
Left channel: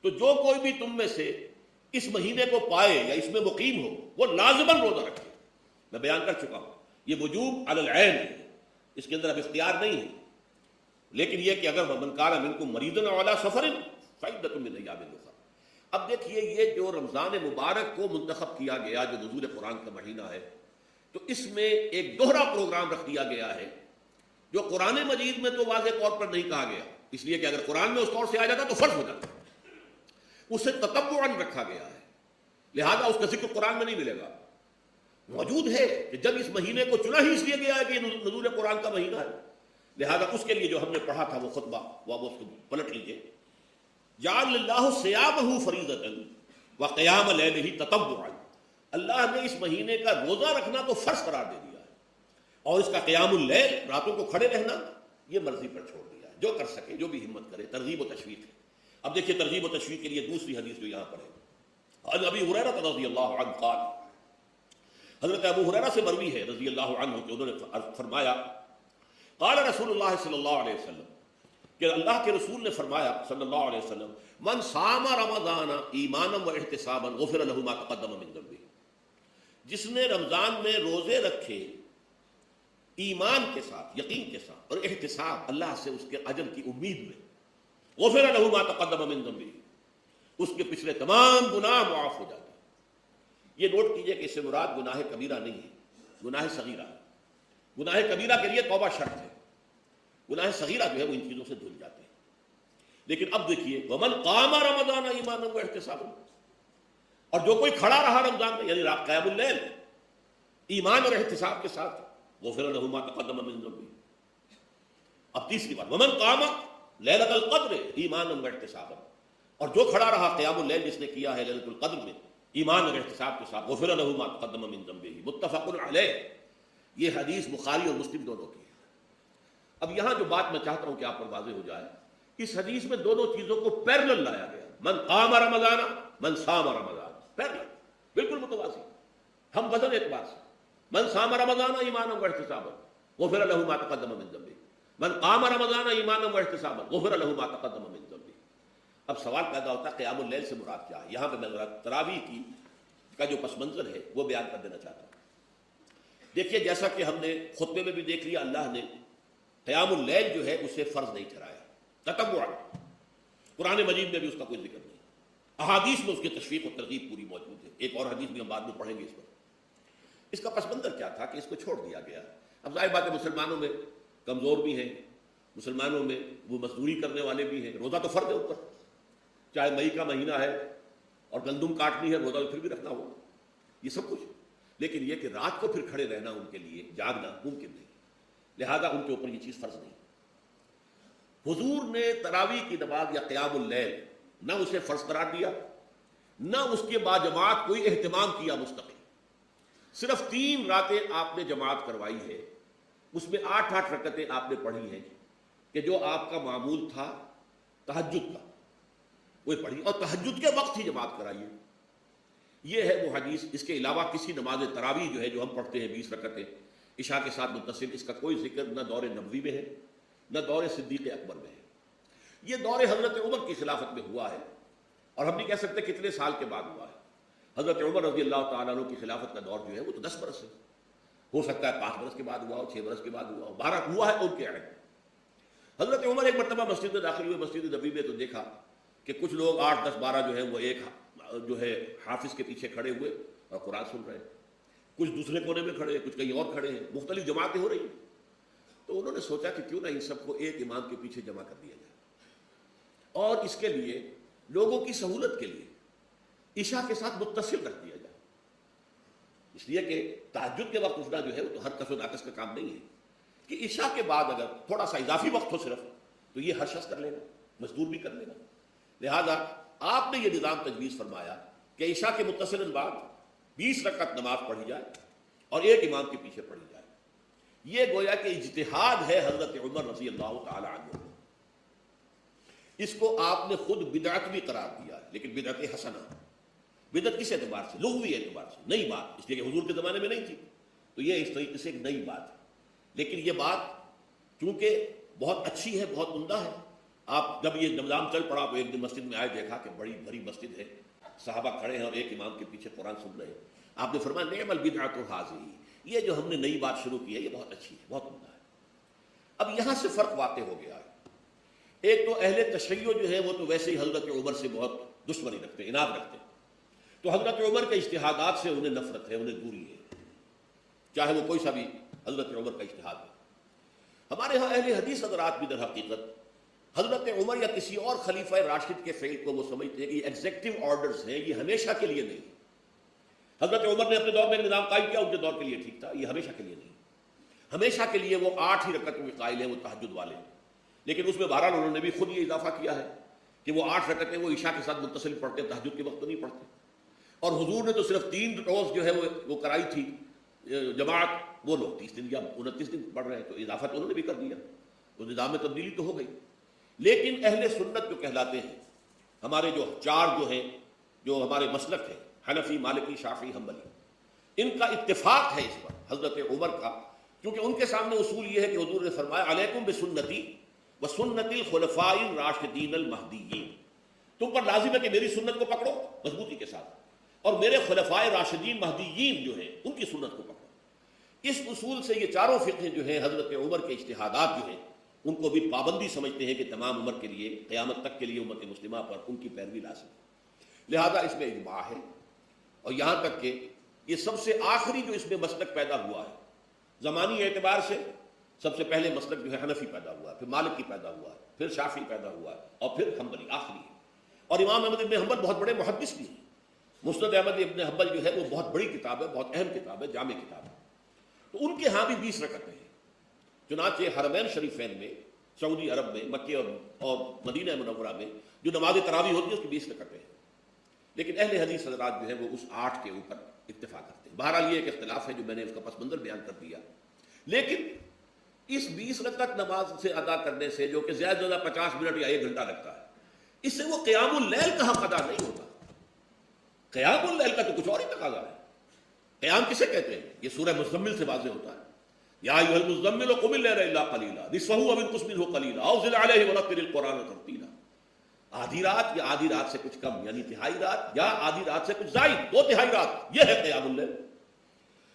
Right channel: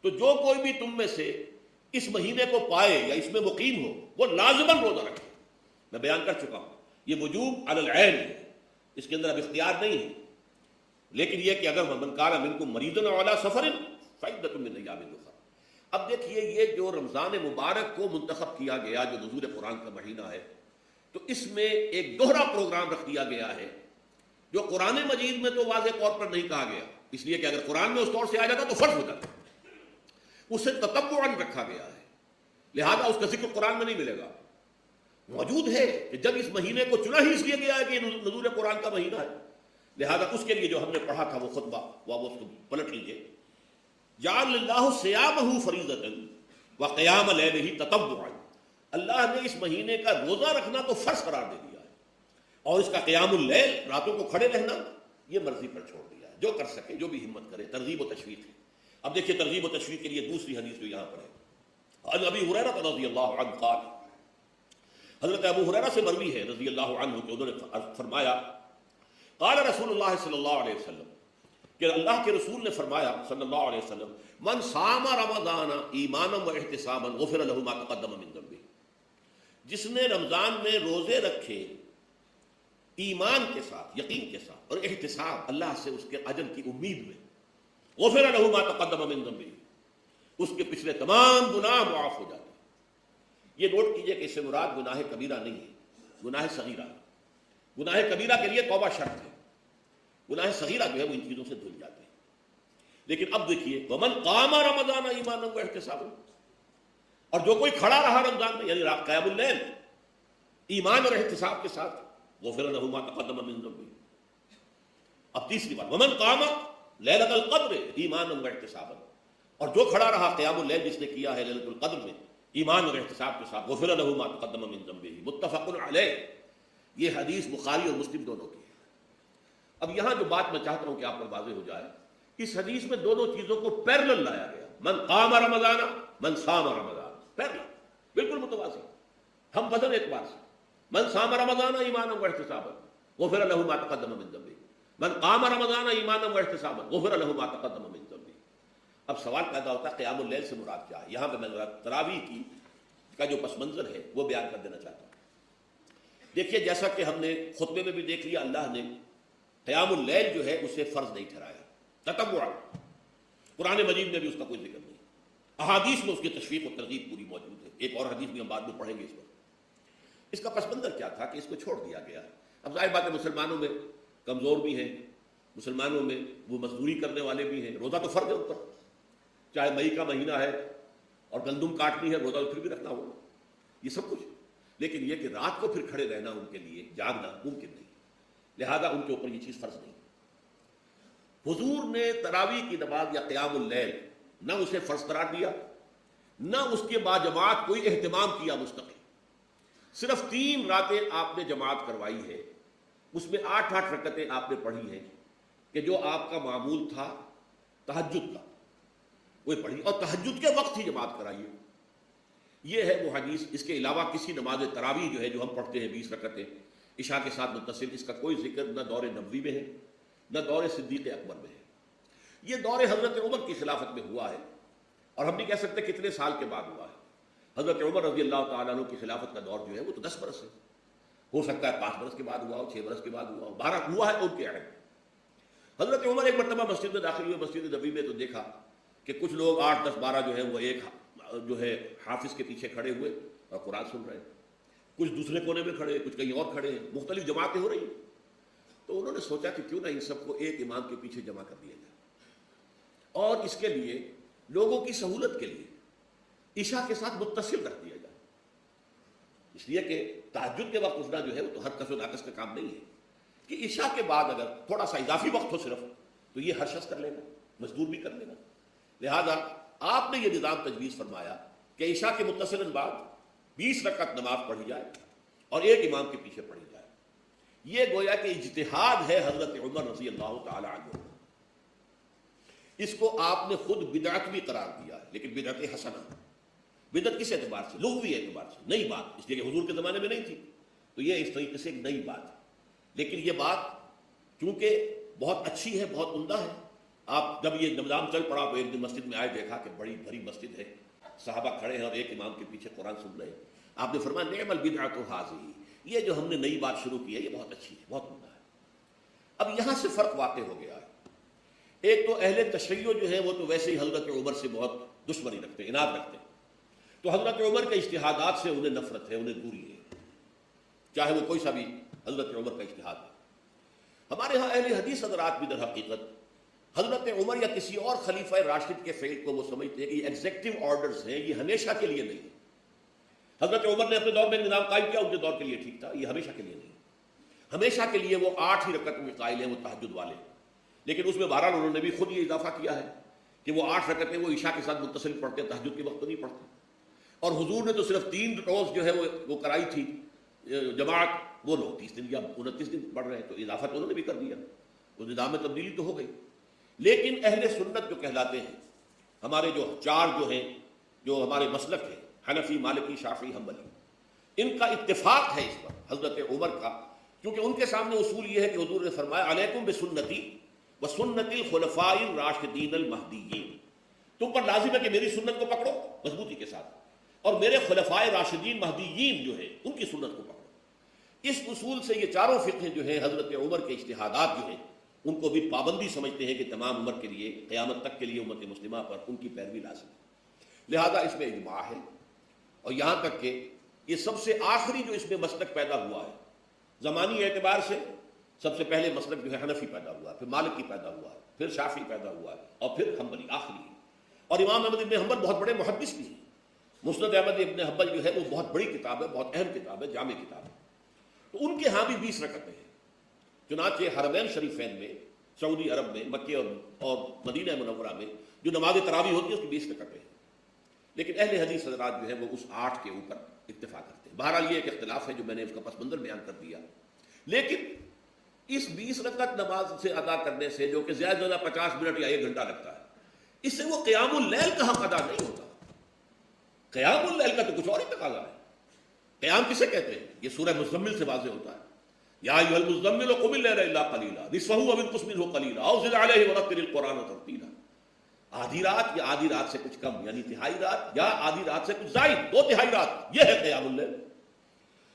تو جو کوئی بھی تم میں سے اس مہینے کو پائے یا اس میں مقیم ہو وہ لازماً روزہ رکھے۔ میں بیان کر چکا ہوں یہ وجوب علی العین ہے، اس کے اندر اب اختیار نہیں ہے، لیکن یہ کہ اگر من کان منکم مریضا علی سفر فعدۃ من ایام اخر، اب دیکھیے یہ جو رمضان مبارک کو منتخب کیا گیا جو نزول قرآن کا مہینہ ہے، تو اس میں ایک دوہرا پروگرام رکھ دیا گیا ہے جو قرآن مجید میں تو واضح طور پر نہیں کہا گیا، اس لیے کہ اگر قرآن میں اس طور سے آ جاتا تو فرض ہو جاتا، اسے تطوعاً رکھا گیا ہے، لہذا اس کا ذکر قرآن میں نہیں ملے گا۔ موجود ہے کہ جب اس مہینے کو چنا ہی اس لیے گیا ہے کہ نزول قرآن کا مہینہ ہے، لہذا اس کے لیے جو ہم نے پڑھا تھا وہ خطبہ واپس کو پلٹ لیجیے، جعل اللہ صیامہ فریضۃ وقیام لیلہ تطوعا، اللہ نے اس مہینے کا روزہ رکھنا تو فرض قرار دے دیا ہے، اور اس کا قیام اللیل راتوں کو کھڑے رہنا یہ مرضی پر چھوڑ دیا ہے، جو کر سکے جو بھی ہمت کرے، ترغیب و تشویق ہے۔ اب دیکھیے ترغیب و تشویق کے لیے دوسری حدیث جو یہاں پر ہے، عن ابی ہریرہ رضی اللہ عنہ قال، حضرت ابو ہریرہ سے مروی ہے رضی اللہ عنہ کہ انہوں نے فرمایا قال رسول اللہ صلی اللہ علیہ وسلم، کہ اللہ کے رسول نے فرمایا صلی اللہ علیہ وسلم، من صام رمضان ایمانا و احتسابا غفر له ما تقدم من ذنبه، جس نے رمضان میں روزے رکھے ایمان کے ساتھ، یقین کے ساتھ اور احتساب، اللہ سے اس کے اجر کی امید میں، غفر له ما تقدم من ذنبه، اس کے پچھلے تمام گناہ معاف ہو جاتے ہیں۔ یہ نوٹ کیجئے کہ اس سے مراد گناہ کبیرہ نہیں ہے، گناہ صغیرہ۔ گناہ کبیرہ کے لیے توبہ شرط ہے، گناہ صغیرہ جو ہے وہ ان چیزوں سے دھل جاتے ہیں۔ لیکن اب دیکھیے ومن قام رمضان ایمانا و احتسابا، اور جو کوئی کھڑا رہا رمضان میں یعنی قیام اللیل ایمان اور احتساب کے ساتھ، غفر له ما تقدم من ذنبه۔ اب تیسری بات، ومن قام لیلۃ القدر ایمانا و احتسابا، اور جو کھڑا رہا قیام اللیل جس نے کیا ہے لیلۃ القدر میں ایمان اور احتساب کے ساتھ، غفر له ما تقدم من ذنبه، متفق علیہ۔ یہ حدیث بخاری اور مسلم دونوں کی ہے۔ اب یہاں جو بات میں چاہتا ہوں کہ آپ پر واضح ہو جائے، اس حدیث میں دونوں چیزوں کو پیرلل لایا گیا، من قام رمضان من صام رمضان، پیرلل، بالکل متوازی، ہم بدل اعتبار سے، من صام رمضان ایمانا و احتسابا غفر له ما تقدم من ذنبه، من قام رمضان ایمانا و احتسابا غفر له ما تقدم من ذنبه۔ اب سوال پیدا ہوتا ہے قیام اللیل سے مراد کیا ہے؟ یہاں پہ میں تراویح کا جو پس منظر ہے وہ بیان کر دینا چاہتا ہوں۔ دیکھیے جیسا کہ ہم نے خطبے میں بھی دیکھ لیا، اللہ نے قیام اللیل جو ہے اسے فرض نہیں ٹھہرایا، تطوعا، قرآن مجید میں بھی اس کا کوئی ذکر نہیں، احادیث میں اس کی تشریح اور ترغیب پوری موجود ہے، ایک اور حدیث بھی ہم بعد میں پڑھیں گے اس وقت۔ اس کا پس منظر کیا تھا کہ اس کو چھوڑ دیا گیا۔ اب ظاہر بات ہے مسلمانوں میں کمزور بھی ہیں، مسلمانوں میں وہ مزدوری کرنے والے بھی ہیں، روزہ تو فرض ہے اوپر، چاہے مئی کا مہینہ ہے اور گندم کاٹنی ہے، روزہ پھر بھی رکھنا ہوگا، یہ سب کچھ، لیکن یہ کہ رات کو پھر کھڑے رہنا ان کے لیے جاگنا ممکن نہیں، لہذا ان کے اوپر یہ چیز فرض نہیں۔ حضور نے تراویح کی نماز یا قیام اللیل نہ اسے فرض قرار دیا، نہ اس کے باجماعت کوئی اہتمام کیا مستقل، صرف 3 راتیں آپ نے جماعت کروائی ہے، اس میں 8 رکعتیں آپ نے پڑھی ہیں کہ جو آپ کا معمول تھا تہجد کا وہ پڑھی، اور تہجد کے وقت ہی جماعت کرائی ہے۔ یہ ہے وہ حدیث، اس کے علاوہ کسی نماز تراویح جو ہے جو ہم پڑھتے ہیں 20 رکعتیں عشاء کے ساتھ متصل، اس کا کوئی ذکر نہ دور نبوی میں ہے نہ دور صدیق اکبر میں ہے، یہ دور حضرت عمر کی خلافت میں ہوا ہے، اور ہم نہیں کہہ سکتے کتنے سال کے بعد ہوا۔ حضرت عمر رضی اللہ تعالیٰ عنہ کی خلافت کا دور جو ہے وہ تو 10 برس ہے، ہو سکتا ہے 5 برس کے بعد ہوا ہو، 6 برس کے بعد ہوا ہو، 12 ہوا ہے ان کے علیہ۔ حضرت عمر ایک مرتبہ مسجد میں داخل ہوئے، مسجد نبوی میں، تو دیکھا کہ کچھ لوگ 8 10 12 جو ہے وہ ایک جو ہے حافظ کے پیچھے کھڑے ہوئے اور قرآن سن رہے ہیں، کچھ دوسرے کونے میں کھڑے، کچھ کہیں اور کھڑے ہیں، مختلف جماعتیں ہو رہی ہیں۔ تو انہوں نے سوچا کہ کیوں نہ ان سب کو ایک امام کے پیچھے جمع کر دیا جائے، اور اس کے لیے لوگوں کی سہولت کے لیے عشاء کے ساتھ متصل کر دیا جائے، اس لیے کہ تہجد کے وقت اٹھنا جو ہے وہ تو ہر کس و ناقص کا کام نہیں ہے، کہ عشاء کے بعد اگر تھوڑا سا اضافی وقت ہو صرف، تو یہ ہر شخص کر لینا، مزدور بھی کر لینا۔ لہذا آپ نے یہ نظام تجویز فرمایا کہ عشاء کے متصل بعد 20 رکعت نماز پڑھی جائے اور ایک امام کے پیچھے پڑھی جائے۔ یہ گویا کہ اجتہاد ہے حضرت عمر رضی اللہ تعالی عنہ، اس کو آپ نے خود بدعت بھی قرار دیا، لیکن بدعت حسنہ، بدعت کس اعتبار سے؟ لغوی اعتبار سے، نئی بات، اس لیے کہ حضور کے زمانے میں نہیں تھی، تو یہ اس طریقے سے نئی بات ہے، لیکن یہ بات چونکہ بہت اچھی ہے، بہت عمدہ ہے۔ آپ جب یہ نظام چل پڑا تو ایک دن مسجد میں آئے، دیکھا کہ بڑی بھری مسجد ہے، صحابہ کھڑے ہیں اور ایک امام کے پیچھے قرآن سن رہے ہیں، آپ نے فرمایا نعم البدعۃ ھذہ، یہ جو ہم نے نئی بات شروع کی ہے یہ بہت اچھی ہے، بہت عمدہ ہے۔ اب یہاں سے فرق واقع ہو گیا ہے، ایک تو اہل تشیع جو ہے وہ تو ویسے ہی حضرت عمر سے بہت دشمنی رکھتے ہیں، عناد رکھتے ہیں۔ تو حضرت عمر کے اجتہادات سے انہیں نفرت ہے، انہیں دوری ہے، چاہے وہ کوئی سا بھی حضرت عمر کا اجتہاد ہے۔ ہمارے یہاں اہل حدیث حضرات بھی در حقیقت حضرت عمر یا کسی اور خلیفہ راشد کے فعل کو وہ سمجھتے ہیں کہ یہ ایگزیکٹو آرڈرز ہے، یہ ہمیشہ کے لیے نہیں۔ حضرت عمر نے اپنے دور میں نظام قائم کیا، ان کے دور کے لیے ٹھیک تھا، یہ ہمیشہ کے لیے نہیں۔ ہمیشہ کے لیے وہ 8 ہی رکعتوں کے قائل ہیں، وہ تہجد والے، لیکن اس میں بہرحال انہوں نے بھی خود ہی اضافہ کیا ہے کہ وہ 8 رکعتیں وہ عشاء کے ساتھ متصل پڑھتے ہیں، تہجد کے وقت تو نہیں پڑھتے۔ اور حضور نے تو صرف 3 روز جو ہے وہ کرائی تھی جماعت، وہ لوگ 30 دن یا 29 دن پڑھ رہے ہیں، تو اضافہ تو انہوں نے بھی کر دیا، تو نظام میں تبدیلی تو ہو گئی۔ لیکن اہل سنت جو کہلاتے ہیں، ہمارے جو 4 جو ہیں، جو ہمارے مسلک ہیں، حنفی، مالکی، شافعی، حنبلی، ان کا اتفاق ہے اس پر حضرت عمر کا، کیونکہ ان کے سامنے اصول یہ ہے کہ حضور نے فرمایا علیکم بسنتی وسنت الخلفاء الراشدین المہدیین، تم پر لازم ہے کہ میری سنت کو پکڑو مضبوطی کے ساتھ، اور میرے خلفائے راشدین مہدیین جو ہیں ان کی سنت کو پکڑو۔ اس اصول سے یہ چاروں فرقے جو ہے حضرت عمر کے اجتہادات جو ہیں ان کو بھی پابندی سمجھتے ہیں کہ تمام امت کے لیے، قیامت تک کے لیے امت مسلمہ پر ان کی پیروی لازم ہے، لہذا اس میں اجماع ہے۔ اور یہاں تک کہ یہ سب سے آخری جو اس میں مسلک پیدا ہوا ہے زمانی اعتبار سے، سب سے پہلے مسلک جو ہے حنفی پیدا ہوا ہے، پھر مالکی پیدا ہوا ہے، پھر شافعی پیدا ہوا ہے، اور پھر حنبلی آخری ہے۔ اور امام احمد بن حنبل بہت بڑے محدث بھی ہیں، مسند احمد بن حنبل جو ہے وہ بہت بڑی کتاب ہے، بہت اہم کتاب ہے، جامع کتاب ہے۔ تو ان کے ہاں بھی 20 رکعتیں ہیں، چنانچہ حرمین شریفین میں، سعودی عرب میں، مکے اور مدینہ منورہ میں جو نماز تراویح ہوتی ہے اس کی 20 رکعتیں ہیں، لیکن اہل حدیث حضرات جو ہیں وہ اس 8 کے اوپر اتفاق کرتے ہیں۔ بہرحال یہ ایک اختلاف ہے جو میں نے اس کا پس منظر بیان کر دیا، لیکن اس 20 رکعت نماز سے ادا کرنے سے، جو کہ زیادہ سے زیادہ 50 منٹ یا 1 گھنٹہ لگتا ہے، اس سے وہ قیام اللیل کا حق ادا نہیں ہوتا۔ قیام اللیل کا تو کچھ اور ہی تقاضا ہے۔ قیام کسے کہتے ہیں؟ یہ سورہ مزمل سے واضح ہوتا ہے، یا ایھا المزمل قم اللیل الا قلیلا نصفہ او انقص منہ قلیلا او زد علیہ ورتل القرآن ترتیلا۔ آدھی رات یا آدھی رات سے کچھ کم، یعنی تہائی رات یا آدھی رات سے کچھ زائد، 2/3 رات، یہ ہے قیام اللیل۔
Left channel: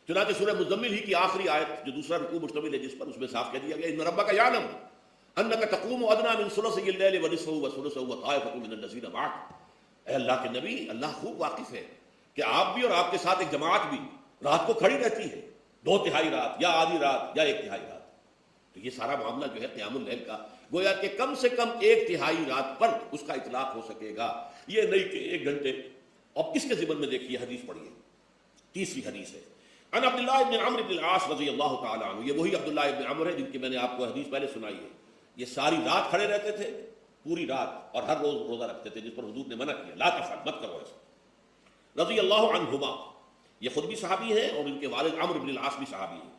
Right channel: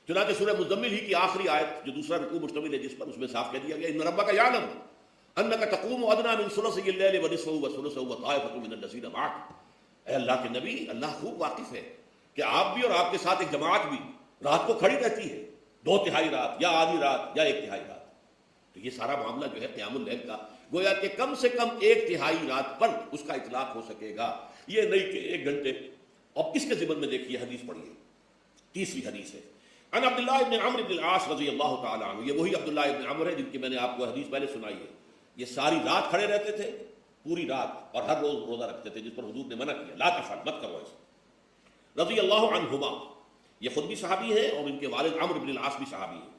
چنانچہ سورہ مزمل ہی کی آخری آیت جو دوسرا رکوع مشتمل ہے جس پر، اس میں صاف کہہ دیا گیا ان ربک یعلم انک تقوم ادنی من ثلثی اللیل ونصفہ وثلثہ وطائفۃ من الذین معک۔ اے اللہ کے نبی، اللہ خوب واقف ہے کہ آپ بھی اور آپ کے ساتھ ایک جماعت بھی رات کو کھڑی رہتی ہے، 2/3 رات یا آدھی رات یا 1/3 رات۔ تو یہ سارا معاملہ جو ہے قیام اللیل کا، گویا کہ کم سے کم 1/3 رات پر اس کا اطلاق ہو سکے گا، یہ نہیں کہ 1 گھنٹے۔ اب اس کے ضمن میں دیکھیے حدیث پڑھیے، تیسری حدیث ہے عن عبداللہ بن عمرو بن العاص رضی اللہ تعالی عنہ۔ یہ وہی عبداللہ بن عمرو ہے جن کی میں نے آپ کو حدیث پہلے سنائی ہے۔ یہ ساری رات کھڑے رہتے تھے، پوری رات، اور ہر روز روزہ رکھتے تھے، جس پر حضور نے منع کیا، لا تفعل، مت کرو ایسا، رضی اللہ عنہما۔ یہ خود بھی صحابی ہے اور ان کے والد عمرو بن العاص بھی صحابی ہیں۔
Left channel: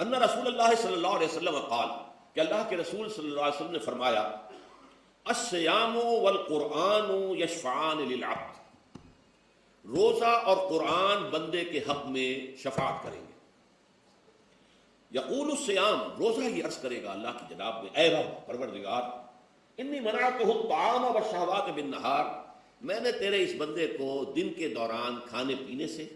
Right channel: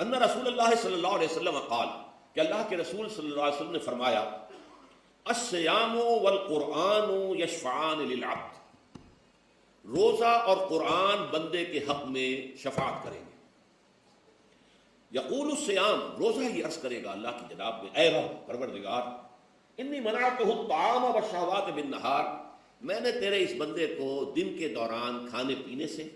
ان رسول اللہ صلی اللہ علیہ وسلم قال، کہ اللہ کے رسول صلی اللہ علیہ وسلم نے فرمایا، الصیام والقرآن یشفعان للعبد، روزہ اور قرآن بندے کے حق میں شفاعت کریں گے۔ یقول الصیام، روزہ یہ عرض کرے گا اللہ کی جناب میں، اے رب پروردگار، انی منعتہ الطعام والشہوات بالنہار، میں نے تیرے اس بندے کو دن کے دوران کھانے پینے سے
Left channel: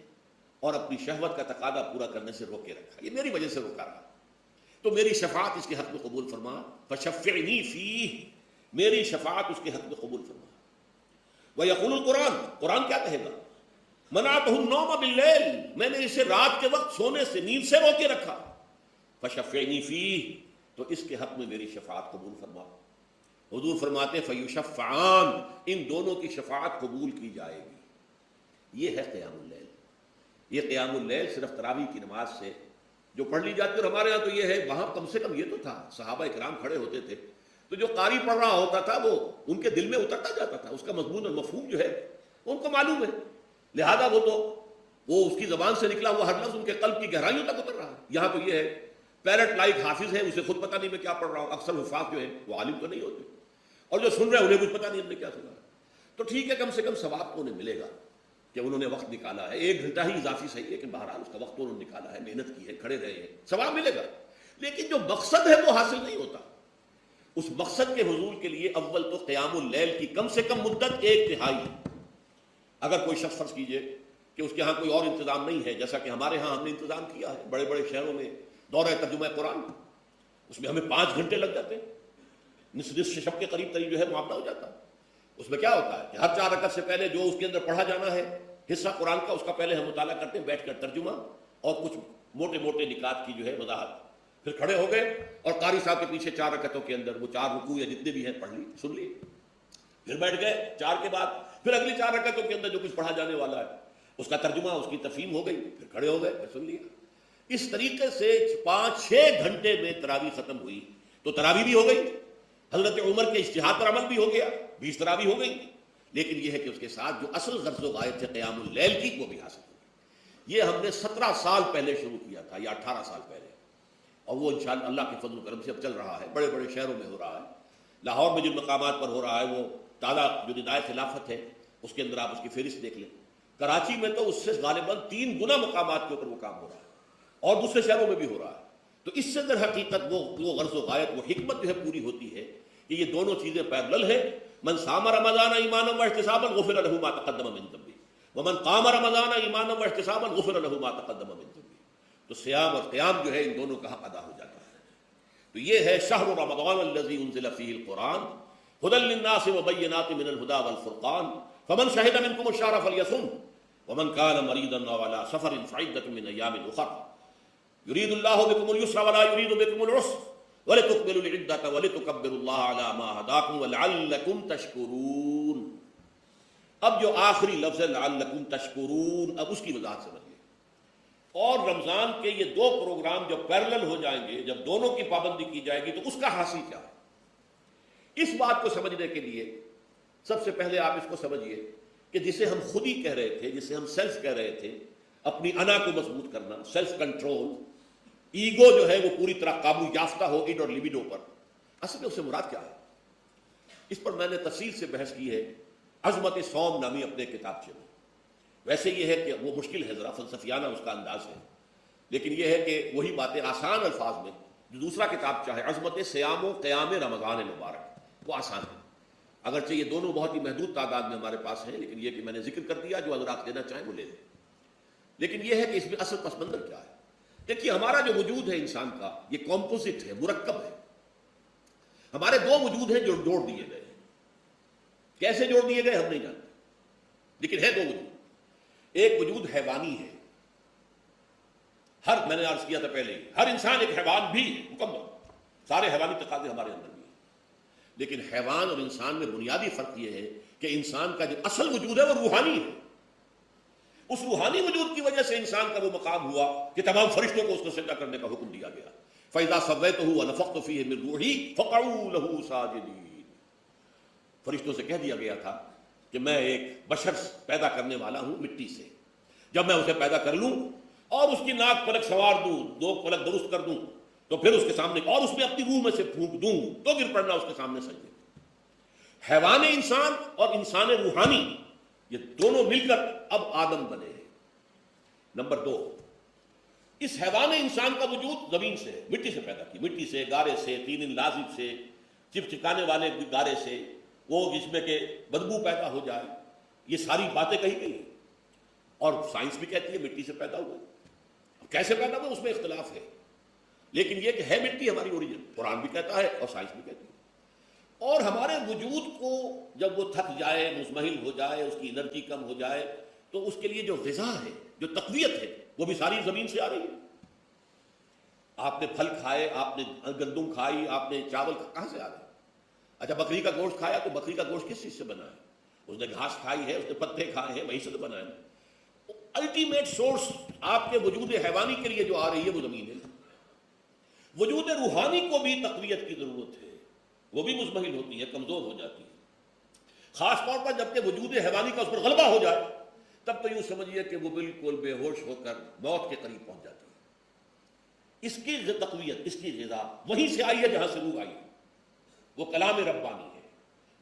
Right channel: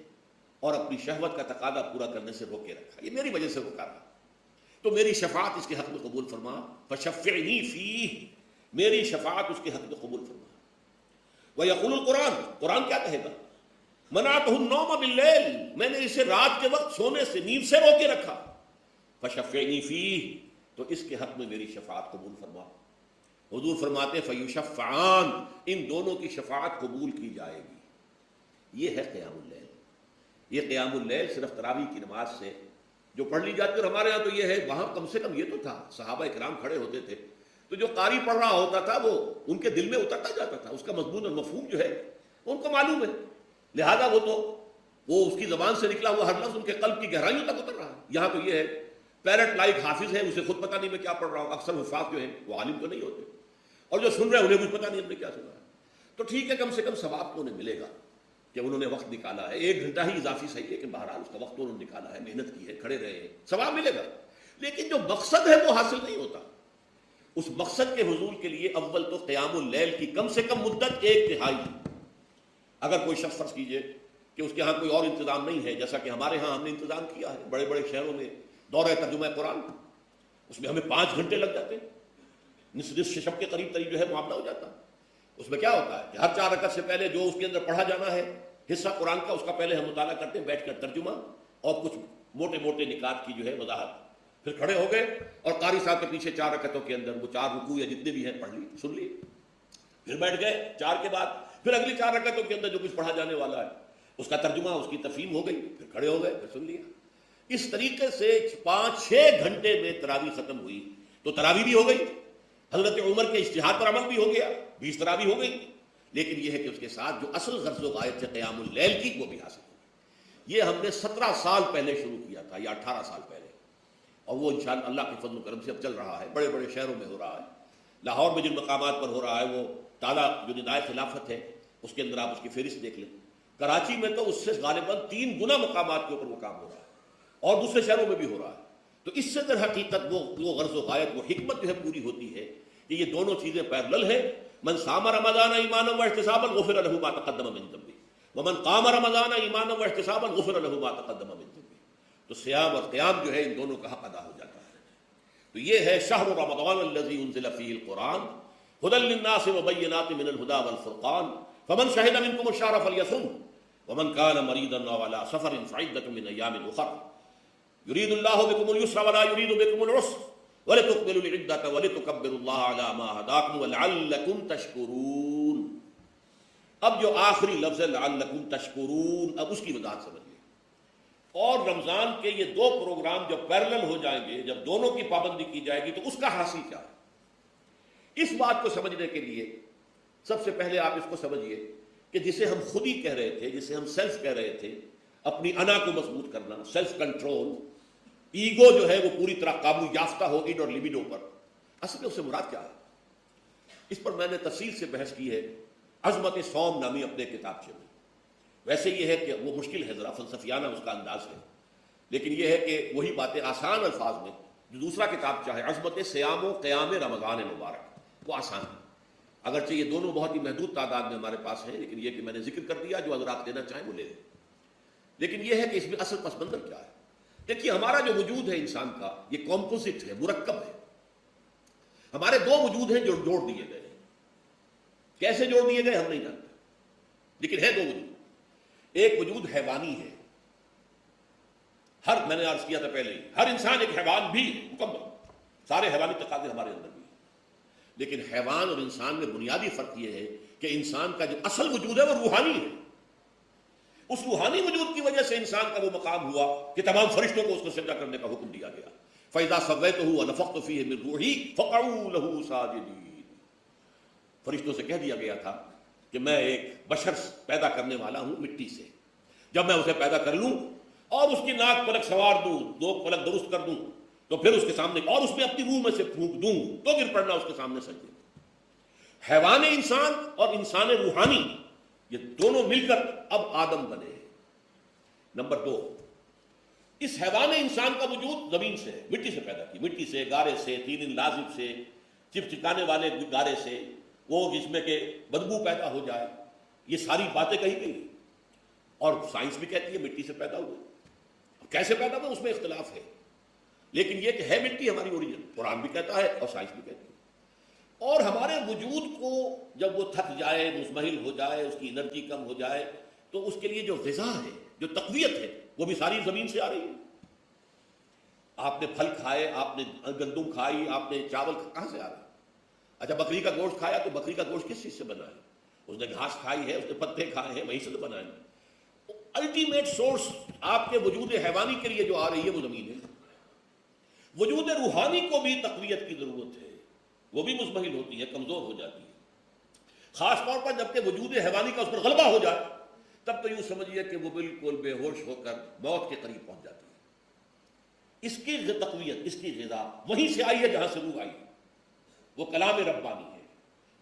اور اپنی شہوت کا تقاضا پورا کرنے سے روکے رکھا، یہ میری وجہ سے روکا رہا، تو میری شفاعت اس کے حق میں قبول فرما، فشفعنی فیہ، میری شفاعت اس کے حق میں قبول فرما۔ ویقول القرآن، قرآن کیا کہے گا، منعتہ النوم باللیل، میں نے اسے رات کے وقت سونے سے، نیند سے روکے رکھا، فشفعنی فیہ، تو اس کے حق میں میری شفاعت قبول فرما۔ حضور فرماتے فیشفعان، ان دونوں کی شفاعت قبول کی جائے گی۔ یہ ہے قیام اللیل۔ یہ قیام اللیل صرف تراویح کی نماز سے جو پڑھ لی جاتی، اور ہمارے یہاں تو یہ ہے، وہاں کم سے کم یہ تو تھا، صحابہ کرام کھڑے ہوتے تھے تو جو قاری پڑھ رہا ہوتا تھا وہ ان کے دل میں اترتا جاتا تھا، اس کا مضمون اور مفہوم جو ہے وہ ان کو معلوم ہے، لہذا وہ اس کی زبان سے نکلا ہوا ہر لفظ ان کے قلب کی گہرائیوں تک اتر رہا ہے۔ یہاں پر یہ ہے پیرٹ لائک حافظ ہے، اسے خود پتہ نہیں میں کیا پڑھ رہا ہوں، اکثر حفاظ جو ہے وہ عالم تو نہیں ہوتے، اور جو سن رہے ہیں انہیں کچھ پتہ نہیں ہم نے کیا سنا ہے، تو ٹھیک ہے، کم سے کم ثواب کو انہیں ملے گا کہ انہوں نے وقت نکالا ہے، 1 گھنٹہ ہی اضافی صحیح ہے، لیکن بہرحال اس کا وقت انہوں نے نکالا ہے، محنت کی ہے، کھڑے رہے ہیں، ثواب ملے گا۔ لیکن جو مقصد ہے وہ حاصل نہیں ہوتا، اس مقصد کے حصول کے لیے اول تو قیام اللیل کی کم سے کم مدت 1/3۔ اگر کوئی شخص فرض کیجئے کہ اس کے ہاں کوئی اور انتظام نہیں ہے، جیسا کہ ہمارے ہاں ہم نے انتظام کیا ہے، بڑے بڑے شہروں میں دورہ ترجمہ قرآن، اس میں ہمیں 5 گھنٹے لگ جاتے ہیں، نصف شب کے قریب جو ہے معاملہ ہو جاتا ہے، اس میں کیا ہوتا ہے کہ ہر 4 رکعت سے پہلے جو اس کے اندر پڑھا جانا ہے حصہ قرآن کا، اس کا پہلے ہم مطالعہ کرتے ہیں بیٹھ کر ترجمہ اور کچھ موٹے موٹے نکات کی جو ہے وضاحت، پھر کھڑے ہو گئے اور قاری صاحب کے پیچھے 4 رکعتوں کے اندر وہ 4 رکوع یا جتنے بھی ہیں پڑھ لی، سن لی، پھر بیٹھ گئے 4 کے بعد پھر اگلی 4 رکعتوں کے اندر جو کچھ پڑھا جانے والا ہے اس کا ترجمہ، اس کی تفہیم ہو گئی، پھر کھڑے ہو گئے اور سن لیا۔ اس طریقے سے 5-6 گھنٹے میں تراویح ختم ہوئی، تو تراویح بھی ہو گئی، حضرت عمر کے اجتہاد پر عمل بھی ہو گیا، 20 تراویح ہو گئی، لیکن یہ ہے کہ اس کے ساتھ جو اصل غرض و غایت سے قیام اللیل کی وہ بھی حاصل ہوئی۔ یہ ہم نے 17 سال پہلے شروع کیا تھا یا 18 سال پہلے، اور وہ انشاءاللہ اللہ کے فضل و کرم سے اب چل رہا ہے، بڑے بڑے شہروں میں ہو رہا ہے، لاہور میں جن مقامات پر ہو رہا ہے وہ تالا جو ندائے خلافت ہے اس کے اندر آپ اس کی فہرست دیکھ لیں، کراچی میں تو اس سے غالباً 3 گنا مقامات کے اوپر وہ کام ہو رہا ہے، اور دوسرے شہروں میں بھی ہو رہا ہے۔ تو اس سے در حقیقت وہ غرض و غایت و حکمت جو ہے پوری ہوتی ہے کہ یہ دونوں چیزیں پیرلل ہیں۔ من صام رمضان ایمانا واحتسابا غفر له ما تقدم من ذنبه ومن قام رمضان ایمانا واحتسابا غفر له ما تقدم من ذنبه۔ صیام اور قیام جو ہے ان دونوں کا حق ادا ہو جاتا ہے۔ تو یہ ہے شہر رمضان الذي انزل فيه القرآن هدى للناس وبينات من الهدى والفرقان فمن شهد منكم الشهر فليصم ومن كان مريضا او على سفر فعدة من ايام اخر يريد الله بكم اليسر ولا يريد بكم العسر وَلِتُكْمِلُوا الْعِدَّةَ وَلِتُكَبِّرُوا اللَّهَ عَلَى مَا هَدَاكُمْ وَلَعَلَّكُمْ تَشْكُرُونَ۔ اب جو آخری لفظ ہے لَعَلَّكُمْ تَشْكُرُونَ، اب اس کی وضاحت سمجھیں۔ اور رمضان کے یہ 2 پروگرام جب پیرلل ہو جائیں گے، جب دونوں کی پابندی کی جائے گی تو اس کا حاصل کیا ہے؟ اس بات کو سمجھنے کے لیے سب سے پہلے آپ اس کو سمجھیے کہ جسے ہم خود ہی کہہ رہے تھے، جسے ہم سیلف کہہ رہے تھے، اپنی انا کو مضبوط کرنا، سیلف کنٹرول، ایگو جو ہے وہ پوری طرح قابو یافتہ ہوگی اور لبیڈو پر، اصل میں اس سے مراد کیا ہے؟ اس پر میں نے تفصیل سے بحث کی ہے عظمت صوم نامی اپنے کتابچے میں۔ ویسے یہ ہے کہ وہ مشکل ہے، ذرا فلسفیانہ اس کا انداز ہے، لیکن یہ ہے کہ وہی باتیں آسان الفاظ میں جو دوسرا کتاب چاہے عظمت صیام و قیام رمضان مبارک، وہ آسان ہے، اگرچہ یہ دونوں بہت ہی محدود تعداد میں ہمارے پاس ہیں، لیکن یہ کہ میں نے ذکر کر دیا، جو حضرات لینا چاہیں وہ لے لیں۔ لیکن یہ ہے کہ اس میں اصل پس منظر کیا ہے؟ دیکھیے ہمارا جو وجود ہے انسان کا یہ کمپوزٹ ہے، مرکب ہے، ہمارے 2 وجود ہیں جو جوڑ دیے گئے، کیسے جوڑ دیے گئے ہم نہیں جانتے، لیکن ہے 2 وجود۔ ایک وجود حیوانی ہے، میں نے عرض کیا تھا پہلے، ہر انسان ایک حیوان بھی مکمل، سارے حیوانی تقاضے ہمارے اندر بھی ہیں، لیکن حیوان اور انسان میں بنیادی فرق یہ ہے کہ انسان کا جو اصل وجود ہے وہ روحانی ہے۔ اس روحانی وجود کی وجہ سے انسان کا وہ مقام ہوا کہ تمام فرشتوں کو اس کو سجدہ کرنے کا حکم دیا گیا، فَإِذَا سَوَّيْتُهُ وَنَفَخْتُ فِيهِ مِن رُوحِي فَقَعُوا لَهُ سَاجِدِينَ۔ فرشتوں سے کہہ دیا گیا تھا کہ میں ایک بشر پیدا کرنے والا ہوں مٹی سے، جب میں اسے پیدا کر لوں اور اس کی ناک پلک سوار دوں، 2 پلک درست کر دوں، تو پھر اس کے سامنے اور اس میں اپنی روح میں سے پھونک دوں تو گر پڑنا اس کے سامنے سجدے۔ حیوان انسان اور انسان روحانی یہ دونوں مل کر اب آدم بنے ہیں۔ نمبر 2، اس حیوان انسان کا وجود زمین سے، مٹی سے پیدا کی، مٹی سے، گارے سے، طین لازب سے، چپچپانے والے گارے سے، وہ جس میں کہ بدبو پیدا ہو جائے، یہ ساری باتیں کہی گئی، اور سائنس بھی کہتی ہے مٹی سے پیدا ہوا، کیسے پیدا ہوا اس میں اختلاف ہے، لیکن یہ کہ ہے مٹی ہماری اوریجن، قرآن بھی کہتا ہے اور سائنس بھی کہتی ہے۔ اور ہمارے وجود کو جب وہ تھک جائے، مزمحل ہو جائے، اس کی انرجی کم ہو جائے، تو اس کے لیے جو غذا ہے، جو تقویت ہے، وہ بھی ساری زمین سے آ رہی ہے۔ آپ نے پھل کھائے، آپ نے گندم کھائی، آپ نے چاول کہاں سے آ گئے؟ اچھا بکری کا گوشت کھایا تو بکری کا گوشت کس چیز سے بنا ہے؟ اس نے گھاس کھائی ہے، اس نے پتے کھائے ہیں، وہی سے بنا ہے۔ الٹیمیٹ سورس آپ کے وجود حیوانی کے لیے جو آ رہی ہے وہ زمین ہے۔ وجود روحانی کو بھی تقویت کی ضرورت ہے، وہ بھی مزمحل ہوتی ہے، کمزور ہو جاتی ہے، خاص طور پر جبکہ وجود حیوانی کا اس پر غلبہ ہو جائے، تب تو یوں سمجھیے کہ وہ بالکل بے ہوش ہو کر موت کے قریب پہنچ جاتی ہے۔ اس کی تقویت، اس کی غذا وہیں سے آئی ہے جہاں سے روح آئی، وہ کلام ربانی ہے،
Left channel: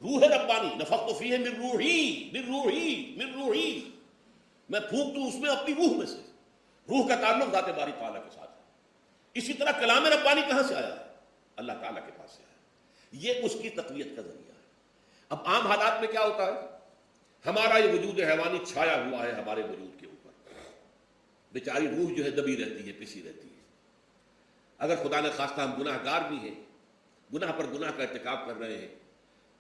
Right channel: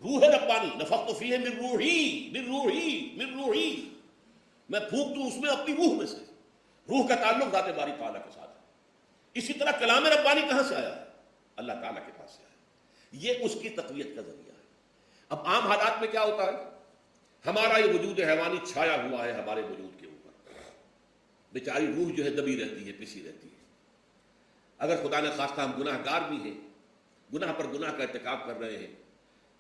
روح ربانی، نفخت فیہ من روحی، من روحی، من روحی، میں پھونک دوں اس میں اپنی روح میں سے۔ روح کا تعلق ذات باری تعالیٰ کے ساتھ ہے۔ اسی طرح کلام ربانی کہاں سے آیا ہے؟ اللہ تعالیٰ کے پاس ہے، یہ اس کی تقویت کا ذریعہ ہے۔ اب عام حالات میں کیا ہوتا ہے؟ ہمارا یہ وجود حیوانی چھایا ہوا ہے ہمارے وجود کے اوپر، بیچاری روح جو ہے دبی رہتی ہے، پسی رہتی ہے۔ اگر خدا نے خواستہ ہم گناہ گار بھی ہیں، گناہ پر گناہ کا ارتکاب کر رہے ہیں،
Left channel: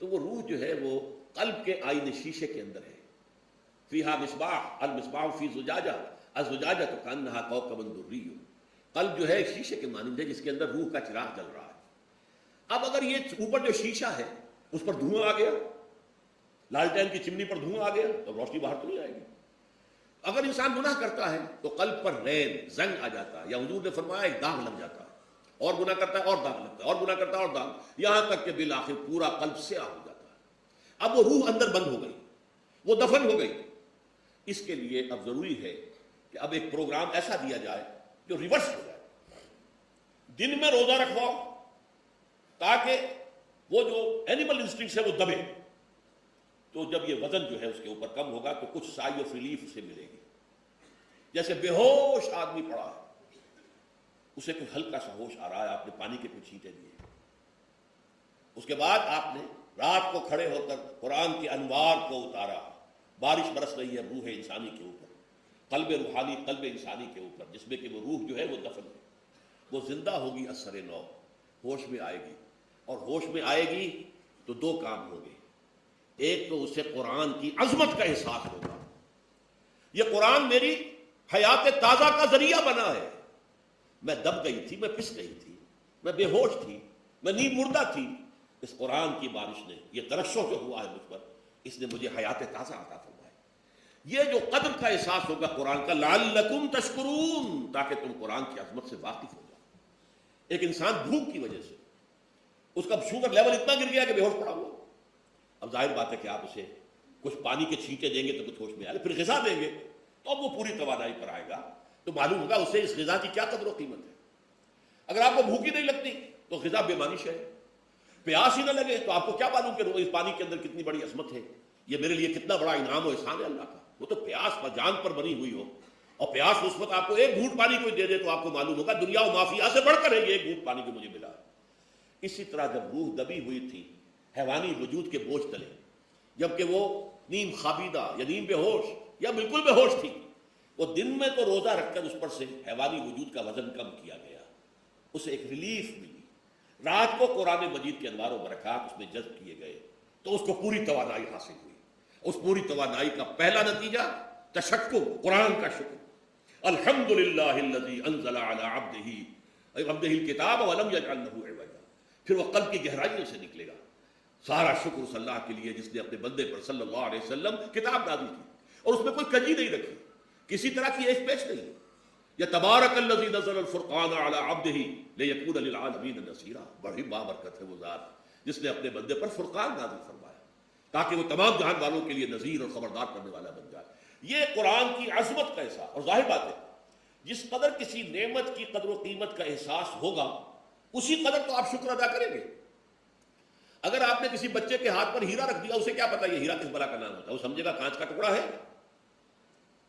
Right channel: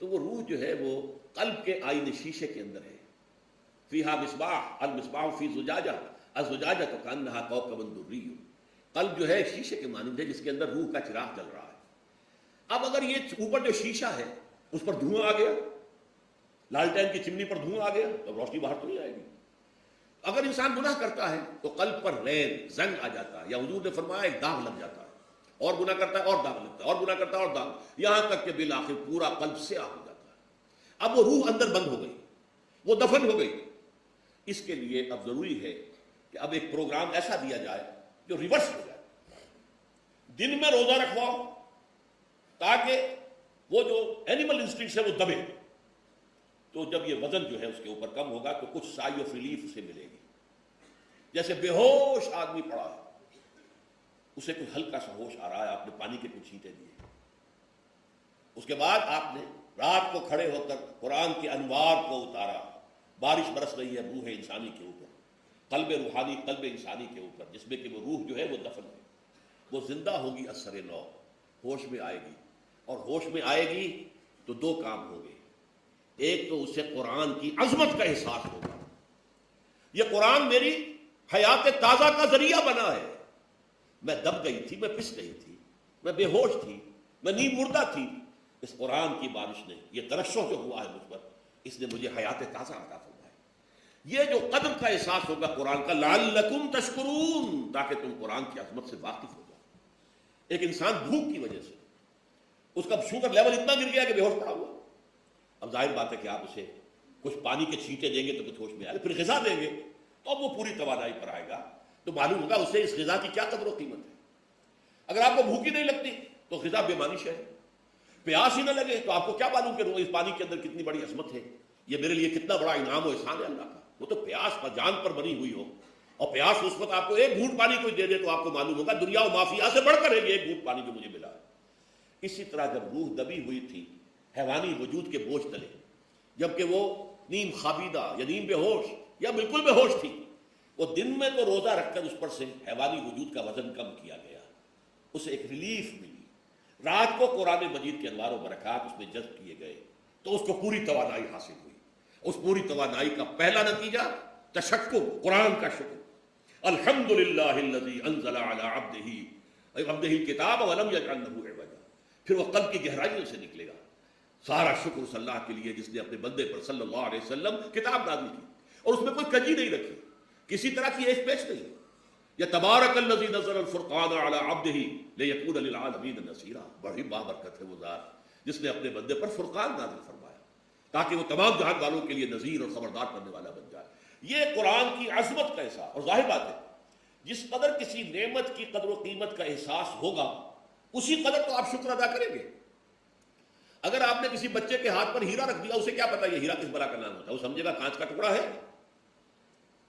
تو وہ روح جو ہے وہ قلب کے آئینے شیشے کے اندر ہے. فیہا مصباح المصباح فی زجاجہ الزجاجہ کانہا کوکب دری. قلب جو ہے شیشے کے مانند ہے جس کے اندر روح کا چراغ جل رہا ہے. اب اگر یہ اوپر جو شیشہ ہے اس پر دھواں آ گیا, لالٹین کی چمنی پر دھواں آ گیا تو روشنی باہر تو نہیں آئے گی. اگر انسان گناہ کرتا ہے تو قلب پر غیر زنگ آ جاتا ہے, یا حضور نے فرمایا ایک داغ لگ جاتا ہے, اور گناہ کرتا ہے اور داغ لگتا ہے, اور گناہ کرتا ہے اور داغ, یہاں تک کہ بالآخر پورا قلب سیاہ ہو جاتا ہے. اب وہ روح اندر بند ہو گئی, وہ دفن ہو گئی. اس کے لیے اب ضروری ہے کہ اب ایک پروگرام ایسا دیا جائے جو ریورس ہو جائے. دل میں روزہ رکھو تاکہ وہ جو اینیمل انسٹنکٹس ہے وہ دبے. تو جب یہ وزن جو ہے اس کے اوپر کم ہوگا تو کچھ سائی آف ریلیف اسے ملے گی. جیسے بے ہوش آدمی پڑا ہے, اسے کوئی ہلکا سا ہوش آ رہا ہے, آپ نے پانی کے کچھ چھینٹے دیے, اس کے بعد آپ نے رات کو کھڑے ہو کر قرآن کے انوار کو اتارا, بارش برس رہی ہے روح انسانی کے اوپر, قلب روحانی قلب انسانی کے اوپر, جس میں کہ وہ روح جو ہے وہ دفن ہے, وہ زندہ ہوگی اثر لو, ہوش میں آئے گی. اور ہوش میں آئے گی تو دو کام ہو گئے. ایک تو اسے قرآن کی عظمت کا احساس ہوگا, یہ قرآن میری حیات تازہ کا ذریعہ بنا ہے. میں دب گئی تھی, میں پس گئی تھی, میں بے ہوش تھی, میں نیند مردہ تھی. اس قرآن کی بارش نے, یہ درشوں کو ہوا ہے مجھ پر, اس نے مجھے حیات تازہ عطا فرمائی. یہ جو قدر کا احساس ہوگا قرآن کا, لعلکم تشکرون, تاکہ تم قرآن کی عظمت سے واقف ہو. ایک انسان بھوک کی وجہ سے اس کا شوگر لیول اتنا گر گیا کہ بے ہوش پڑا ہوا. اب ظاہر بات ہے کہ آپ اسے کچھ پانی کے چھینٹے دیں گے تو کچھ ہوش میں آئے, پھر غذا دیں گے تو اب وہ پوری توانائی پر آئے گا, تو معلوم ہوگا اسے اس غذا کی کیا قدر و قیمت ہے. اگر آپ کو بھوک ہی نہیں لگتی تو غذا بے معنی ہے. پیاس ہی نہ لگے تو آپ کو کیا معلوم کہ اس پانی کے اندر کتنی بڑی عظمت ہے, کہ میرے لیے کتنا بڑا انعام و احسان ہے اللہ کا. وہ تو پیاس اور جان پر بنی ہوئی ہو, اور پیاس اس وقت آپ کو ایک گھونٹ پانی کی دے دے تو آپ کو معلوم ہوگا دنیا و مافیا سے بڑھ کر ایک گھونٹ پانی جو مجھے ملا ہے. اسی طرح جب روح دبی ہوئی تھی حیوانی وجود کے بوجھ تلے, جبکہ وہ نیند خوابیدہ یا نیند بے ہوش یا بالکل بے ہوش تھی, وہ دن میں تو روزہ رکھ کر اس پر سے حیوانی وجود کا وزن کم کیا گیا, اسے ایک ریلیف ملی. رات کو قرآن مجید کے انوار و برکات اس میں جذب کیے گئے تو اس کو پوری توانائی حاصل ہوئی. اس پوری توانائی کا پہلا نتیجہ تشکر, قرآن کا شکر. الحمدللہ الذی انزل علی عبدہ الکتاب ولم یجعل لہ عوجا. پھر وہ قلب کی گہرائیوں سے نکلے گا. سارا شکر اس اللہ کے لیے جس نے اپنے بندے پر صلی اللہ علیہ وسلم کتاب نازل کی, اور اس میں کوئی کجی نہیں رکھی, کسی طرح کی ایک پیش نہیں. یا تبارک الذی نزل الفرقان علی عبدہ لیکون للعالمین نذیرا. بڑی بابرکت ہے وہ ذات جس نے اپنے بندے پر فرقان نازل فرمایا تاکہ وہ تمام جہان والوں کے لیے نذیر اور خبردار کرنے والا بن جائے. یہ قرآن کی عظمت کا احساس. اور ظاہر بات ہے جس قدر کسی نعمت کی قدر و قیمت کا احساس ہوگا اسی قدر تو آپ شکر ادا کریں گے. اگر آپ نے کسی بچے کے ہاتھ پر ہیرا رکھ دیا, اسے کیا پتا یہ ہیرا کس بلا کا نام ہوتا ہے, وہ سمجھے گا کانچ کا ٹکڑا ہے.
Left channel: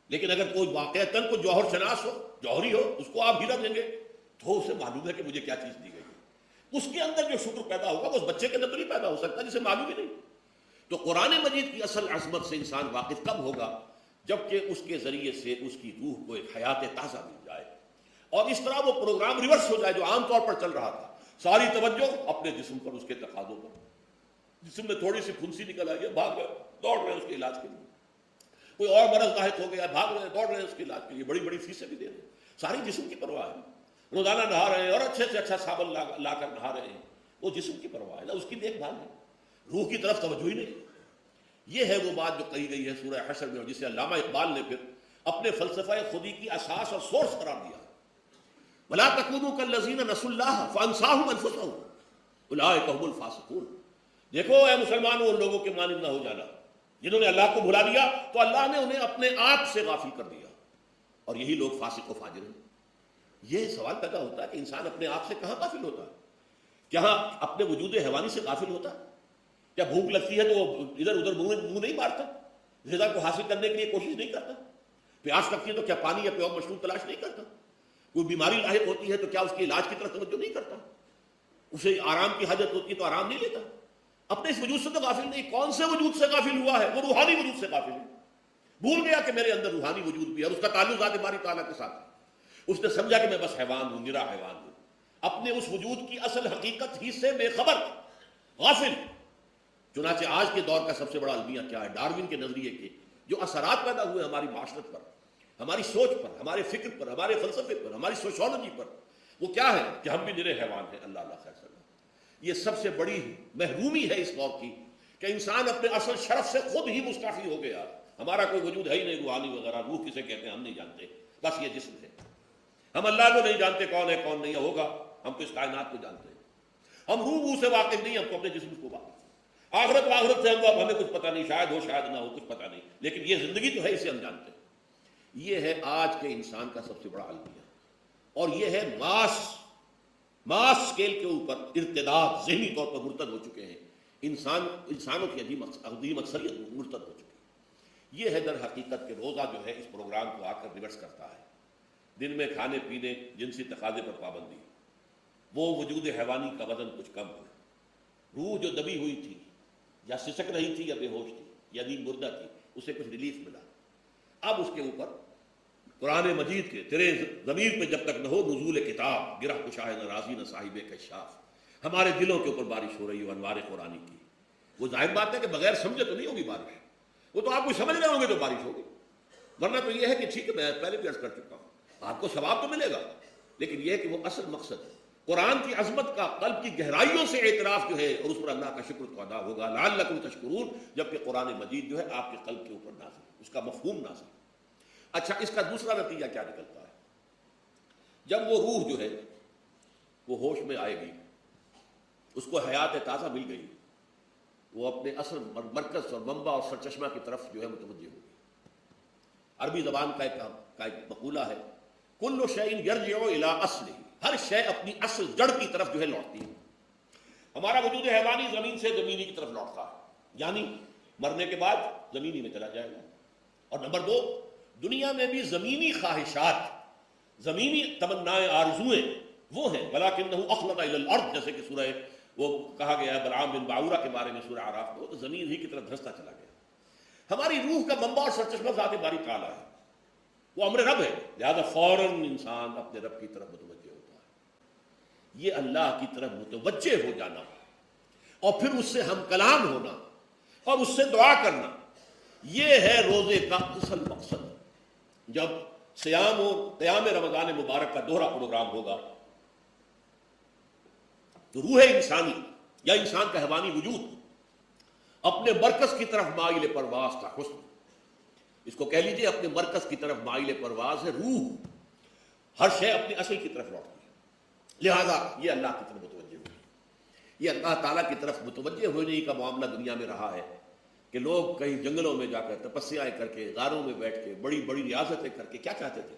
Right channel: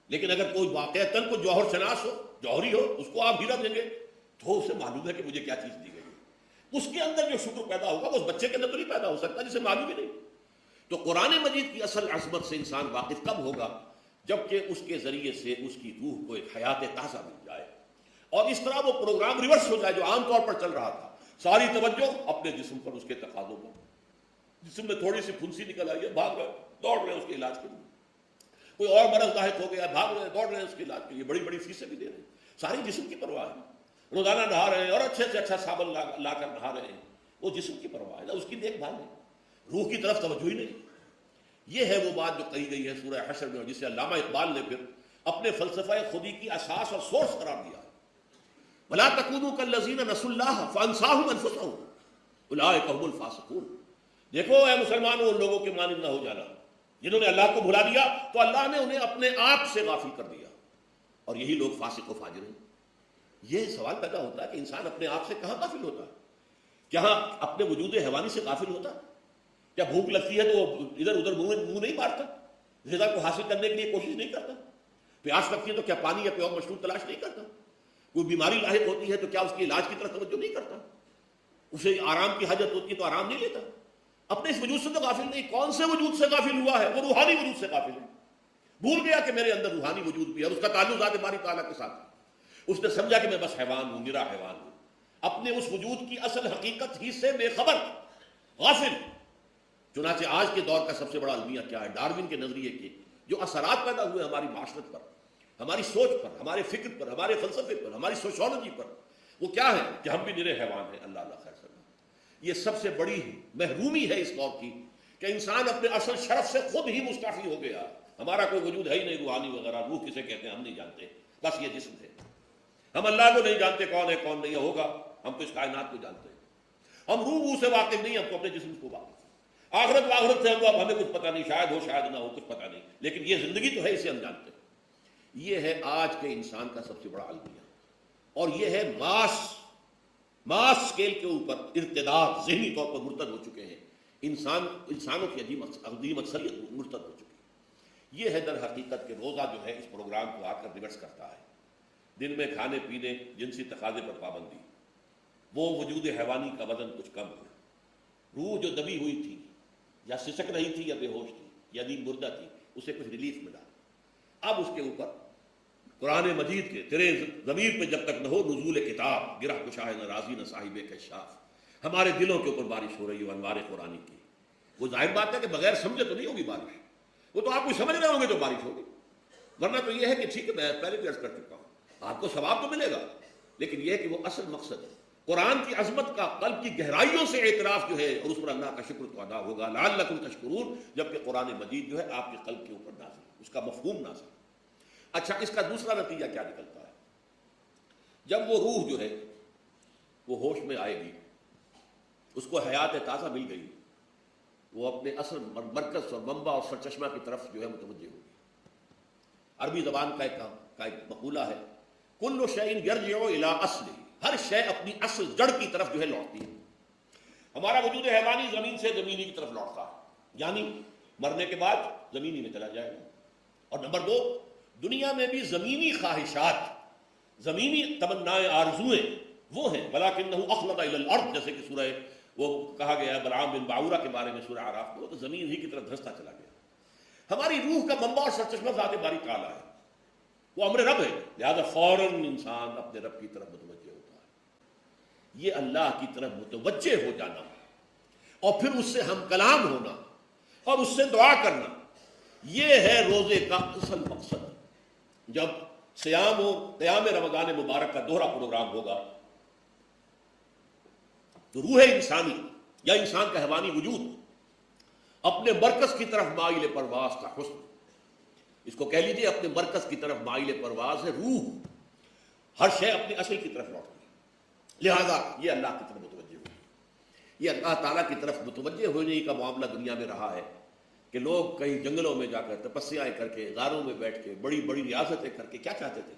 لیکن اگر کوئی واقعتاً کوئی جوہر شناس ہو, جوہری ہو, اس کو آپ ہیرا دیں گے تو اسے معلوم ہے کہ مجھے کیا چیز دی گئی ہے. اس کے اندر جو شکر پیدا ہوگا وہ اس بچے کے اندر تو نہیں پیدا ہو سکتا جسے معلوم ہی نہیں. تو قرآن مجید کی اصل عظمت سے انسان واقف کب ہوگا, جبکہ اس کے ذریعے سے اس کی روح کو ایک حیات تازہ مل جائے, اور اس طرح وہ پروگرام ریورس ہو جائے جو عام طور پر چل رہا تھا. ساری توجہ اپنے جسم پر, اس کے تقاضوں پر. جسم میں تھوڑی سی پھنسی نکل آئی ہے, بھاگ رہے دوڑ رہے ہیں اس کے علاج کے لیے. کوئی اور مرض لاحق ہو گیا, بھاگ رہے ہیں دوڑ رہے ہیں اس کے علاج کے لیے, بڑی بڑی فیسیں بھی دے رہے ہیں. ساری جسم کی پرواہ ہے. روزانہ نہا رہے ہیں اور اچھے سے اچھا صابن لا کر نہا رہے ہیں, اور جسم کی پرواہ ہے نا, اس کی دیکھ بھال ہے, روح کی طرف توجہ ہی نہیں. یہ ہے وہ بات جو کہی گئی ہے سورہ حشر میں, جسے علامہ اقبال نے پھر اپنے فلسفہ خودی کی اساس اور سورس قرار دیا. وَلَا تَكُونُوا كَالَّذِينَ نَسُوا اللَّهَ فَأَنسَاهُمْ أَنفُسَهُمْ أُولَٰئِكَ هُمُ الْفَاسِقُونَ. دیکھو اے مسلمانوں, ان لوگوں کے مانند نہ ہو جانا جنہوں نے اللہ کو بھلا لیا تو اللہ نے انہیں اپنے آپ سے غافل کر دیا, اور یہی لوگ فاسق و فاجر ہیں. یہ سوال پیدا ہوتا ہے کہ انسان اپنے آپ سے کہاں غافل ہوتا ہے؟ کیا اپنے وجود حیوانی سے غافل ہوتا ہے؟ کیا بھوک لگتی ہے تو ادھر ادھر منہ نہیں مارتا, غذا کو حاصل کرنے کے لیے کوشش نہیں کرتا؟ پیاس لگتی ہے تو کیا پانی یا کوئی مشروب تلاش نہیں کرتا؟ کوئی بیماری لاحق ہوتی ہے تو کیا اس کے علاج کی طرف توجہ نہیں کرتا؟ اسے آرام کی حاجت ہوتی ہے تو آرام نہیں لیتا؟ اپنے اس وجود سے تو غافل نہیں. کون سے وجود سے غافل ہوا ہے؟ وہ روحانی وجود سے غافل ہے. بھول گیا کہ میرے اندر روحانی وجود بھی ہے, اس کا تعلق ذات باری تعالیٰ کے ساتھ. اس نے سمجھا کہ میں بس حیوان ہوں, میرا حیوان ہوں, اپنے اس وجود کی اصل حقیقت ہی سے بے خبر, غافل. چنانچہ آج کے دور کا سب سے بڑا المیہ کیا ہے؟ ڈارون کے نظریے کے جو اثرات پیدا ہوئے ہماری معاشرت پر، ہماری سوچ پر، ہمارے فکر پر، ہمارے فلسفے پر، ہماری سوشولوجی پر، وہ کیا ہے کہ ہم بھی نرے حیوان ہیں۔ اللہ اللہ خیر کرے۔ یہ سب سے بڑی محرومی ہے اس دور کی کہ انسان اپنے اصل شرف سے خود ہی مستعفی ہو گیا۔ ہمارا کوئی وجود ہے ہی نہیں روحانی وغیرہ، روح کسے کہتے ہیں ہم نہیں جانتے، بس یہ جسم ہے۔ ہم اللہ کو نہیں جانتے کون ہے کون نہیں ہے، ہوگا ہم تو اس کائنات کو جانتے ہیں۔ ہم روح سے واقف نہیں، ہم اپنے جسم کو واقف ہیں۔ آخرت میں آخرت سے ہم ہمیں کچھ پتہ نہیں، شاید ہو شاید نہ ہو، کچھ پتہ نہیں، لیکن یہ زندگی تو ہے، اسے ہم جانتے ہیں۔ یہ ہے آج کے انسان کا سب سے بڑا المیہ، اور یہ ہے ماس اسکیل کے اوپر ارتداد، ذہنی طور پر مرتد ہو چکے ہیں انسانوں کی عظیم اکثریت مرتد ہو چکی ہے۔ یہ ہے در حقیقت کہ روزہ جو ہے اس پروگرام کو آ کر ریورس کرتا ہے۔ دن میں کھانے پینے، جنسی تقاضے پر پابندی، وہ وجود حیوانی کا وزن کچھ کم ہے، روح جو دبی ہوئی تھی یا سسک رہی تھی یا بے ہوش تھی یا نیند مردہ تھی، اسے کچھ ریلیف ملا۔ اب اس کے اوپر قرآن مجید کے تیرے ضمیر پہ جب تک نہ ہو نزول کتاب، گرہ بشاہد راضی نہ صاحب کشاف، ہمارے دلوں کے اوپر بارش ہو رہی ہے انوار قرآنی کی۔ وہ ظاہر بات ہے کہ بغیر سمجھے تو نہیں ہوگی بارش، وہ تو آپ کو سمجھ رہے ہوں گے تو بارش ہوگی، ورنہ تو یہ ہے کہ ٹھیک ہے میں پہلے بھی عرض کر چکا ہوں آپ کو ثواب تو ملے گا، لیکن یہ ہے کہ وہ اصل مقصد ہے قرآن کی عظمت کا قلب کی گہرائیوں سے اعتراف جو ہے، اور اس پر اللہ کا شکر تو ادا ہوگا لعلکم تشکرون، جبکہ قرآن مجید جو ہے آپ کے قلب کے اوپر نازل ہے، اس کا مفہوم نازل ہے۔ اچھا، اس کا دوسرا نتیجہ کیا نکلتا ہے؟ جب وہ روح جو ہے وہ ہوش میں آئے گی، اس کو حیات تازہ مل گئی، وہ اپنے اصل مرکز اور منبع اور سرچشمہ کی طرف جو ہے متوجہ ہوگی۔ عربی زبان کا ایک مقولہ ہے، کل شیء یرجع الی اصلہ، ہر شے اپنی اصل جڑ کی طرف جو ہے لوٹتی ہے۔ ہمارا وجود حیوانی زمین سے زمینی کی طرف لوٹتا ہے، یعنی مرنے کے بعد زمینی میں چلا جائے گا۔ اور نمبر دو، دنیا میں بھی زمینی خواہشات، زمینی تمنائیں، آرزوئیں وہ ہیں، وَلَٰكِنَّهُ أَخْلَدَ إِلَى الْأَرْضِ، جیسے کہ سورہ وہ کہا گیا ہے بلعام البعورہ کے بارے میں سورہ اعراف میں، تو زمین اسی کی طرف دھستا چلا گیا۔ ہماری روح کا منبع اور سرچشمہ ذات باری تعالیٰ ہے، وہ امر رب ہے، لہذا فوراً انسان اپنے رب کی طرف متوجہ ہوتا ہے۔ یہ اللہ کی طرف متوجہ ہو جانا اور پھر اس سے ہم کلام ہونا اور اس سے دعا کرنا، یہ ہے روزے کا اصل مقصد۔ جب صیام و قیام رمضان مبارک کا دوہرا پروگرام ہوگا تو روح انسانی یا انسان کا حیوانی وجود اپنے مرکز کی طرف مائل پرواز کا حسن، اس کو کہہ لیجیے اپنے مرکز کی طرف مائل پرواز ہے روح، ہر شے اپنی اصل کی طرف لوٹتی ہے، لہذا یہ اللہ کی طرف متوجہ ہوگی۔ یہ اللہ تعالیٰ کی طرف متوجہ ہونے کا معاملہ دنیا میں رہا ہے کہ لوگ کئی جنگلوں میں جا کر تپسیاں کر کے، غاروں میں بیٹھ کے، بڑی بڑی ریاضتیں کر کے کیا چاہتے تھے؟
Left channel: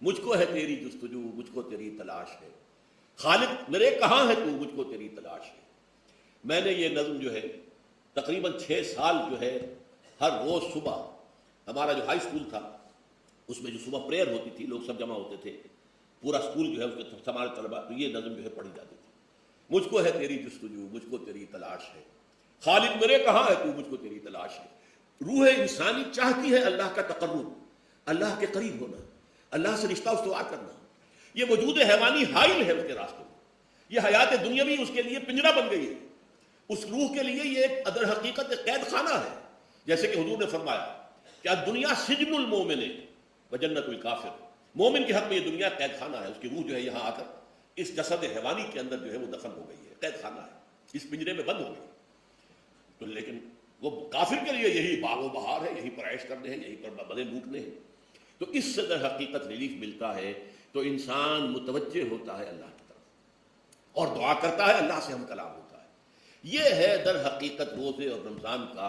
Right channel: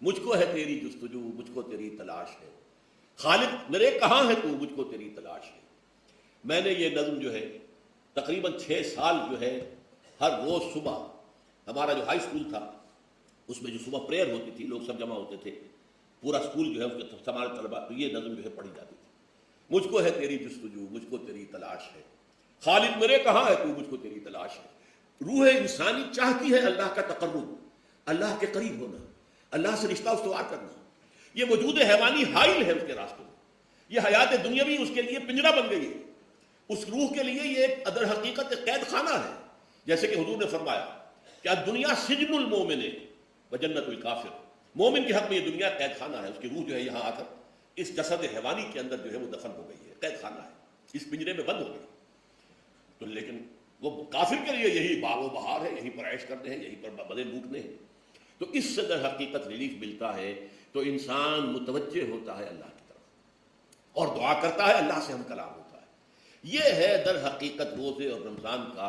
مجھ کو ہے تیری جستجو، مجھ کو تیری تلاش ہے، خالق میرے کہاں ہے تو، مجھ کو تیری تلاش ہے۔ میں نے یہ نظم جو ہے تقریباً 6 سال جو ہے ہر روز صبح، ہمارا جو ہائی اسکول تھا اس میں جو صبح پریئر ہوتی تھی، لوگ سب جمع ہوتے تھے، پورا اسکول جو ہے اس کے تمام طلباء، تو یہ نظم جو ہے پڑھی جاتی تھی، مجھ کو ہے تیری جستجو، مجھ کو تیری تلاش ہے، خالق میرے کہاں ہے تو، مجھ کو تیری تلاش ہے۔ روح انسانی چاہتی ہے اللہ کا تقرب، اللہ کے قریب ہونا، اللہ سے رشتہ استوار کرنا۔ یہ وجود حیوانی حائل ہے اس کے راستوں، یہ حیات دنیاوی اس کے لیے پنجرا بن گئی ہے، اس روح کے لیے یہ ایک ادر حقیقت قید خانہ ہے، جیسے کہ حضور نے فرمایا کہ دنیا سجن المومن و جنت الکافر، مومن کے حق میں یہ دنیا قید خانہ ہے، اس کی روح جو ہے یہاں آ کر اس جسد حیوانی کے اندر جو ہے وہ دخل ہو گئی ہے، قید خانہ ہے، اس پنجرے میں بند ہو گئی۔ تو لیکن وہ کافر کے لیے یہی باغ و بہار ہے، یہی پر عیش کرتے ہیں، یہی پر بدے لوٹنے ہیں۔ تو اس سے در حقیقت ریلیف ملتا ہے تو انسان متوجہ ہوتا ہے اللہ کی طرف اور دعا کرتا ہے، اللہ سے ہم کلام ہوتا ہے۔ یہ ہے در حقیقت روزے اور رمضان کا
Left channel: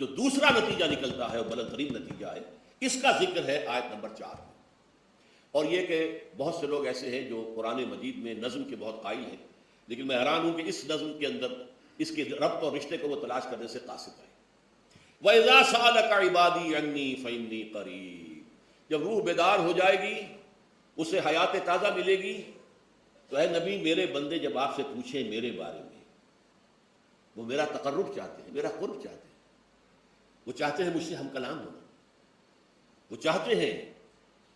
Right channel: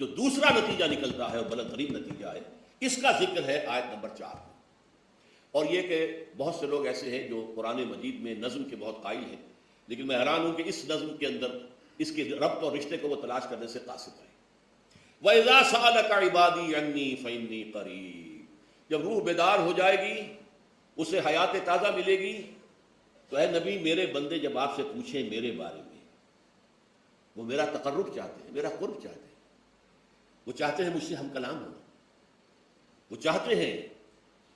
جو دوسرا نتیجہ نکلتا ہے، بلترین نتیجہ ہے، اس کا ذکر ہے آیت نمبر 4۔ اور یہ کہ بہت سے لوگ ایسے ہیں جو قرآن مجید میں نظم کے بہت قائل ہیں، لیکن میں حیران ہوں کہ اس نظم کے اندر اس کے ربط اور رشتے کو وہ تلاش کرنے سے قاصر ہے۔ وَإِذَا سَأَلَكَ عِبَادِي عَنِّي فَإِنِّي قَرِيبٌ، جب روح بیدار ہو جائے گی، اسے حیات تازہ ملے گی، تو اے نبی میرے بندے جب آپ سے پوچھیں میرے بارے میں، وہ میرا تقرب چاہتے ہیں، میرا قرب چاہتے ہیں، وہ چاہتے ہیں مجھ سے ہم کلام ہو، وہ چاہتے ہیں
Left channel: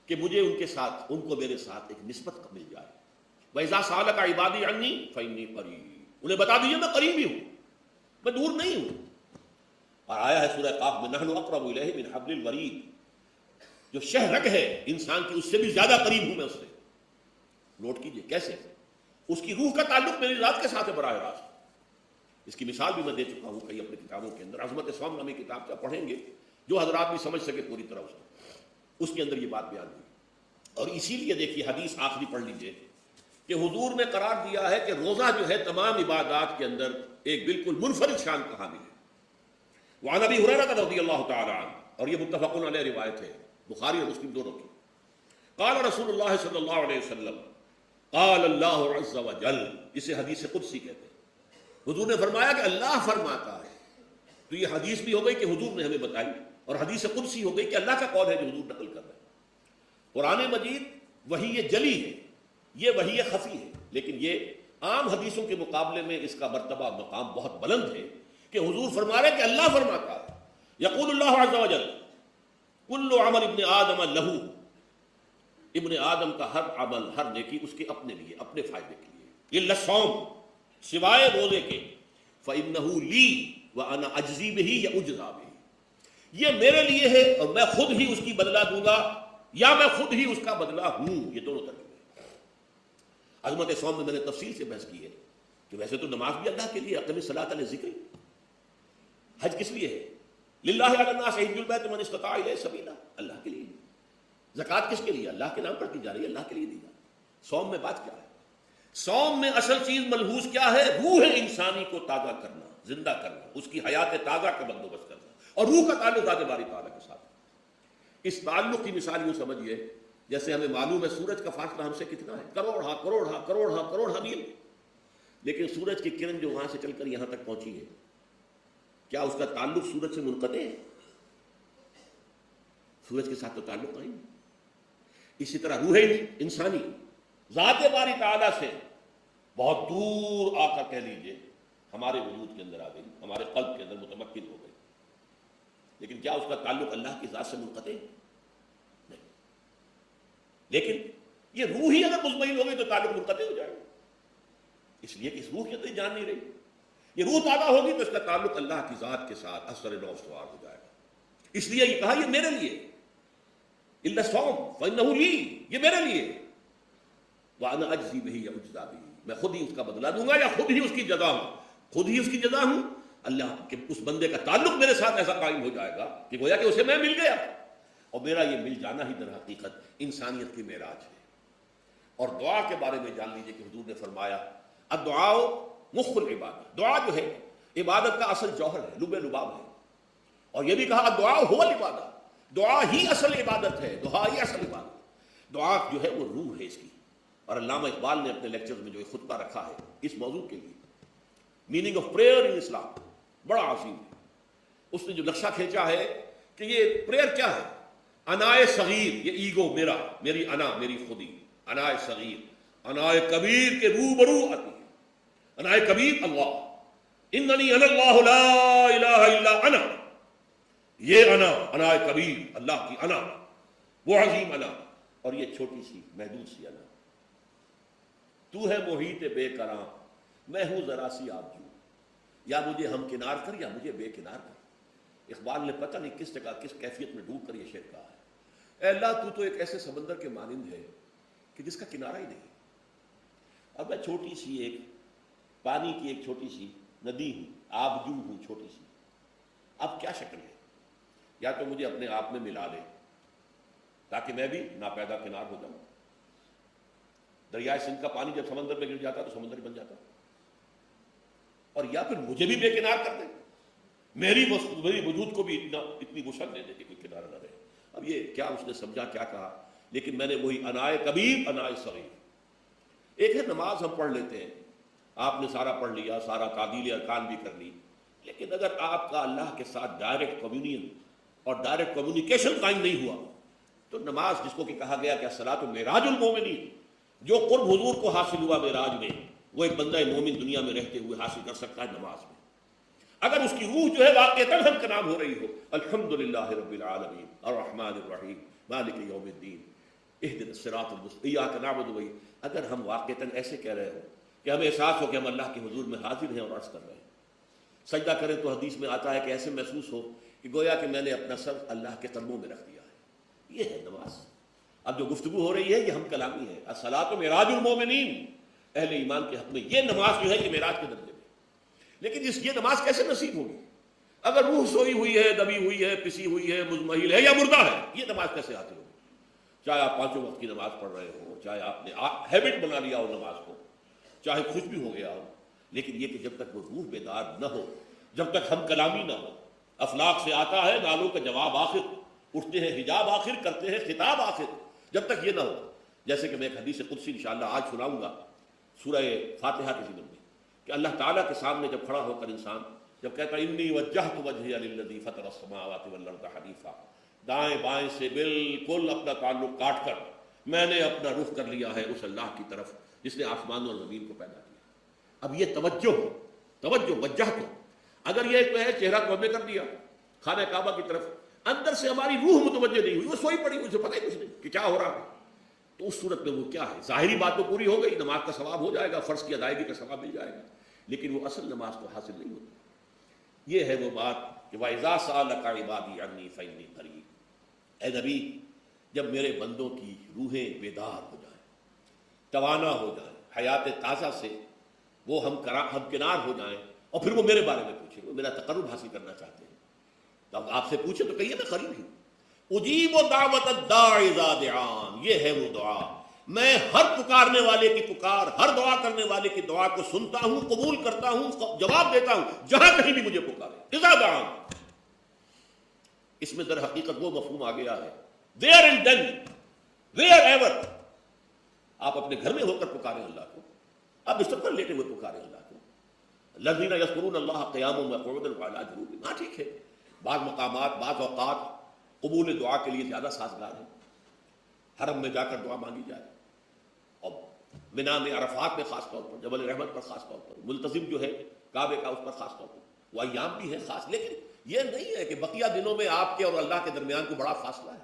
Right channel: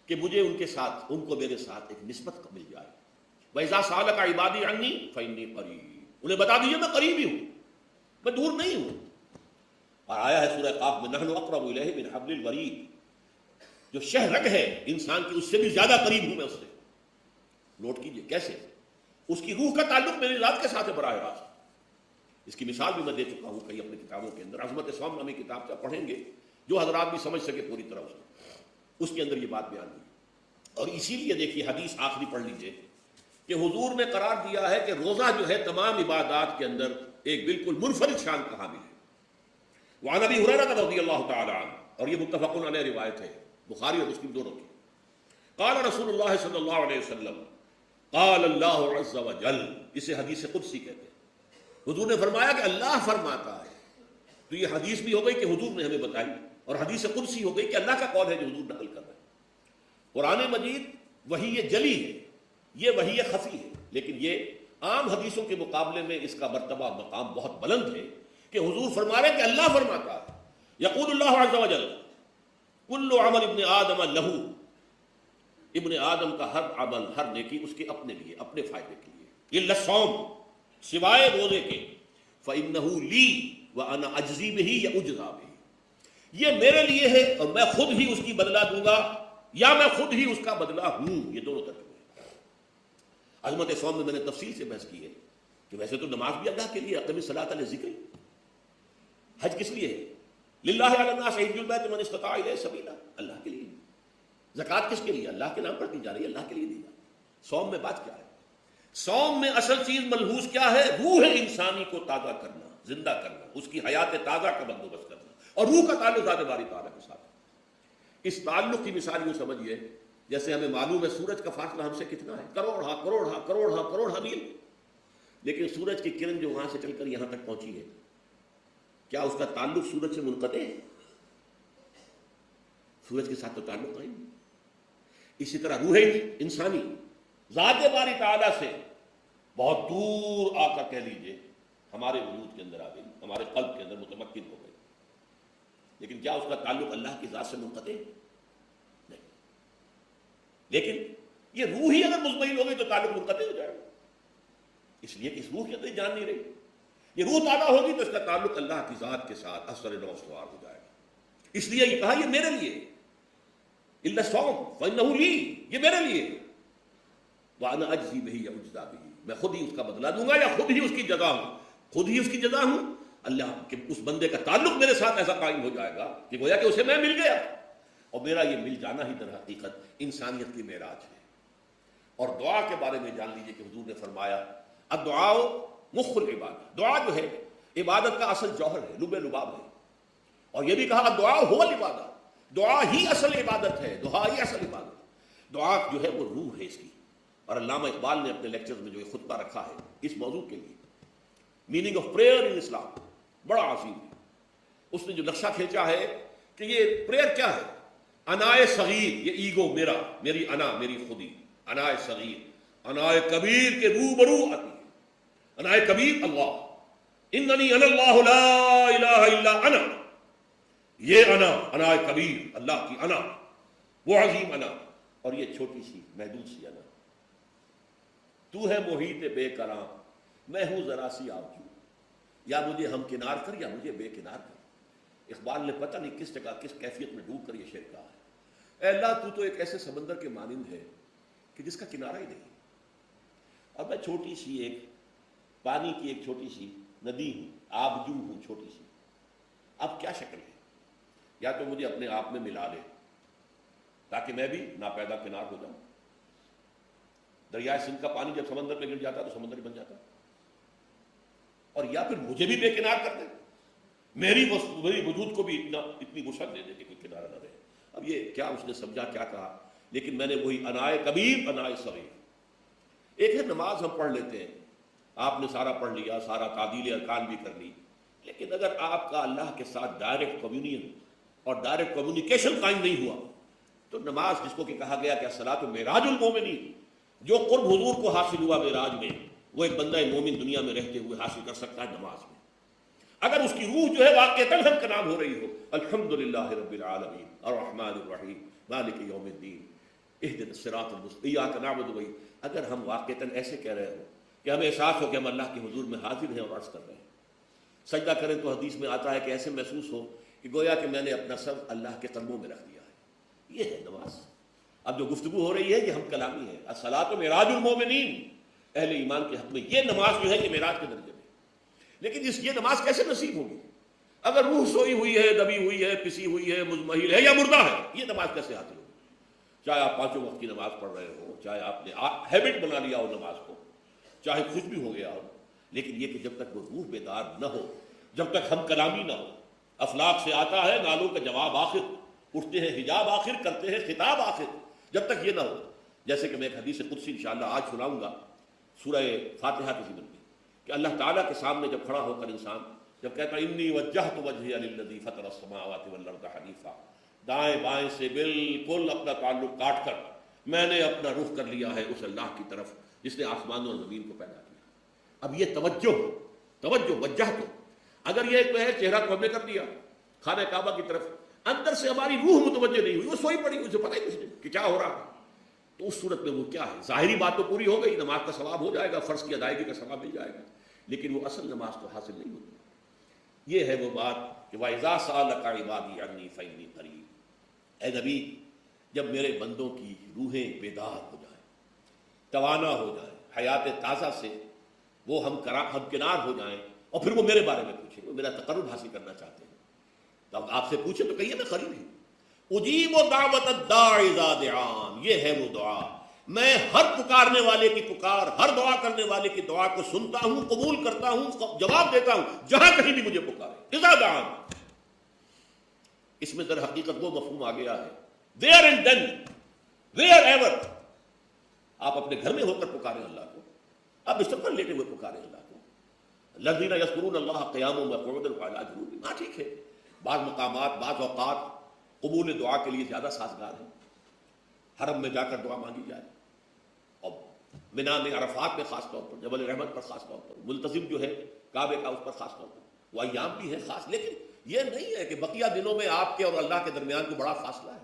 کہ مجھے ان کے ساتھ، ان کو میرے ساتھ ایک نسبت مل جائے۔ وَإِذَا سَأَلَكَ عِبَادِي عَنِّي فَإِنِّي قَرِيبٌ، انہیں بتا دیجیے میں قریب ہی ہوں، میں دور نہیں ہوں. اور آیا ہے سورہ قاف میں نحن اقرب الیہ من حبل الورید، جو شہ رگ ہے انسان کی اس سے بھی زیادہ قریب ہوں میں اس سے. نوٹ کیجئے کیسے اس کی روح کا تعلق میری ذات کے ساتھ ہے براہ راست. اس کی مثال بھی میں دے چکا ہوں کئی اپنی کتابوں کے اندر. عظمت اسلام نامی کتاب کا پڑھیں گے جو حضرات بھی سمجھ سکے پوری طرح اس کے اندر یہ بات بیان ہے. اور اسی لیے دیکھیے حدیث آخری پڑھ لیجیے کہ حضور نے قرار دیا ہے کہ روزہ جو ہے تمام عبادات کے اندر ایک بالکل منفرد شان کا حامل ہے. وعن ابی ہریرہ رضی اللہ تعالی عنہ، اور یہ متفق علیہ روایت ہے، بخاری اور مسلم دونوں کی. قال رسول اللہ صلی اللہ علیہ وسلم قال اللہ عز وجل، اسے حدیث قدسی کہتے ہیں. حضور نے فرمایا کہ اللہ فرماتا ہے. تو یہ حدیث بھی ہو گئی کہ حضور نے ہمیں بتائی، اور حدیث قدسی ہو گئی کہ اللہ کا قول ہے جو حضور نقل کر رہا ہے. قرآن مجید وحی جلی ہے، یہ وحی خفی ہے، لیکن یہ عام حدیثوں کے مقابلے میں اس کا مرتبہ مقام بہت بلند ہے کہ حضور فرما رہے کہ اللہ فرماتا ہے. یقول اللہ عز وجل کل عمل ابن آدم لہو، ابن آدم کا ہر عمل ہر نیکی اس کے اپنے لیے، اپنے فائدے کے لیے. الا الصوم، سوائے روزے کے. فإنہ لی وأنا أجزی بہ یا اجزا بہ، یہ میرے لیے ہے اور میں خود ہی اس کی بدلہ دوں گا یا میں خود ہی اس کا بدلہ ہوں. یہ دونوں طرف. عظمت صوم میں نے تفصیل سے بحث کی ہے کہ ویسے تو نماز بھی اللہ کے لیے، اقم الصلاۃ لذکر. حج کس لیے ہے؟ للہ علی الناس حج البیت من استطاع الیہ سبیلا، اللہ کے لیے. زکوٰۃ کس کے لیے؟ اللہ کے نام پر کی جا رہی ہے، اللہ کے لیے دی جا رہی ہے. صوم میں بات کیا ہے؟ صوم میں اصل چیز ملحوظ کیا ہے؟ روح انسانی کو تازہ کرنا، زندہ کرنا، اس کی حیات تازہ کا بندوبست کرنا. اور روح کا تعلق ذات باری تعالیٰ کے ساتھ. اس تعلق کی مثال یوں سمجھیے جیسے ہمیں معلوم ہے سورج کا فاصلہ ہم سے کتنا ہے، کروڑ میل. لیکن سورج کی کرن جو وہاں سے چل کر یہاں تک پہنچی ہے، کیا اس کا تعلق سورج سے منقطع ہے؟ سورج کے ساتھ تو تعلق نہیں. اسی طرح روح انسانی ذات باری تعالیٰ سے بہت دور آ کر کہہ لیجیے ہمارے وجود کے اندر آ گئی، ہمارے قلب کے اندر متمکن ہو گئی. لیکن کیا اس کا تعلق اللہ کی ذات سے منقطع ہے؟ لیکن یہ روح ہی اگر مطمئن ہوگی تو تعلق منقطع ہو جائے گا. اس لیے اس روح کی تو جان نہیں رہی. یہ روح تعالیٰ ہوگی تو اس کا تعلق اللہ کی ذات کے ساتھ اثر و استوار ہو جائے گا. اس لیے یہ کہا یہ میرے لیے، الا الصوم فانہ لی، یہ میرے لیے. وانا اجزی بہ یا اجزا بہ، میں خود ہی اس کا بدلہ دوں گا یا خود ہی اس کی جزا ہوں. خود ہی اس کی جزا ہوں. اللہ کے اس بندے کا تعلق میرے ساتھ ایسا قائم ہو جائے گا کہ گویا کہ اسے میں مل گیا. اور میرا یہ مل جانا ہی در حقیقت انسانیت کے معراج ہے. اور دعا کے بارے میں جان لیجیے کہ حضور نے فرمایا الدعاء مخ العبادہ، دعا جو ہے عبادت کا اصل جوہر ہے، لب لباب ہے. اور یہ بھی کہا دعا هو العبادہ، دعا ہی اصل عبادت ہے، دعا ہی اصل عبادت. دعا جو ہے وہ روح ہے اس کی. اور علامہ اقبال نے اپنے لیکچر میں جو یہ خطبہ رکھا ہے اس موضوع کے لیے، میننگ آف پریئر ان اسلام، بڑا عظیم ہے. اس نے جو نقشہ کھینچا ہے کہ یہ پریئر کیا ہے. انائے صغیر، یہ ایگو میرا، میری انا، میری خودی. انائے صغیر، انائے کبیر کے روبرو آتی ہے. انائے کبیر اللہ، اننی انا اللہ لا الہ الا انا. یہ انا، انائے کبیر، اللہ کی انا، وہ عظیم انا. اور یہ چھوٹی سی محدود سی انا. تو ہے محیط بے قرار، میں ہوں ذرا سی آپ ہوں، یا مجھے ہم کنار کر یا مجھے بے کنار کر. اقبال نے پتہ نہیں کس جگہ کس کیفیت میں ڈوب کر یہ شعر کہا ہے. اے اللہ تو ایک ایسے سمندر کے مانند ہے کہ جس کا کنارہ ہی نہیں. اب میں چھوٹی سی ایک پانی کی ایک چھوٹی سی ندی ہوں، آپ یوں ہوں چھوٹی سی. اب کیا شکل ہے؟ یا تو مجھے اپنے آپ میں ملا دے تاکہ میں بھی ناپیدا کنار ہو جاؤں. دریائے سندھ کا پانی جب سمندر میں گر جاتا تو سمندر بن جاتا، اور یا پھر مجھے بھی بے کنار کرتے، میری وجود کو بھی اتنی وسعت دے دے کہ کوئی کنارہ نہ رہے. اب یہ کیا اس نے سمجھا کیا کہا، لیکن میں نے وہی انائے کبیر انائے صغیر. ایک ہے نماز ہم پڑھ لیتے ہیں، آپ نے سارا پڑھ لیا، سارا تعدیل ارکان بھی کر لی، لیکن اگر آپ کا اللہ کے ساتھ ڈائریکٹ کمیونیکیشن اور ڈائریکٹ کمیونیکیشن قائم نہیں ہوا تو نماز، جس کو کہ کہا گیا کہ الصلاۃ معراج المومنین، جو قرب حضور کو حاصل ہوا معراج میں، وہ ایک بندہ مومن دنیا میں رہتے ہوئے حاصل کر سکتا ہے نماز میں. اگر اس کی روح جو ہے واقعی ہم کا نام ہو رہی ہو الحمدللہ رب العالمین الرحمن الرحیم مالک یوم الدین اہدنا الصراط المستقیم ایاک نعبد و ایاک، اگر ہم واقعی ایسے کہہ رہے ہوں کہ ہمیں احساس ہو کہ ہم اللہ کے حضور میں حاضر ہیں اور عرض کر رہے ہیں سجدہ کرے تو حدیث میں آتا ہے کہ ایسے محسوس ہو کہ گویا کہ میں نے اپنا سر اللہ کے قدموں میں رکھ دیا ہے. یہ ہے نماز. اب جو گفتگو ہو رہی ہے یہ ہم کلامی ہے. الصلاۃ معراج المومنین، اہل ایمان کے حق میں یہ نماز جو ہے یہ معراج کے درجے میں. لیکن یہ نماز کیسے نصیب ہوگی اگر وہ سوئی ہوئی ہے، دبی ہوئی ہے، پسی ہوئی ہے، مزمحل ہے یا مردہ ہے؟ یہ نماز کیسے حاصل ہوگی؟ چاہے آپ پانچوں وقت کی نماز پڑھ رہے ہو، چاہے آپ نے ہیبٹ بنا لیا ہو نماز کو، چاہے کچھ بھی ہو گیا ہو، لیکن یہ کہ جب تک کوئی روح بیدار نہ ہو، جب تک ہم کلامی نہ ہو. افلاق سے آتا ہے گالوں کا جواب آخر، اٹھتے ہیں حجاب آخر، کرتے ہیں خطاب آخر. جب تک یہ نہ ہو، جیسے کہ میں ایک حدیث قدسی انشاءاللہ آج سناؤں گا سورہ فاتحہ کی ضمن میں، کہ اللہ تعالیٰ کے سامنے جب کھڑا ہو کر انسان جب کہتا ہے انی وجہت وجہی للذی فطر السماوات والارض حنیفا، دائیں بائیں سے بالکل اپنا تعلق کاٹ کر میں نے اپنا رخ کر لیا ہے اس اللہ کی طرف جس نے آسمان اور زمین کو پیدا کیا. اب یہ توجہ وجہت، اگر یہ جو ہے چہرہ کعبے کر دیا خانہ کعبہ کی طرف، اندر سے ہماری روح متوجہ نہیں ہوئی، وہ سوئی پڑی، اسے پتہ ہی کچھ نہیں کہ کیا ہو رہا تھا، تو اس صورت میں وہ کیا ہے؟ ظاہری بات تو پوری ہو گئی، نماز کا ثواب ہو جائے گا، فرض کی ادائیگی کا ثواب مل جائے گا، لیکن وہ اصل نماز کو حاصل نہیں ہوگی. یہ ہے وہ بات کہ وَإِذَا سَأَلَكَ عِبَادِي عَنِّي فَإِنِّي قَرِيبٌ. اے نبی، جب میرے بندوں کی روحیں بیدار ہو جائیں، توانا ہو جائیں، حیات تازہ سے وہ ہم کنار ہو جائیں، اور پھر وہ میرے بارے میں پوچھیں، وہ میرا تقرب حاصل کرنا چاہتے ہیں، تو آپ سے پوچھیں تو کہیے میں قریب ہوں. اجیب دعوت الداع اذا دعان، یہ ہے وہ دعا، میں ہر پکارنے والے کی پکار، ہر دعا کرنے والے کی دعا کو سنتا ہوں، قبول کرتا ہوں، جواب دیتا ہوں جہاں کہیں بھی مجھے پکارے. اذا دعان، اس میں در حقیقت وہ مفہوم آ گیا ہے دیر ان دن ویئر ایور. آپ اپنے گھر میں ہو کر پکارے اللہ کو، آپ اس پر لیٹے ہوئے پکارے اللہ کو. الذین یذکرون اللہ قیاما وقعودا وعلی جنوبہم، ہاں ٹھیک ہے، بعض مقامات بعض اوقات قبول دعا کے لیے زیادہ سازگار ہے، حرم میں جا کر دعا مانگی جائے، اور منا میں عرفات میں خاص طور پر، جبل رحمت پر خاص طور پر، ملتزم جو ہے کعبے کا اس پر خاص طور پر، وہ ایام بھی ہے خاص. لیکن یہ نہیں ہے کہ بقیہ دنوں میں آپ کے اور اللہ کے درمیان کو بڑا فاصلہ ہے.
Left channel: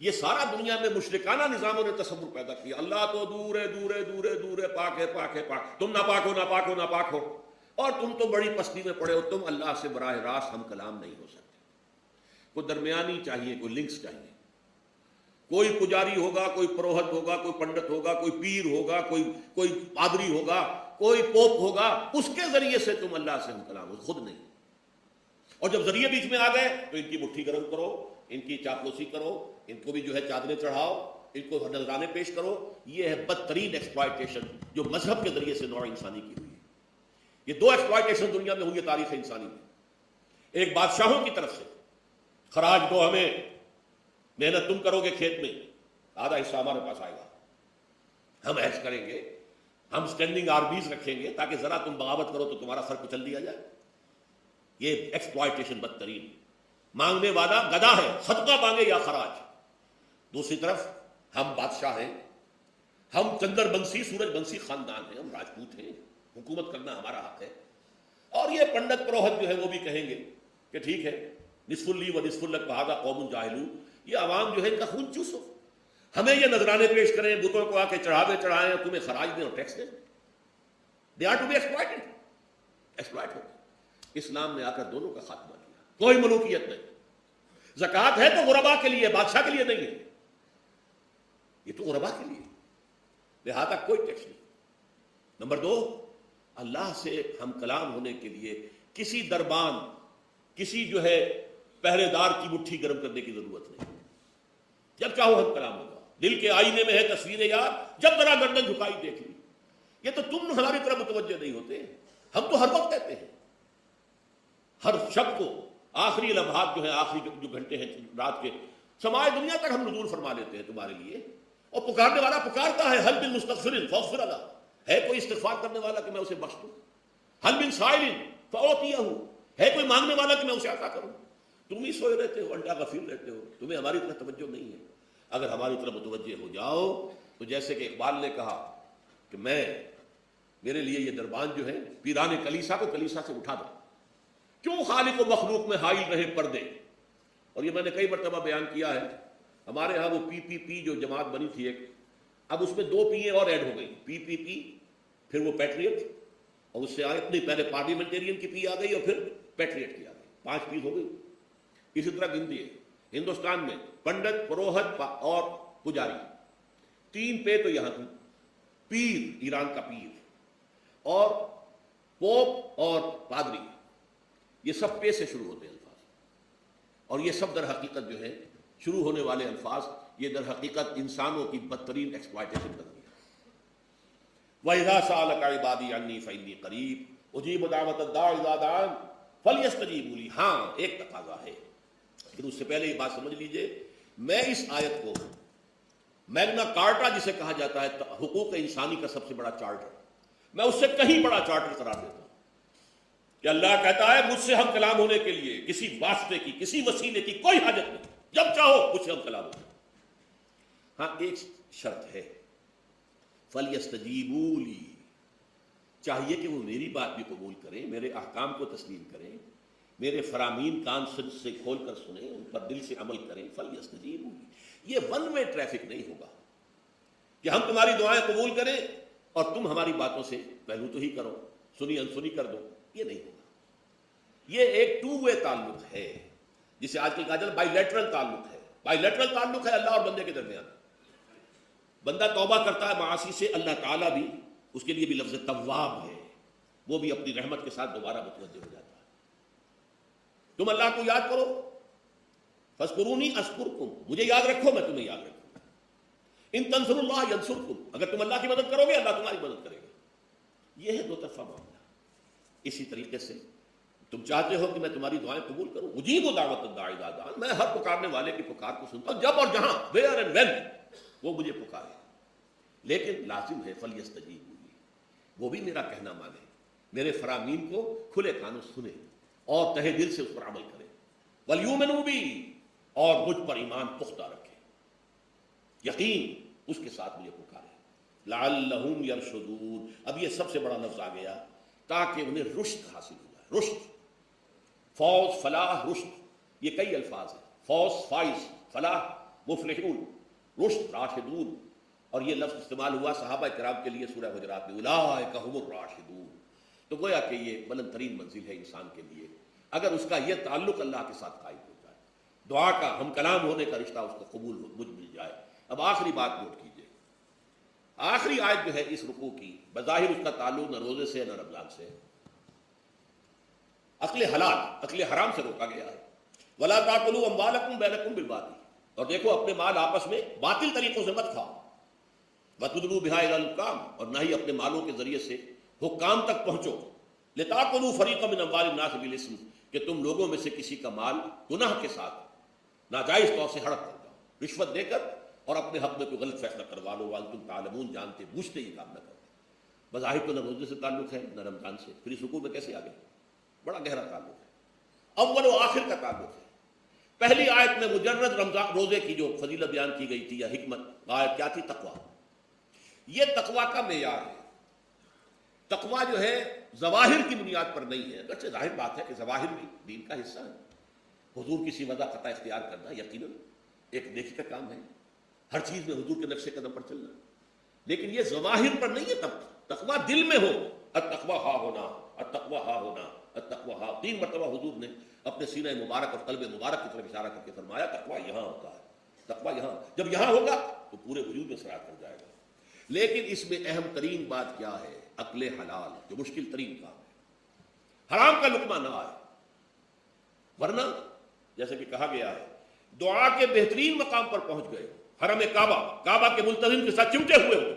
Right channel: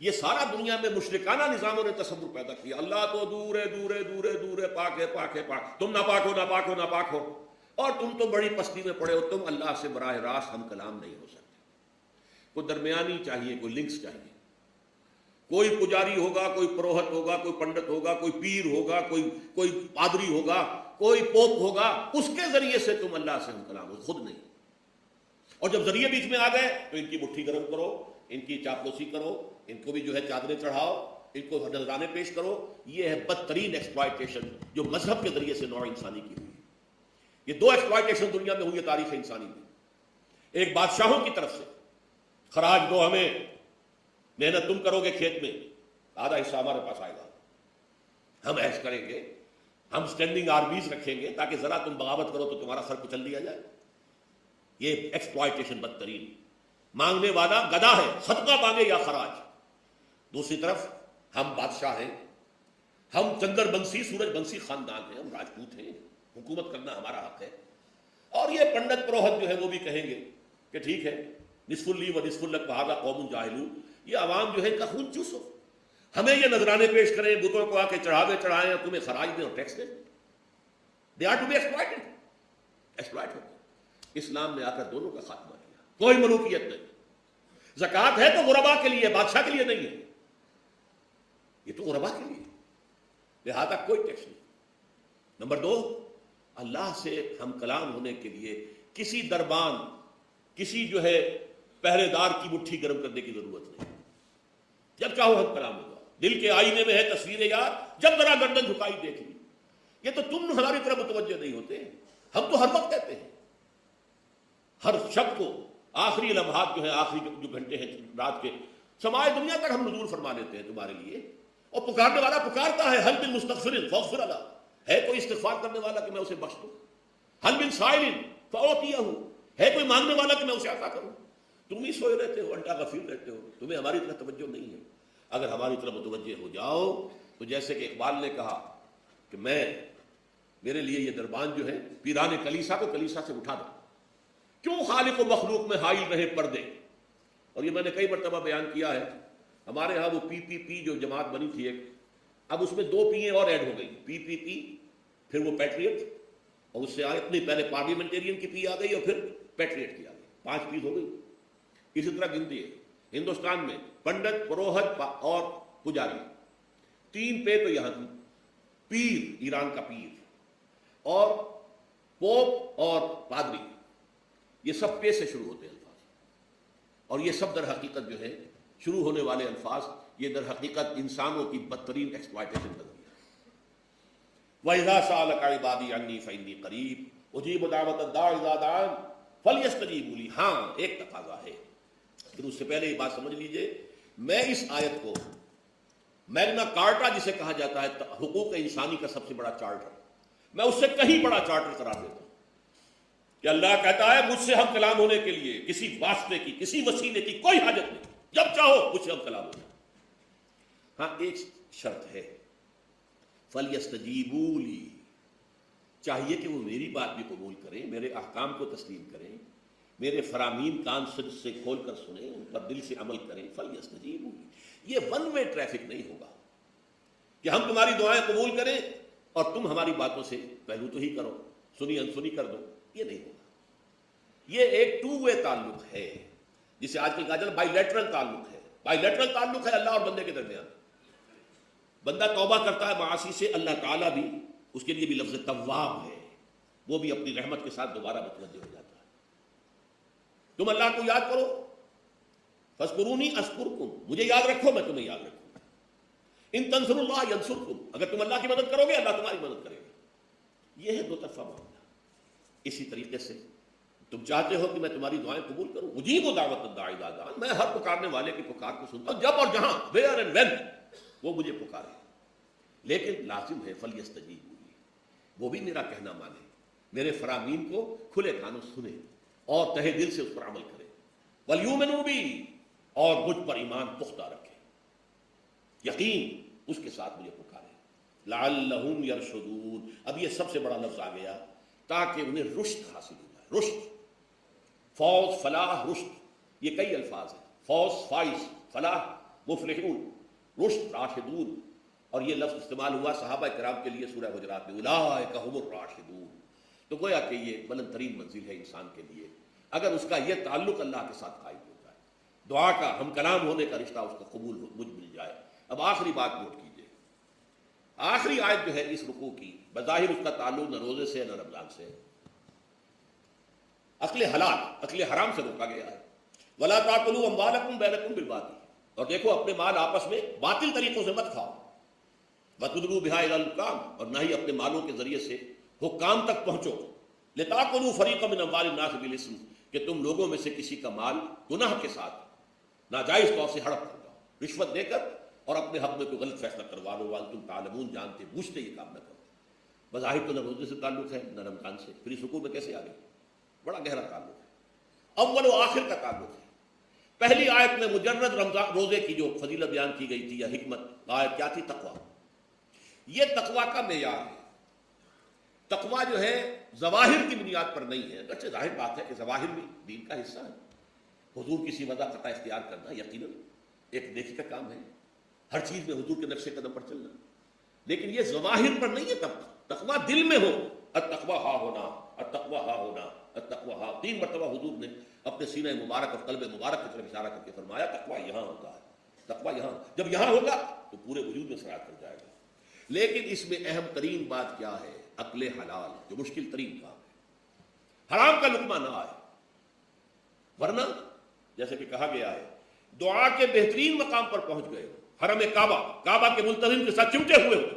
یہ سارا دنیا میں مشرکانہ نظاموں نے تصور پیدا کیا، اللہ تو دور ہے، دور ہے، دور ہے، دور ہے، پاک ہے، پاک ہے، پاک، تم نہ پاک ہو، نہ پاک ہو، نہ پاک ہو، اور تم تو بڑی پستی میں پڑے ہو، تم اللہ سے براہ راست ہم کلام نہیں ہو سکتے. کوئی درمیانی چاہیے، کوئی لنکس چاہیے، کوئی پجاری ہوگا، کوئی پروہت ہوگا، کوئی پنڈت ہوگا، کوئی پیر ہوگا، کوئی پادری ہوگا، کوئی پوپ ہوگا، اس کے ذریعے سے تم اللہ سے ہم کلام ہو، خود نہیں. اور جب ذریعے بیچ میں آ گئے تو ان کی مٹھی گرم کرو، ان کی چاپلوسی کرو، ان کو بھی جو ہے چادریں چڑھاؤ، ان کو نذرانے پیش کرو. یہ ہے بدترین ایکسپلائٹیشن جو مذہب کے ذریعے سے نوع انسانی کی ہوئی ہے. یہ دو ایکسپلائٹیشن دنیا میں ہوئی ہے تاریخ انسانی میں. ایک بادشاہوں کی طرف سے خراج دو ہمیں، محنت تم کرو گے کھیت میں، آدھا حصہ ہمارے پاس آئے گا، ہم ایش کریں گے، ہم اسٹینڈنگ آرمیز رکھیں گے تاکہ ذرا تم بغاوت کرو تو تمہارا سر کچل دیا جائے. یہ ایکسپلائٹیشن بدترین. مانگنے والا گدا ہے، صدقہ مانگے یا خراج. دوسری طرف ہم بادشاہ ہیں، ہم چندر بنسی سورج بنسی خاندان ہیں، ہم راجپوت ہیں، حکومت کرنا ہمارا حق ہے. اور یہ پنڈت پروہت جو ہے وہ بھی کہیں گے کہ ٹھیک ہے، نصف لی و نصف لک بہذا قوم جاہلون، یہ عوام جو ہے ان کا خون چوسو، ہمیں یہ نذرانے پیش کریں، بتوں کو آ کے چڑھائیں اور تمہیں خراج دیں اور ٹیکس دیں. They are to be exploited. اسلام نے آ کر دونوں کا خاتمہ کیا، کوئی ملوکیت نہیں. زکوٰۃ ہے تو غربا کے لیے، بادشاہ کے لیے نہیں ہے، یہ تو غربا کے لیے، لہذا کوئی ٹیکس نہیں. نمبر دو، اللہ سے ہم کلام ہونے کے لیے کسی دربان، کسی جو ہے پہرے دار کی مٹھی گرم کرنے کی ضرورت نہیں. جب چاہو ہم کلام ہوگا. دل کے آئینے میں ہے تصویر یار، جب ذرا گردن جھکائی دیکھ لی. یہ تو تم ہماری طرف متوجہ نہیں ہوتے، ہم تو ہر وقت کہتے ہیں، ہر شب کو آخری لمحات جو ہے، آخری جو گھنٹے ہیں رات کے، سماج دنیا تک ہم نزول فرما دیتے ہیں تمہارے لیے. اور پکارنے والا پکارتا ہے، حل من مستغفر فاغفر له، ہے کوئی استغفار کرنے والا کہ میں اسے بخش دوں. حل من سائل فاعطیہ، ہے کوئی مانگنے والا کہ میں اسے عطا کروں. تم ہی سوئے رہتے ہو، انڈا غفیر رہتے ہو، تمہیں ہماری طرف توجہ نہیں ہے. اگر ہماری طرف متوجہ ہو جاؤ تو جیسے کہ اقبال نے کہا کہ میرے لیے یہ دربان جو ہے پیران کلیسا کو کلیسا سے اٹھا دو، کیوں خالق و مخلوق میں حائل رہے پردے. اور یہ میں نے کئی مرتبہ بیان کیا ہے، ہمارے ہاں وہ پی جو جماعت بنی تھی ایک، اب اس میں 2 پی اور ایڈ ہو گئی، پی پھر وہ پیٹریٹ، اور اس سے اتنی پہلے پارلیمنٹرین کی پی آ گئی اور پھر پیٹریٹ کی آ گئی، 5 پی ہو گئی. اسی طرح گنتی ہے ہندوستان میں پنڈت، پروہت اور پجاری، 3 پے تو یہاں کی، پیر ایران کا پیر، اور پوپ اور پادری، یہ سب پے سے شروع ہوتے ہیں الفاظ. اور یہ سب در حقیقت جو ہے شروع ہونے والے الفاظ، یہ در حقیقت انسانوں کی بدترین ایکسپلائٹیشن بن گئی ہے. وَإِذَا سَأَلَكَ عِبَادِي عَنِّي فَإِنِّي قَرِيبٌ أُجِيبُ دَعْوَةَ الدَّاعِ إِذَا دَعَانِ فَلْيَسْتَجِيبُوا لِي. ہاں ایک تقاضا ہے، اس سے پہلے یہ بات سمجھ لیجئے، میں اس آیت کو میگنا کارٹا جسے کہا جاتا ہے حقوق انسانی کا سب سے بڑا چارٹر، میں اس سے کہیں بڑا چارٹر قرار دیتا ہوں کہ اللہ کہتا ہے مجھ سے ہم کلام ہونے کے لیے کسی واسطے کی، کسی وسیلے کی کوئی حاجت نہیں، جب چاہو مجھ سے ہم کلام ہو. ہاں ایک شرط ہے، فَلْيَسْتَجِيبُوا لِي، چاہیے کہ وہ میری بات بھی قبول کریں، میرے احکام کو تسلیم کریں، میرے فرامین کان سے کھول کر سنیں اور دل سے عمل کریں. فَلْيَسْتَجِيبُوا لِي، یہ ون وے ٹریفک نہیں ہوگا کہ ہم تمہاری دعائیں قبول کریں اور تم ہماری باتوں سے پہلو تو ہی کرو، سنی انسنی کر دو، یہ نہیں ہوگا. یہ ایک 2 وے تعلق ہے جسے آج کی کہا جاتا ہے بائی لیٹرل تعلق ہے. بائی لیٹرل تعلق ہے اللہ اور بندے کے درمیان. بندہ توبہ کرتا ہے معاصی سے، اللہ تعالیٰ بھی اس کے لیے بھی لفظ تواب ہے، وہ بھی اپنی رحمت کے ساتھ دوبارہ متوجہ ہو جاتا ہے. تم اللہ کو یاد کرو، فاذکرونی اذکرکم، مجھے یاد رکھو میں تمہیں یاد رکھوں. ان تنصروا اللہ ینصرکم، اگر تم اللہ کی مدد کرو گے اللہ تمہاری مدد کرے گا. یہ ہے 2 طرفہ معاملہ. اسی طریقے سے تم چاہتے ہو کہ میں تمہاری دعائیں قبول کروں، مجیب دعوت الداعی اذا دعان، میں ہر پکارنے والے کی پکار کو سنتا ہوں جب اور جہاں ویئر اینڈ وین وہ مجھے پکارے. لیکن لازم ہے فلیستجیب، وہ بھی میرا کہنا مانے، میرے فرامین کو کھلے کانوں سنے اور تہہ دل سے اس پر عمل کرے. ولیؤمنوا بی، اور مجھ پر ایمان پختہ رکھے، یقین اس کے ساتھ مجھے پکارے. لعلہم یرشدون، اب یہ سب سے بڑا لفظ آ گیا تاکہ انہیں رشد حاصل ہو. رشد، فوز، فلاح، رشد، یہ کئی الفاظ ہیں. فوز فائز، فلاح مفلحون، رشد راشدون. اور یہ لفظ استعمال ہوا صحابہ کرام کے لیے سورہ حجرات میں، اولئک هم الراشدون. تو گویا کہ یہ بلند ترین منزل ہے انسان کے لیے اگر اس کا یہ تعلق اللہ کے ساتھ قائم ہوتا ہے، دعا کا ہم کلام ہونے کا رشتہ اس کو قبول مل جائے. اب آخری بات نوٹ کیجیے، آخری آیت جو ہے اس رکوع کی، بظاہر اس کا تعلق نہ روزے سے نہ رمضان سے، اکل حلال، اکل حرام سے روکا گیا ہے. ولا تاکلوا اموالکم بینکم بالباطل، اور دیکھو اپنے مال آپس میں باطل طریقوں سے مت کھاؤ. وَتُدْلُوا بِهَا إِلَى الْحُكَامِ، اور نہ ہی اپنے مالوں کے ذریعے سے حکام تک پہنچو. لِتَأْكُلُوا فَرِيقًا مِنْ أَمْوَالِ النَّاسِ بِالْإِثْمِ، کہ تم لوگوں میں سے کسی کا مال گناہ کے ساتھ ناجائز طور سے ہڑپ کر دو، رشوت دے کر اور اپنے حق میں کوئی غلط فیصلہ کروا دو. وَأَنْتُمْ تَعْلَمُونَ، جانتے پوچھتے یہ کام نہ کرو. بظاہر تو نہ روزے سے تعلق ہے نہ رمضان سے، پھر اس رکوع میں کیسے آ گئے؟ بڑا گہرا تعلق ہے، اول و آخر کا تعلق ہے. پہلی آیت میں مجرد رمضان روزے کی جو فضیلت بیان کی گئی تھی یا حکمت، آیت کیا تھی؟ تقویٰ. یہ تقویٰ کا معیار ہے. تقویٰ جو ہے ظواہر کی بنیاد پر نہیں ہے، اگرچہ ظاہر بات ہے کہ ظواہر بھی دین کا حصہ ہے. حضور کی سیوا کا اختیار کرنا یقیناً ایک نیکی کا کام ہے، ہر چیز میں حضور کے نقشے قدم پر چلنا، لیکن یہ ظواہر پر نہیں ہے. تقویٰ دل میں ہو. التقویٰ ہا ہونا، التقویٰ ہا ہونا، التقویٰ ہا. 3 مرتبہ حضور نے اپنے سینہ مبارک اور قلب مبارک کی طرف اشارہ کر کے فرمایا تقویٰ یہاں ہوتا ہے، تقویٰ یہاں. جب یہاں ہوگا تو پورے وجود میں سرایت کر جائے گا. لیکن اس میں اہم ترین بات کیا ہے؟ اکل حلال، جو مشکل ترین بات ہے. حرام کا لقمہ نہ آئے، ورنہ جیسے کہ کہا گیا ہے دعا کے بہترین مقام پر پہنچ گئے، حرم کعبہ کے ملتزم کے ساتھ چمٹے ہوئے ہو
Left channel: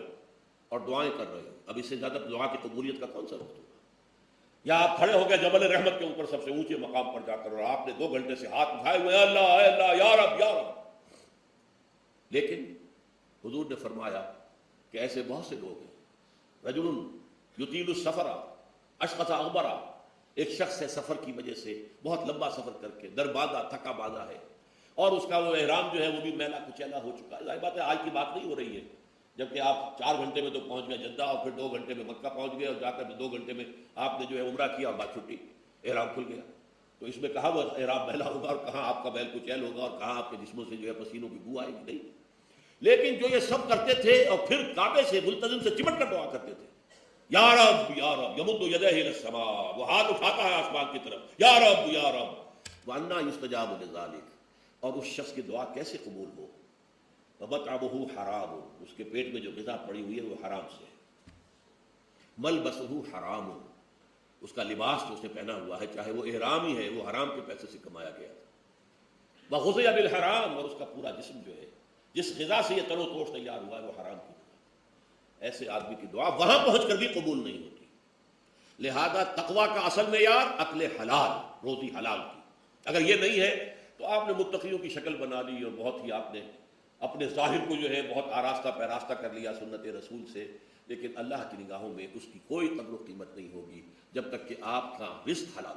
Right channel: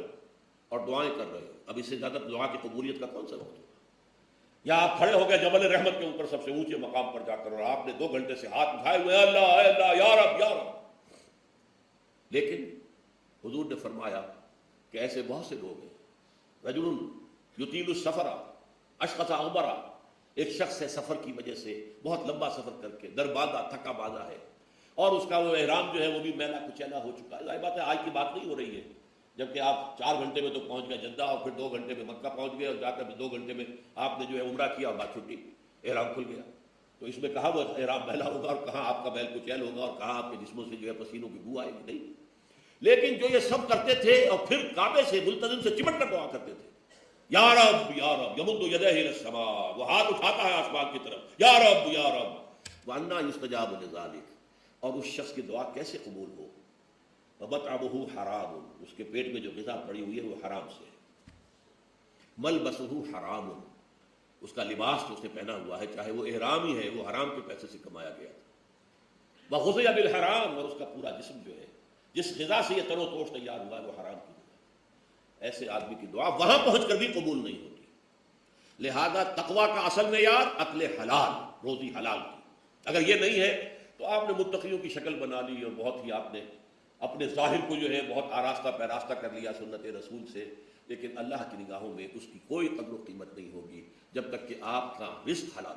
اور دعائیں کر رہے ہو. اب اس سے زیادہ دعا کی قبولیت کا کون سا وقت ہوگا؟ یا آپ کھڑے ہو گئے جبل رحمت کے اوپر سب سے اونچے مقام پر جا کر اور آپ نے 2 گھنٹے سے ہاتھ اٹھائے ہوئے ہیں، اللہ اے اللہ یا رب یا رب. لیکن حضور نے فرمایا کہ ایسے بہت سے لوگ ہیں، رجل یطیل السفر اشفق غبرا، ایک شخص ہے سفر کی وجہ سے بہت لمبا سفر کر کے درباندہ تھکا باندھا ہے اور اس کا وہ احرام جو ہے وہ بھی میلا کچیلا ہو چکا ہے. ظاہر بات ہے آج کی بات نہیں ہو رہی ہے، جبکہ آپ 4 گھنٹے میں تو پہنچ گئے جدہ اور پھر 2 گھنٹے میں مکہ پہنچ گئے اور جا کر 2 گھنٹے میں آپ نے جو ہے عمرہ کیا اور بات چھٹی، احرام کھل گیا. تو اس میں کہاں وہ احرام میلا ہوگا اور کہاں آپ کا بیل کچیل ہوگا اور کہاں آپ کے جسموں سے جو ہے پسینوں کی بو آئے گی؟ نہیں. لیکن جو یہ سب کرتے تھے اور پھر کعبے سے ملتزم سے چمٹ کر دعا کرتے تھے، یا رب یا رب یمد یدہ الی السماء، وہ ہاتھ اٹھاتا ہے آسمان کی طرف، یا رب یا رب، وَأَنَّىٰ يُسْتَجَابُ لِذَٰلِكَ، اور اس شخص کی دعا کیسے قبول ہو؟ وَمَطْعَمُهُ حَرَامٌ، اس کے پیٹ میں جو غذا پڑی ہوئی ہے وہ حرام سے ہے، مَلْبَسُهُ حرام، اس کا لباس جو اسے پہنا ہوا ہے چاہے وہ احرام ہی ہے وہ حرام کے پیسے سے کمایا گیا، وَغُذِيَ بِالْحَرَامِ، اور اس کا پورا جسم جو ہے جس غذا سے یہ تر و تھوش تیار ہوا ہے وہ حرام ہے، ایسے آدمی کی دعا وہاں پہنچ کر بھی قبول نہیں ہوتی۔ لہذا تقویٰ کا اصل معیار اکل حلال، روزی حلال کی، اگر یہ نہیں ہے تو آپ نے متقیوں کی شکل بنا لی اور بہت ہی آپ نے اپنے ظاہر کو جو ہے بہت آراستہ پیراستہ کر لیا سنت رسول سے، لیکن اللہ کی نگاہوں میں اس کی کوئی قدر و قیمت نہیں ہوگی جب تک کہ آپ کا رزق حلال